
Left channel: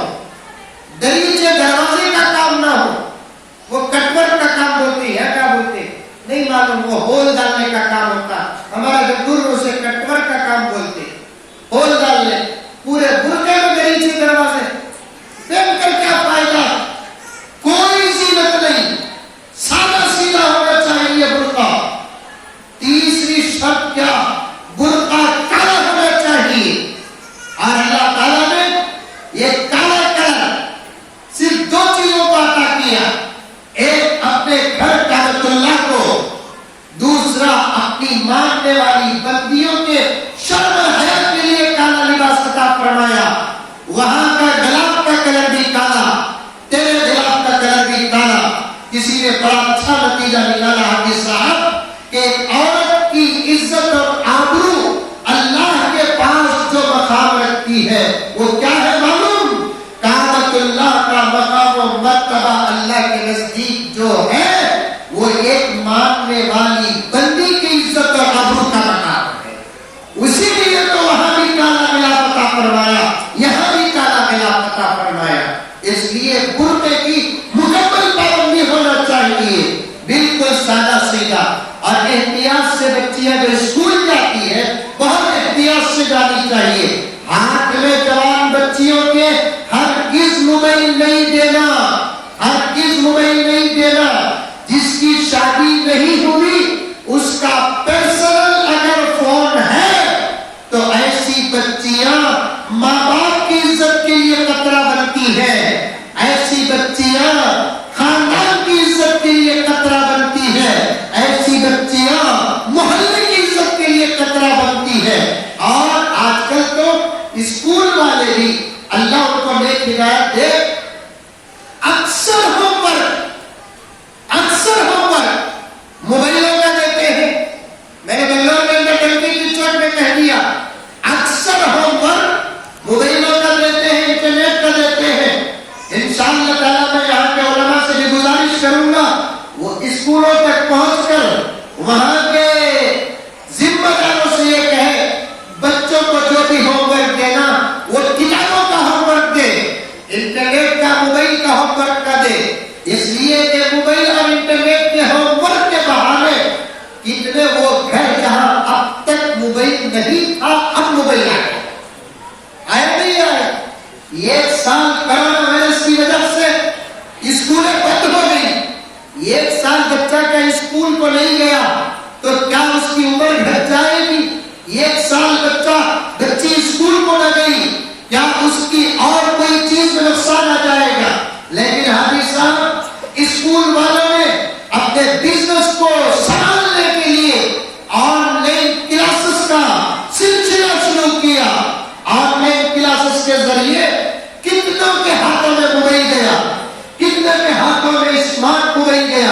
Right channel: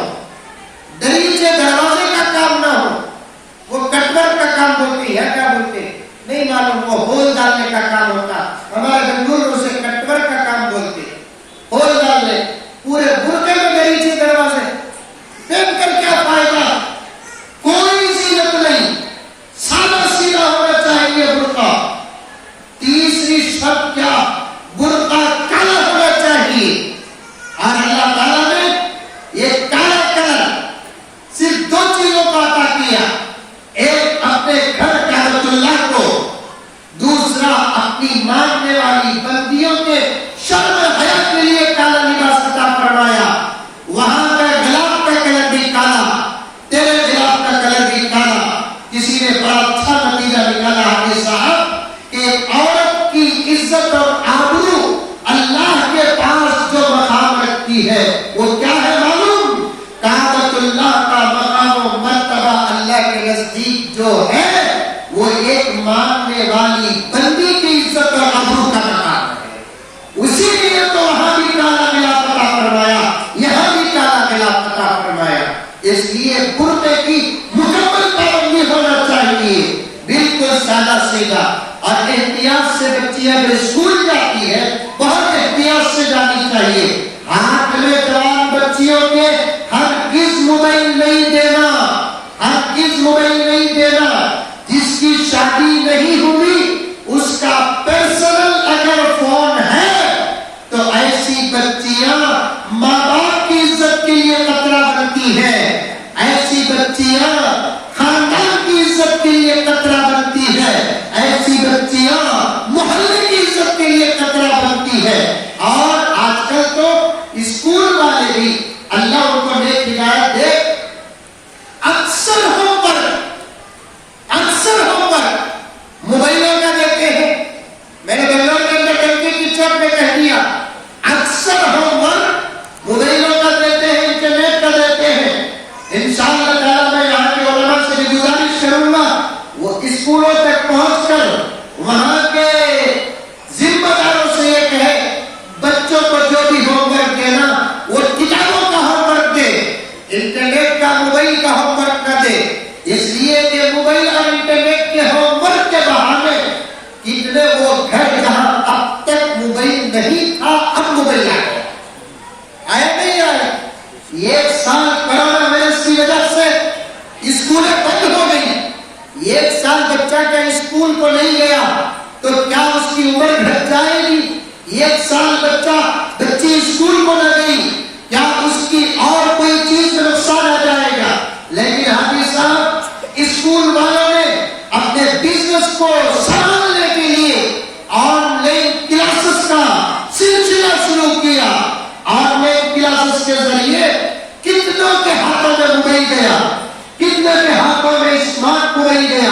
دریچے دروازے کا کام نہ ہو، وہ کٹ ورک کا کام بولتے ہیں، کیا بولتے ہیں نہیں معلوم، وہ ہول ڈالنے کا کام ہوتا، ہمارے بنگلور اسے کٹ ورک کا کام بولتے ہیں، ہول ڈالنے، پورے برقعے میں دریچے دروازے پہن کر کیا فائدہ؟ کوئی زینت نہیں، سادہ سیدھا ہونا چاہیے برقع۔ تیسری شرط کیا؟ برقع کالا ہونا چاہیے، اور اللہ تعالیٰ نے یہ کالا کلر صرف دو چیزوں کو عطا کیا، ایک اپنے گھر کعبۃ اللہ کو، دوسرا اپنی ماننے والی بندیوں کے شرم و حیا کے لیے کالا لباس عطا فرمایا۔ وہاں کا غلاف کا کلر بھی کالا، تیرے غلاف کا کلر بھی کالا۔ کسی نے بڑا اچھا نتیجہ نکالا ہے صاحب کہ ایک عورت کی عزت اور آبرو اللہ کے پاس جو مقام رکھتی ہے وہ کیا ہے معلوم؟ کعبۃ اللہ کا مقام و مرتبہ اللہ کے نزدیک جو ہے وہ ایک ماننے والی بندی کی عزت اور آبرو کا مقام ہے، اسی لیے تو وہاں بھی کالا غلاف عطا فرمایا، یہاں بھی کالا غلاف عطا فرمایا۔ اس لیے برقعے کی مکمل پابندی ہونا چاہیے، بالکل سادہ سیدھا، اور احتیاط سے بچیاں اگر اسکول جاتی ہے بہت احتیاط سے جانی چاہیے۔ ہاتھ میں جوان بچیوں کے ہرگز موبائل نہیں دینا، ہرگز موبائل نہیں دینا۔ جس کی شادی نہیں ہوئی اس کا پرسنل اگر فون ہے تو ایسی بچیاں ماں باپ کی عزت کے لیے خطرہ بنتی ہے، ایسی بچیاں خاندان کی عزت کے لیے خطرہ بنتی ہے، ایسی بچیاں محلے کی عزت کے لیے خطرہ بنتی ہے۔ اور آج کل تو اسکول والے بھی اللہ ان کو نیک ہدایت دے، اکثر ہوم ورک موبائلوں کا دیتے ہیں۔ میں نے بنگلور کے اندر ٹنکی کی چوک میں کہہ دیا، اکثر ہوم ورک موبائلوں کا دیتے ہیں، انٹرنیٹ کا دیتے ہیں۔ انشاءاللہ تعالیٰ میں یہاں کے علماء سے بھی گزارش کروں گا وہ اسکولوں تک پہنچ کر وہاں کے ذمہ داروں سے یہ کہے بچوں کو جو بھی ہوم ورک دینا وہ کتابوں کا ہوم ورک دے، انٹرنیٹ کا موبائل کا ہوم ورک نہ دے، اس لیے کہ موبائل اور انٹرنیٹ کے ہوم ورک کے بہانے کتنے وہ گھر جہاں اب تک موبائل نہیں تھا اب موبائل آ گیا، آیا نہیں آیا؟ ایک سال کرونا وائرس کی وجہ سے اسکولیں بند ہو گئی، ایک سال بچہ کیا اسکول کو نہیں گیا تو کیا اس کی عمر گھٹ جائے گی؟ ایک سال بچی اسکول کو نہ گئی کیا اس کی اور کوئی چیز میں نقصان آ جائے گا؟ لیکن حاجی صاحب اسکول والوں نے اپنے بزنس کو سنبھالنے کے لیے آن لائن کلاسز کا سلسلہ شروع کیا۔ آن لائن کلاسز کے ذریعے کتنوں کے ہاتھوں میں موبائل گیا، کتنے کے ہاتھوں میں اسمارٹ موبائل گیا،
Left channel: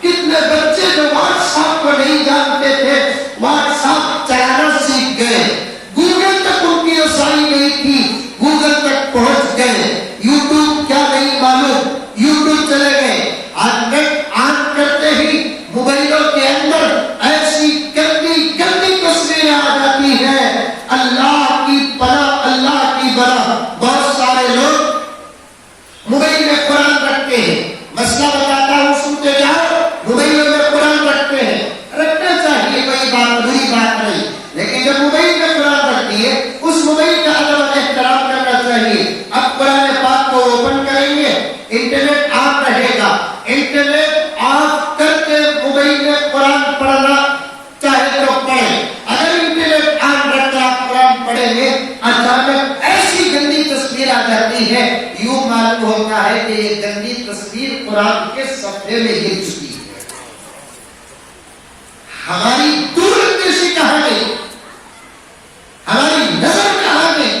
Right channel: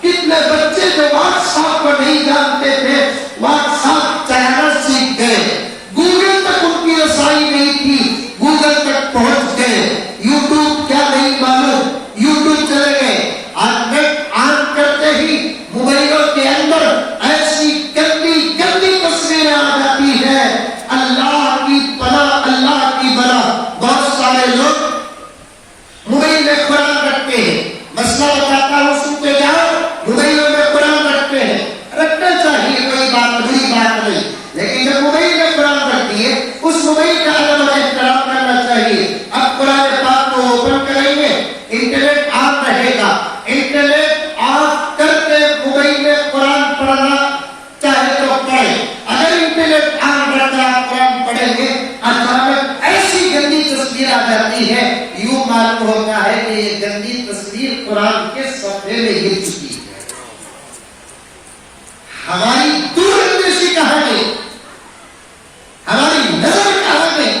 کتنے بچے جو واٹس ایپ کو نہیں جانتے تھے واٹس ایپ چلانا سیکھ گئے، گوگل تک ان کی رسائی نہیں تھی گوگل تک پہنچ گئے، یوٹیوب کیا نہیں معلوم یوٹیوب چلے گئے، اور نیٹ آن کرتے ہی موبائلوں کے اندر ایسی گندی گندی تصویریں آ جاتی ہیں، اللہ کی پناہ اللہ کی بنا۔ بہت سارے لوگ موبائل میں قرآن رکھتے ہیں، مسئلہ بتاتا ہوں سنتے جاؤ، موبائلوں میں قرآن رکھتے ہیں، رکھنا چاہیے، کوئی بات بری بات نہیں، لیکن جب موبائل میں قرآن رکھتی ہے اس موبائل کا ادب و احترام کرنا چاہیے۔ اب قرآن پاک کو اوپن کریں گے، انٹرنیٹ آن رہے گا، انٹرنیٹ آف کر کے موبائل میں قرآن پڑھنا چاہے تو پڑھے، اگر انٹرنیٹ آن رکھ کر آپ قرآن پڑھیں گے اچانک ایسی گندی تصویر آ جاتی ہے، یوں معلوم ہوتا ہے کہ یہ گندی تصویر قرآن کے صفحے میں گر چکی ہے۔ ہماری دور اندیشی کہاں گئی، ہماری نظر کہاں گئی؟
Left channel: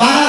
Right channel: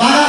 12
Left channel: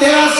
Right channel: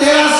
13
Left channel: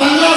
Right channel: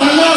15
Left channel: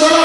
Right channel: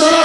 16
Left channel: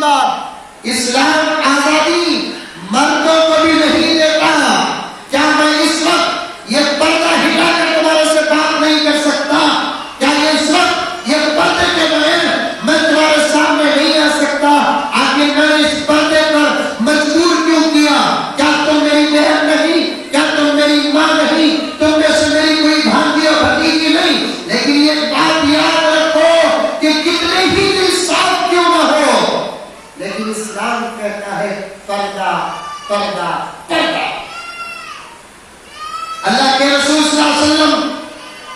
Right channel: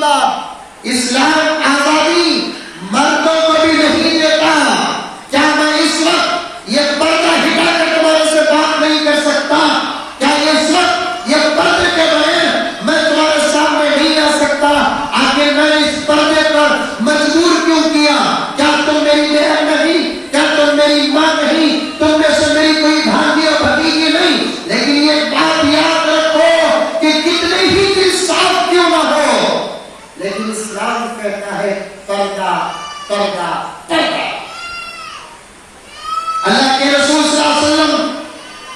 بات، اسلام آزادی مردوں کو بھی نہیں دیتا. کیا میں اس وقت یہ پردہ ہٹا کر تمہارے سے بات نہیں کر سکتا؟ کیا اس وقت یہ پردے کے بغیر میں تمہارے سامنے نہیں آ سکتا؟ آخر میں نے اس پردے پر مجبور کیوں کیا؟ کیا تم میری بہن نہیں؟ کیا تم میری ماں نہیں؟ تم میں سے میری کوئی بھانجی اور بھتیجی نہیں؟ لیکن یہ بات یاد رکھو کہ کتنے ہی دل صاف کیوں نہ ہو، لیکن اسلام کہتا ہے پردہ پردہ پردہ. اللہ کے رسول صلی اللہ علیہ وسلم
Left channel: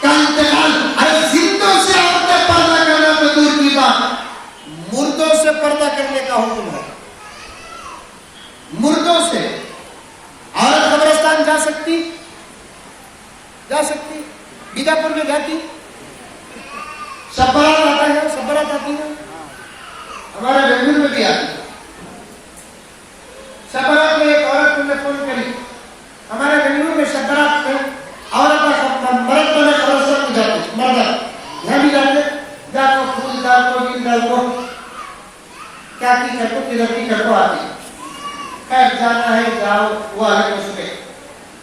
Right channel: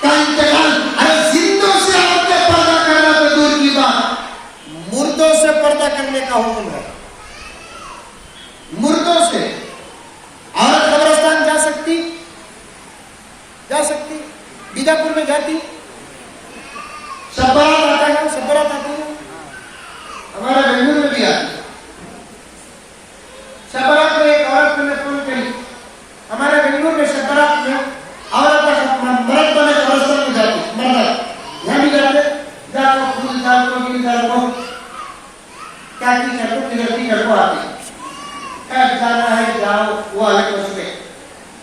کا انتقال، ارے زندوں سے عورتیں پردہ کرنا تو دور کی بات، مردوں سے پردہ کرنے کا حکم ہے. مردوں سے عورت قبرستان جا سکتی؟ جا سکتی. بیجاپور میں جاتی، شب برات آتا ہے، شب برات آتی ہے، ہمارے بنگلور میں بھی آتی. شب برات میں ایک عورت نے فون کری، ہمارے بنگلور میں شب برات میں عورت مرد بنے قبرستان میں جاتے، مرد یہاں بھی جاتے، جا کو پھول ڈال کو گل ڈال کو کیا کی کر کو کدھر کی کر کو آتی. خیر جانا ہے جاؤ، وہ الگ اس میں.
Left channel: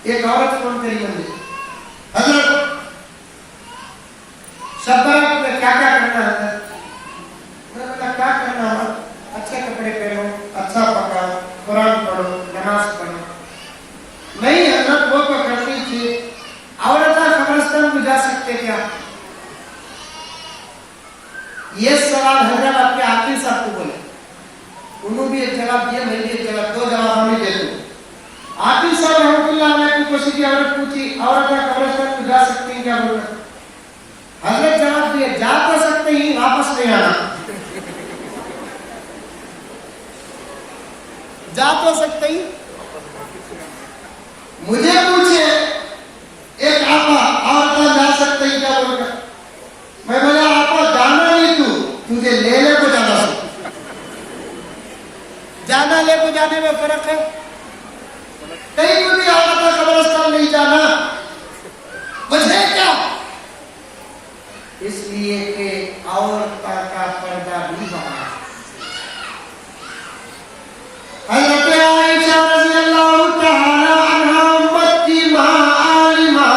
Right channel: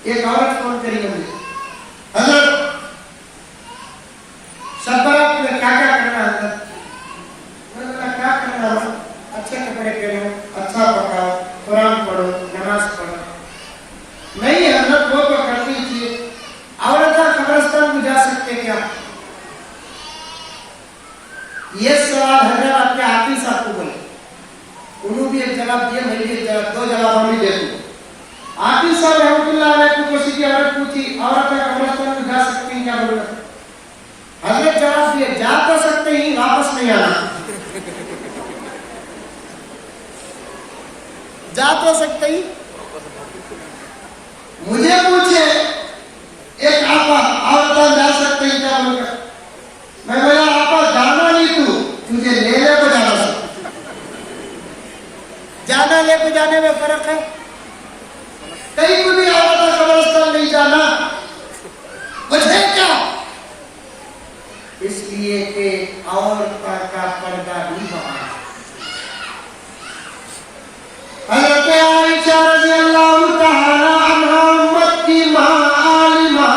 ایک عورت فون کری مجھے، حضرت شب برات میں کیا کیا کرنا ہے؟ میں نے کہا کیا کرنا ہے؟ اچھے کپڑے پہنو، اچھا پکاؤ، قرآن پڑھو، نماز پڑھو. نہیں حضرت وہ تو کرنی چاہیے. عورتیں قبرستان کو جا سکتے کیا؟ یہ سوال حیدرآباد کے عاقل صاحب کو بولے، انہوں بھی ایک جواب دیا، میں بھی ایک جواب، دو جواب ہم بھی دیتے ہیں. عاقل صاحب رحمۃ اللہ علیہ کو کسی کی عورت پوچھی عورتیں قبرستان کو جا سکتی ہیں کیا؟ بولنا حضرت جواب دیے جا تو سکتے ہی، واپس نہیں آنا. جا تو سکتے ہی. مجھے پوچھے ایک آپا عورتیں جا سکتے ہی کیا؟ بول کر میں بولا آپا جانا نہیں، تجھے لینے کو جانا سکتا. جانا لے کو جانے میں فرق ہے. کہیں کو بھی عورتیں قبرستان نہیں جانا. وجہ کیا؟ اس لیے کہ عورتوں کا پردہ بھی بنا. حضرت عائشہ رضی اللہ تعالی عنہا امت کی ماں، عالمہ،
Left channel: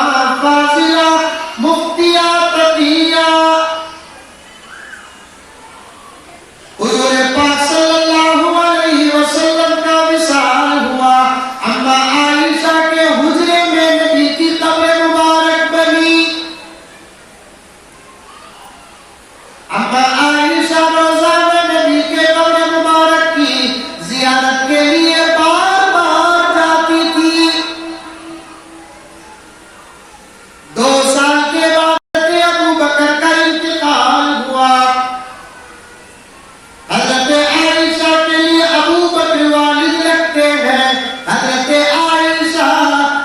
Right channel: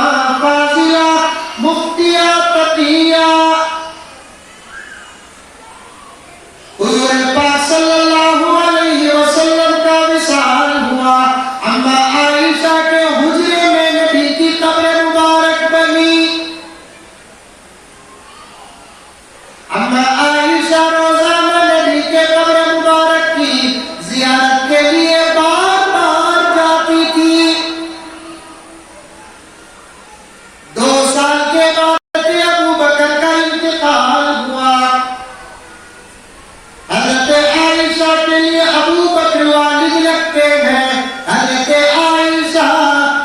فاضلہ، مفتیہ، تقیہ، حضور پاک صلی اللہ علیہ وسلم کا وصال ہوا. اما عائشہ کے حجرے میں نبی کی قبر مبارک بنی. اما عائشہ روزہ میں نبی کے قبر مبارک کی زیارت کے لیے بار بار جاتی تھی. 2 سال کے بعد ابو بکر کا انتقال ہوا. حضرت عائشہ کے لیے ابو بکر والد لگتے ہیں. حضرت عائشہ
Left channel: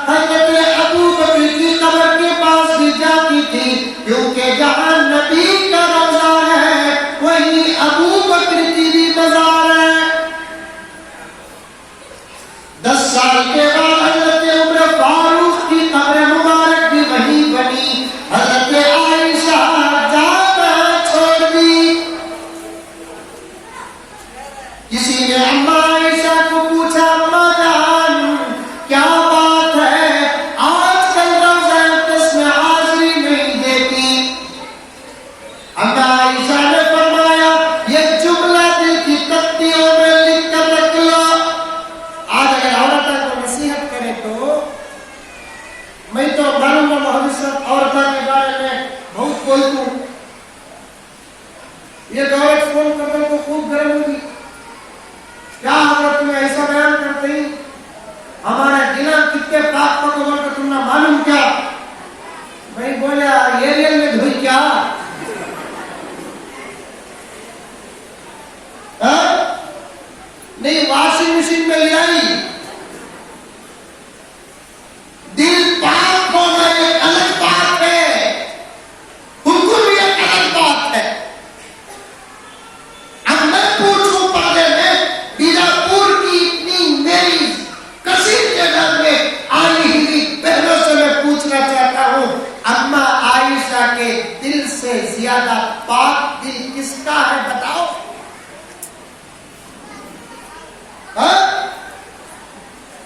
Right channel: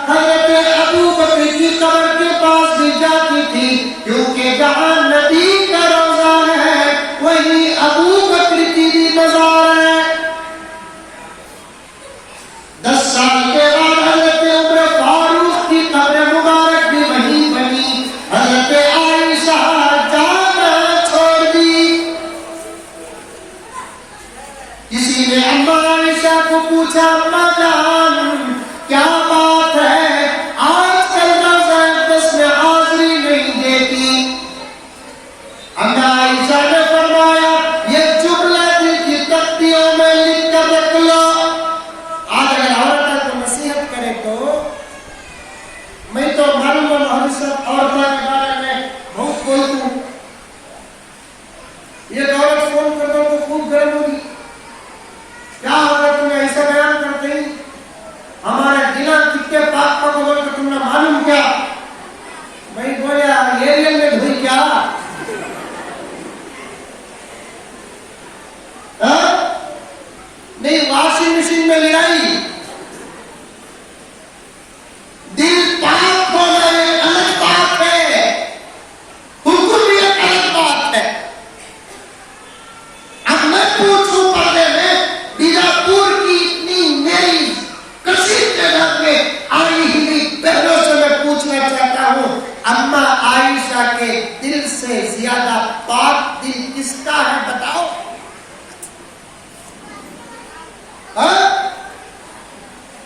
حضرت ابو بکر کی قبر کے پاس بھی جاتی تھی، کیونکہ جہاں نبی کا روزہ ہے وہی ابو بکر کی بھی مزار ہے. 10 سال کے بعد حضرت عمر فاروق کی قبر مبارک بھی وہیں بنی. حضرت عائشہ جانا چھوڑ دی. کسی نے اما عائشہ کو پوچھا، اما جان کیا بات ہے آج کل روزہ اقدس میں حاضری نہیں دیتی؟ اما عائشہ نے فرمایا یہ جملہ دل کی تختیوں میں لکھ کر رکھ لو. آج اگر عورتوں کو نصیحت کرے تو میں تو معلوم عورتوں کے بارے میں بہت بولتا ہوں. یہ عورت فون کر دو تو خوب گرم ہوگی. کیا ہوگا تمہیں ایسا بیان کرتے ہی ہمارے دلان کتنے پاک پاک بول کر تم نے معلوم کیا؟ میں بولیا ایریل میں دھوئی کیا؟ نہیں واشنگ مشین میں لڑائی. دل پاک ہونا ایک الگ بات ہے، حکم بھی ایک الگ بات ہے. اب میں پوچھوں پردے میں بیجاپور کی اتنی میری کثیر تعداد میں آئی ہوئی بہنوں سے میں پوچھنا چاہتا ہوں، اما عائشہ کے دل سے زیادہ پاک دل کس کا ہے بتاؤ؟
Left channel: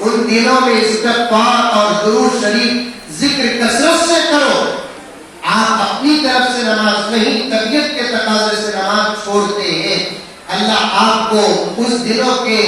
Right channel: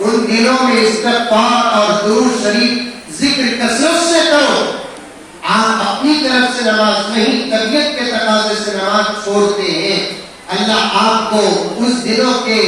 ان دنوں میں استغفار اور درود شریف ذکر کثرت سے کرو. آپ اپنی طرف سے نماز نہیں، طبیعت کے تقاضے سے نماز چھوڑتے ہیں. اللہ آپ کو اس دنوں کے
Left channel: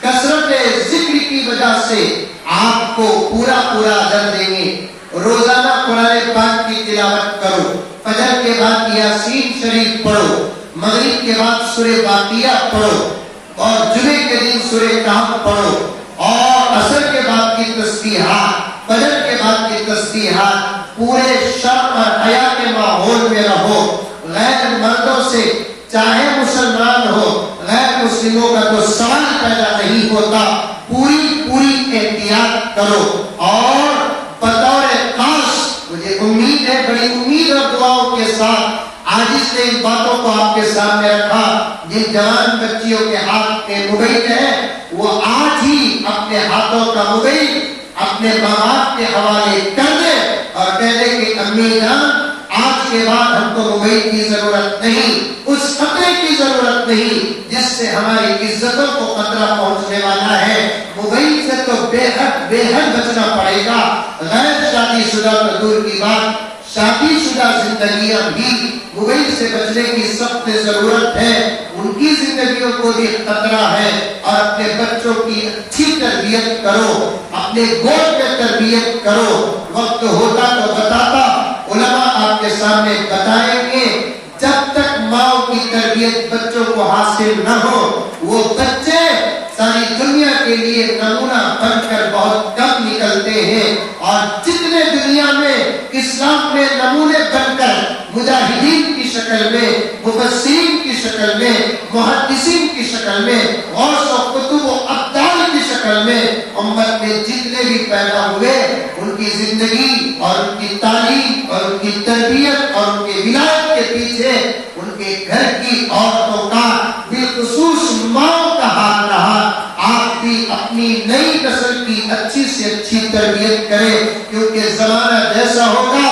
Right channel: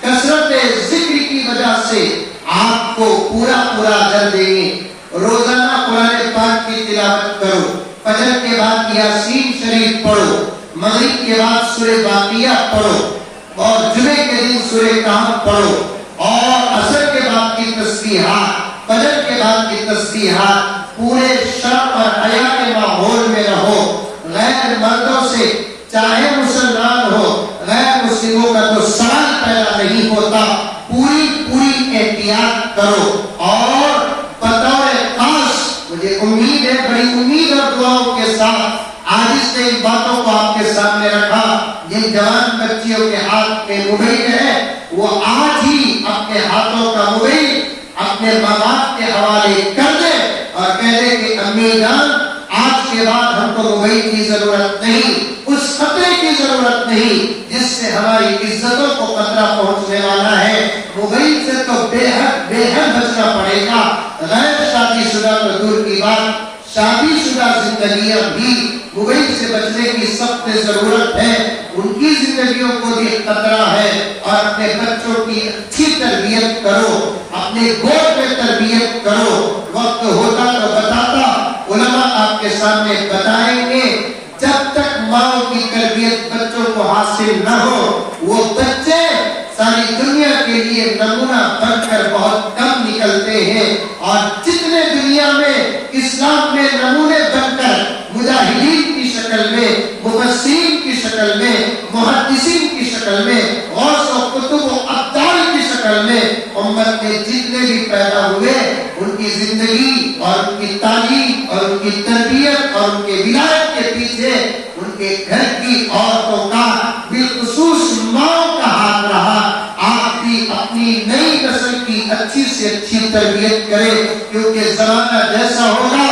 کثرت ذکر کی وجہ سے آپ کو پورا اجر دیں گے. روزانہ قرآن پاک کی تلاوت کرو. فجر کے بعد یاسین شریف پڑھو. مغرب کے بعد سورہ واقعہ پڑھو اور جمعے کے دن سورہ کہف پڑھو. اور عصر کے بعد کی تسبیحات، فجر کے بعد کی تسبیحات. پورے شرف اور حیا کے ماحول میں رہو. غیر مردوں سے چاہے مسلمان ہو، غیر مسلموں کا تو سوال پیدا نہیں ہوتا. پوری احتیاط کرو. اور بطور خاص مجھے امید ہے، بڑی امید اور دعاؤں کے ساتھ آج سے ان باتوں کو آپ کے سامنے رکھا. جن جوان بچیوں کے ہاتھ میں موبائل ہے وہ آج ہی اپنے ہاتھوں کا موبائل اپنے ماں باپ کے حوالے کر دے اور کہہ دے کہ امی جان آج کے بعد ہم کو موبائل کی ضرورت نہیں، اس خطرے کی ضرورت نہیں جس سے ہماری عزتوں کو خطرہ پہنچنے والا ہے. موبائل سے تو بے حد بچنا پڑے گا. غیر شادی شدہ تو دور کی بات، شادی شدہ زندگیاں بھی موبائل سے بچنے کی سخت ضرورت ہے. ان کی زندگیوں کو بھی خطرہ ہے. اور اپنے بچوں کی اچھی تربیت کرو، اپنے گود میں تربیت کرو. وقت ہوتا تو بتاتا، علماء آپ کے سامنے بتائیں گے. جب تک ماں کی تربیت بچوں کو حاصل نہ ہو، وہ بچے ساری دنیا کے لیے نمونہ بن کر بہت کم نکلتے ہیں. اور جتنے دنیا میں اسلام میں نمونے بن کر مجاہدین کی شکل میں، مفسرین کی شکل میں، محدثین کی شکل میں، غوث و قطب و ابدال کی شکل میں امت میں جتنے بھی پیدا ہوئے، ان کی زندگی اور ان کی تعلیم اور ان کی تربیت اور ان کے ولایت کے پیچھے ان کے گھر کی عورتوں کا، بالخصوص ماں کا ہاتھ رہا. آپ بھی اپنی نئی نسل کی اچھی سے اچھی تربیت کریں، کیونکہ زمانہ جیسا ہوگا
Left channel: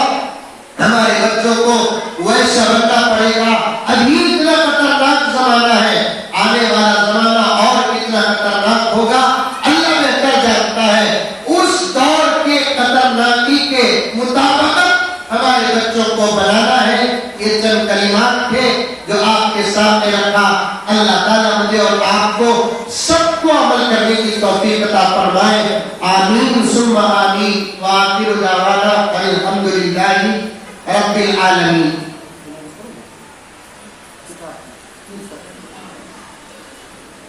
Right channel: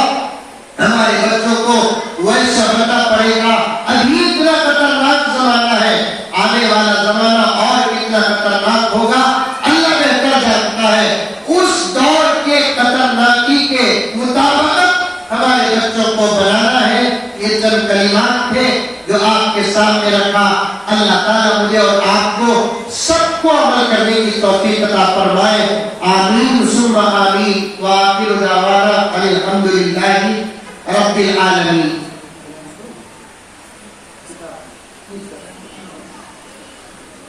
ہمارے بچوں کو ویسا بننا پڑے گا. ابھی اتنا خطرناک زمانہ ہے، آنے والا زمانہ اور کتنا خطرناک ہوگا اللہ بہتر جانتا ہے. اس دور کے خطرناکی کے مطابق ہمارے بچوں کو بنانا ہے. یہ چند کلمات تھے جو آپ کے سامنے رکھا. اللہ تعالیٰ مجھے اور آپ کو سب کو عمل کرنے کی توفیق عطا فرمائے. آمین ثم آمین. وآخر دعوانا ان الحمدللہ رب العالمین.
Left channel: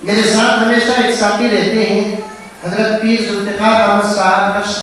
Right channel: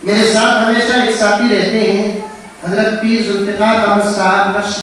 میرے ساتھ ہمیشہ ایک ساتھی رہتے ہیں، حضرت پیر ذوالفقار احمد صاحب.